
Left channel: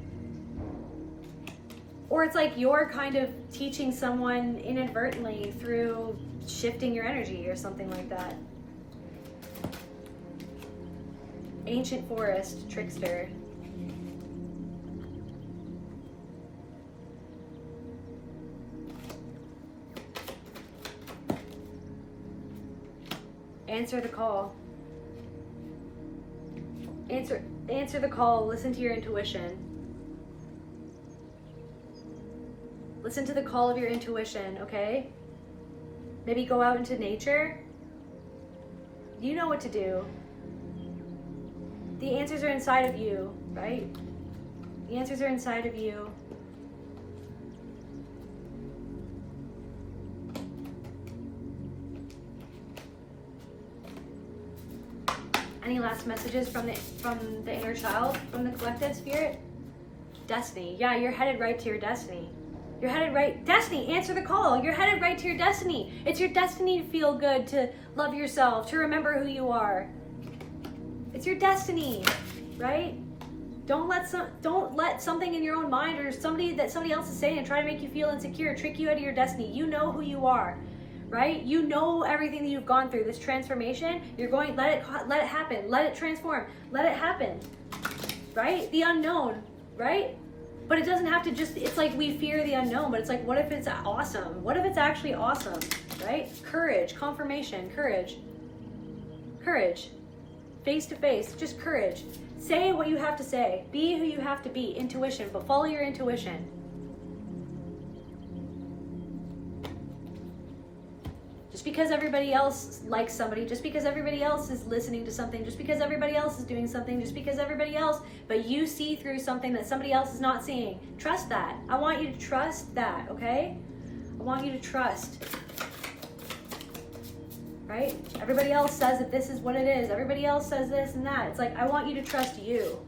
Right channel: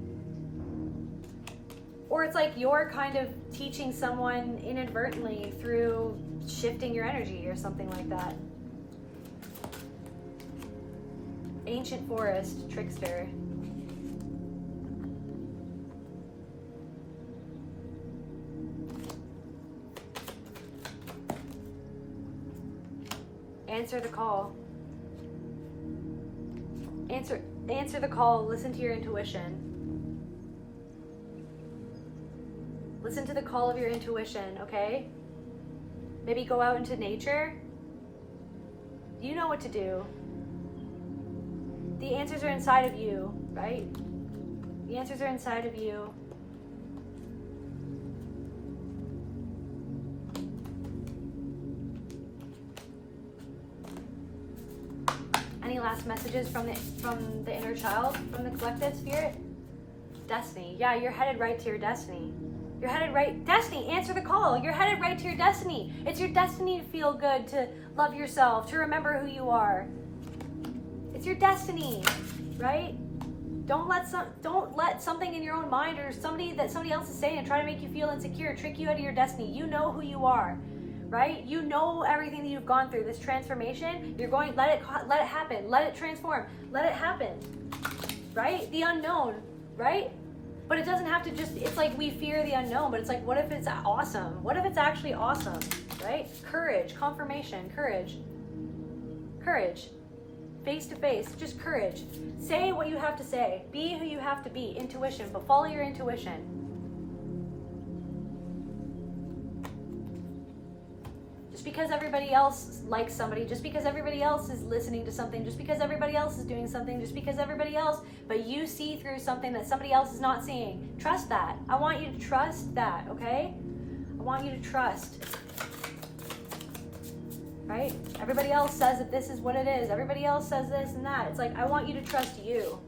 Or it's like you're kind of teaching someone inadvertently through shifting your energy or something like that. Ancient forest, trickster. Answer the call. Answer the call. Listen to your intuition. Listen to the call of your intuition, okay? Maybe go out into nature. You know what to do. The answers are inside of you, right? The answers are inside of you. Any last messages from the inner child, from the collective spirit? Destiny. Yeah, you're headed right to your destiny. You're headed right. Destiny, answer the call. You're headed right to your destiny. It's your destiny to feel good, to love yourself, to remember who you are. It's your destiny, right? Don't let something in your own mind or somebody else is saying and try to make you feel insecure, trick you out of your destiny. You know who you are, right? You know everything that you've gone through. This transformation, you're going. Let it happen. Let it transform. Let it happen, right? The unknown, right? But it doesn't have to just. It's like we fear the unknown, but it's like, what if it's awesome? What if it's actually awesome, right? Courage, confirmation, courage. Face to face, just courage. Say what you have to say. Be who you have to be. Intuition, but follow your intuition. Just because everybody else likes somebody, just because everybody else is listening to something, just because everybody else is doing something, just because everybody else, but you see through something that somebody else is not seeing. Trust that. I want you to trust that, okay? I want you to trust. Right? Everybody else says that this is what it is. Everybody else says this and that. It's like, I want you to trust you.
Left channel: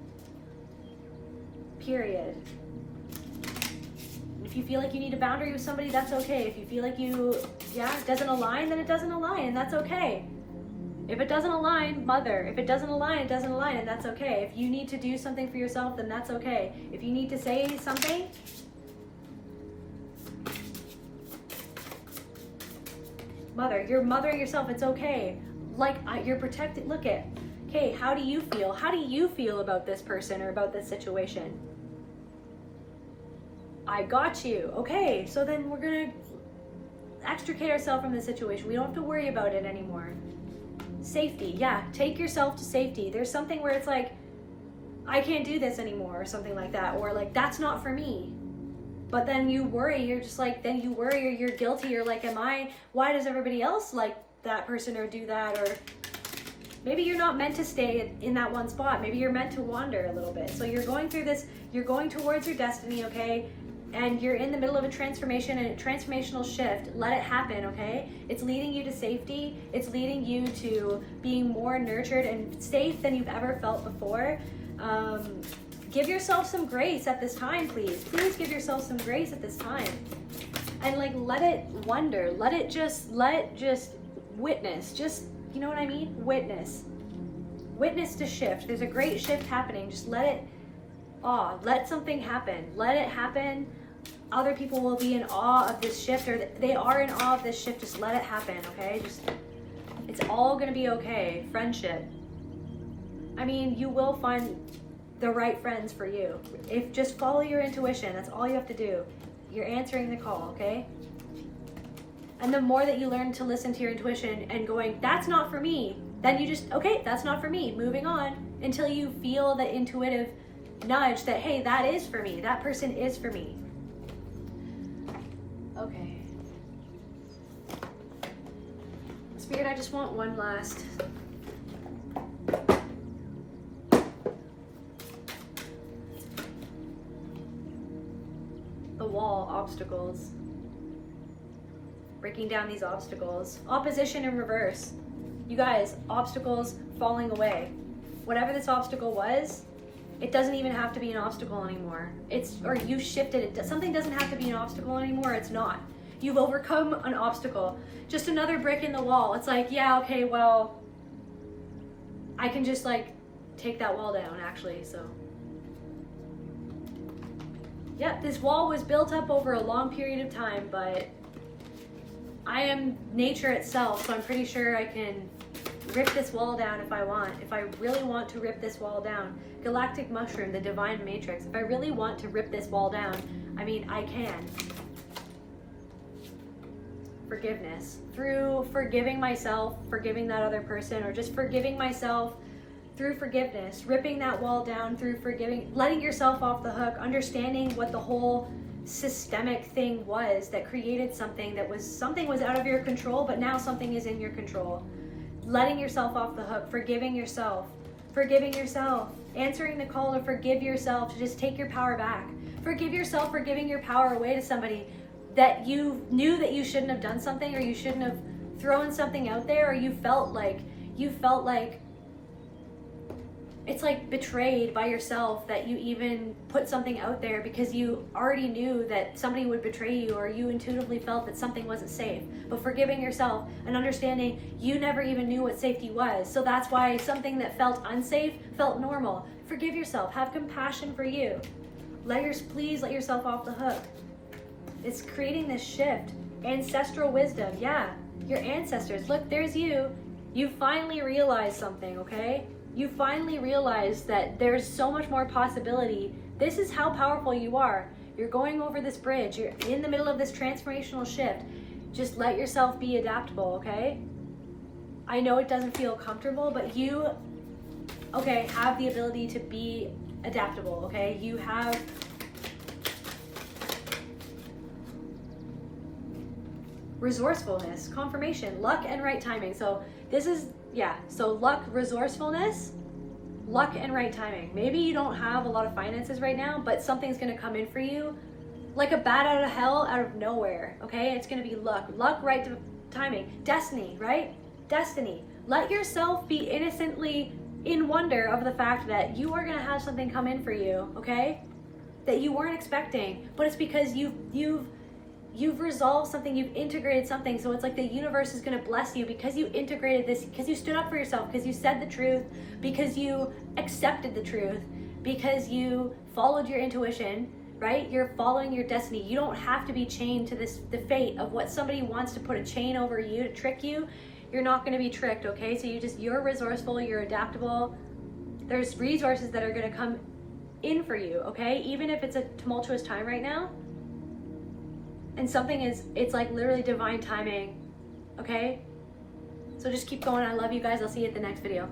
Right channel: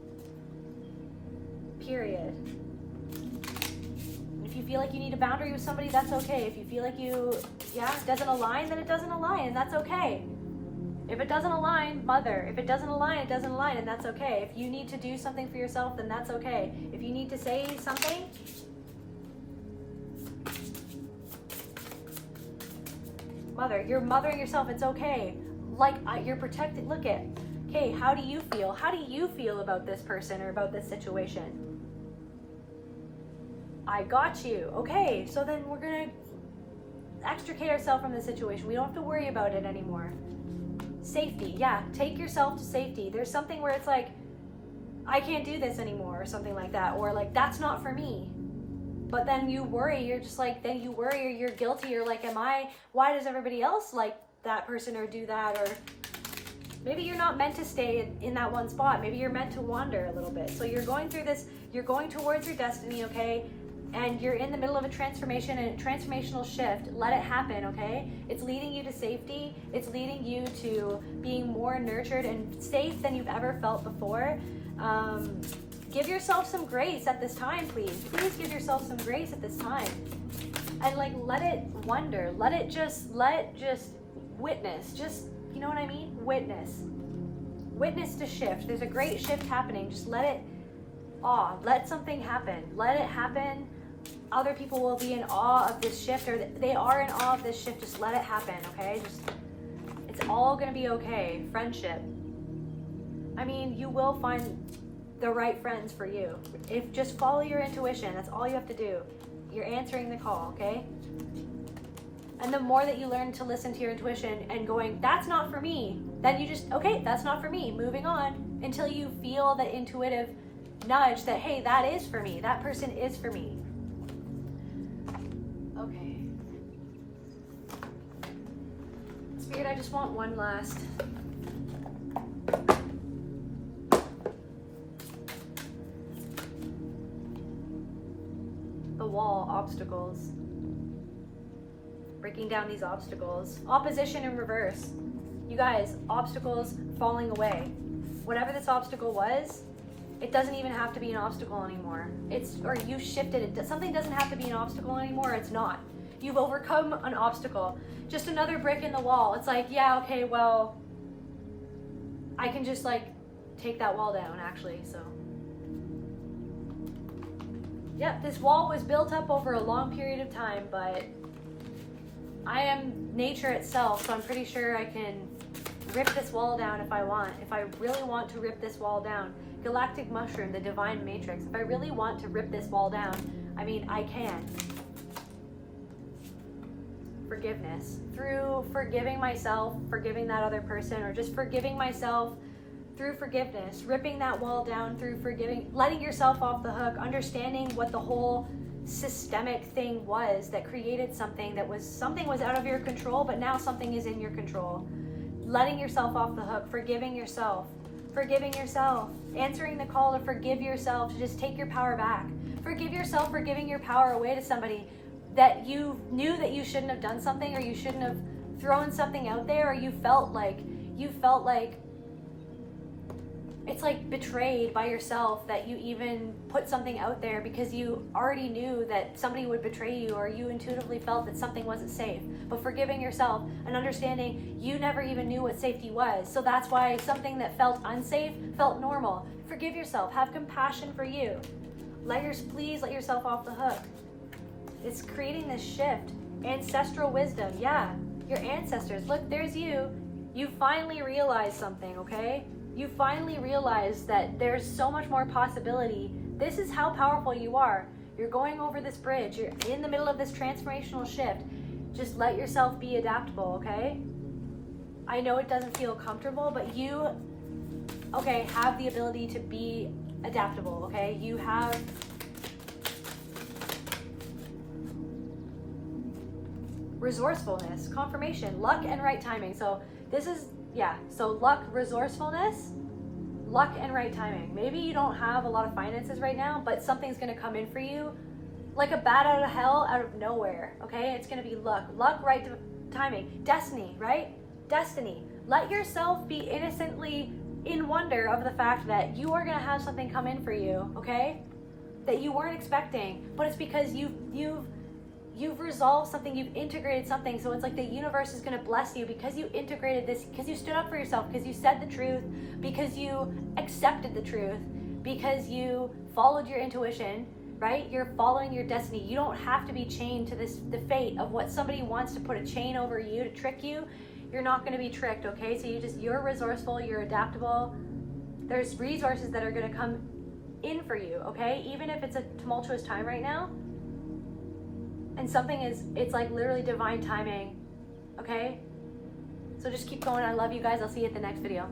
Period. If you feel like you need a boundary with somebody, that's okay. If you feel like it doesn't align, then it doesn't align, and that's okay. If it doesn't align, mother. If it doesn't align, it doesn't align, and that's okay. If you need to do something for yourself, then that's okay. If you need to say something, mother, you're mothering yourself, it's okay. Like, you're protected. Look at, okay, how do you feel? How do you feel about this person or about this situation? I got you. Okay, so then we're gonna extricate ourselves from the situation. We don't have to worry about it anymore. Safety, yeah, take yourself to safety. There's something where it's like, I can't do this anymore, or something like that, or like, that's not for me. But then you worry, you're just like, then you worry, or you're guilty, you're like, why does everybody else like that person or do that? Or maybe you're not meant to stay in that one spot. Maybe you're meant to wander a little bit. So you're going through this, you're going towards your destiny, okay? And you're in the middle of a transformation and a transformational shift. Let it happen, okay? It's leading you to safety. It's leading you to being more nurtured and safe than you've ever felt before. Give yourself some grace at this time, please. Please give yourself some grace at this time. And like, let it wonder. Let just witness. Just, you know what I mean? Witness. Witness the shift. There's a great shift happening. Just let something happen. Let it happen. Other people will be in awe of this shift, or they are in awe of this shift. Just let it happen, okay? It's all gonna be okay. Friendship. I mean, you will find the right friends for you. If just follow your intuition, that's all you have to do. You're answering the call, okay? And the more that you learn to listen to your intuition and going, that's not for me, then you just, okay, that's not for me, moving on, until you feel the intuitive nudge that, hey, that is for me, that person is for me. Okay. Spirit, I just want one last. The wall, obstacles. Breaking down these obstacles. Opposition in reverse. You guys, obstacles falling away. Whatever this obstacle was, it doesn't even have to be an obstacle anymore. Or you shifted it. Something doesn't have to be an obstacle anymore. It's not. You've overcome an obstacle. Just another brick in the wall. It's like, yeah, okay, well, I can just like take that wall down actually, so. Yep, this wall was built up over a long period of time, but I am nature itself, so I'm pretty sure I can rip this wall down if I want. If I really want to rip this wall down. Galactic mushroom, the divine matrix. If I really want to rip this wall down, I mean, I can. Forgiveness. Through forgiving myself, forgiving that other person, or just forgiving myself through forgiveness, ripping that wall down through forgiving, letting yourself off the hook, understanding what the whole systemic thing was that created something was out of your control, but now something is in your control. Letting yourself off the hook, forgiving yourself, answering the call to forgive yourself, to just take your power back. Forgive yourself for giving your power away to somebody that you knew that you shouldn't have done something, or you shouldn't have thrown something out there, or you felt like it's like betrayed by yourself that you even put something out there, because you already knew that somebody would betray you, or you intuitively felt that something wasn't safe. But forgiving yourself and understanding you never even knew what safety was. So that's why something that felt unsafe felt normal. Forgive yourself. Have compassion for you. Please let yourself off the hook. It's creating this shift. Ancestral wisdom. Yeah, your ancestors. Look, there's you. You finally realized something, okay? You finally realize that there's so much more possibility. This is how powerful you are. You're going over this bridge. You're in the middle of this transformational shift. Just let yourself be adaptable, okay? I know it doesn't feel comfortable, but you, okay, have the ability to be adaptable, okay? You have resourcefulness, confirmation, luck, and right timing. So this is, yeah, so luck, resourcefulness, luck, and right timing. Maybe you don't have a lot of finances right now, but something's gonna come in for you like a bat out of hell, out of nowhere, okay? It's gonna be luck, right timing, destiny, right? Destiny. Let yourself be innocently in wonder of the fact that you are gonna have something come in for you, okay? That you weren't expecting, but it's because you've resolved something, you've integrated something. So it's like the universe is going to bless you because you integrated this, because you stood up for yourself, because you said the truth, because you accepted the truth, because you followed your intuition, right? You're following your destiny. You don't have to be chained to the fate of what somebody wants to put a chain over you to trick you. You're not going to be tricked, okay? So you're resourceful, you're adaptable. There's resources that are going to come in for you, okay? Even if it's a tumultuous time right now, And something is, it's like literally divine timing. Okay? So just keep going. I love you guys. I'll see you at the next video.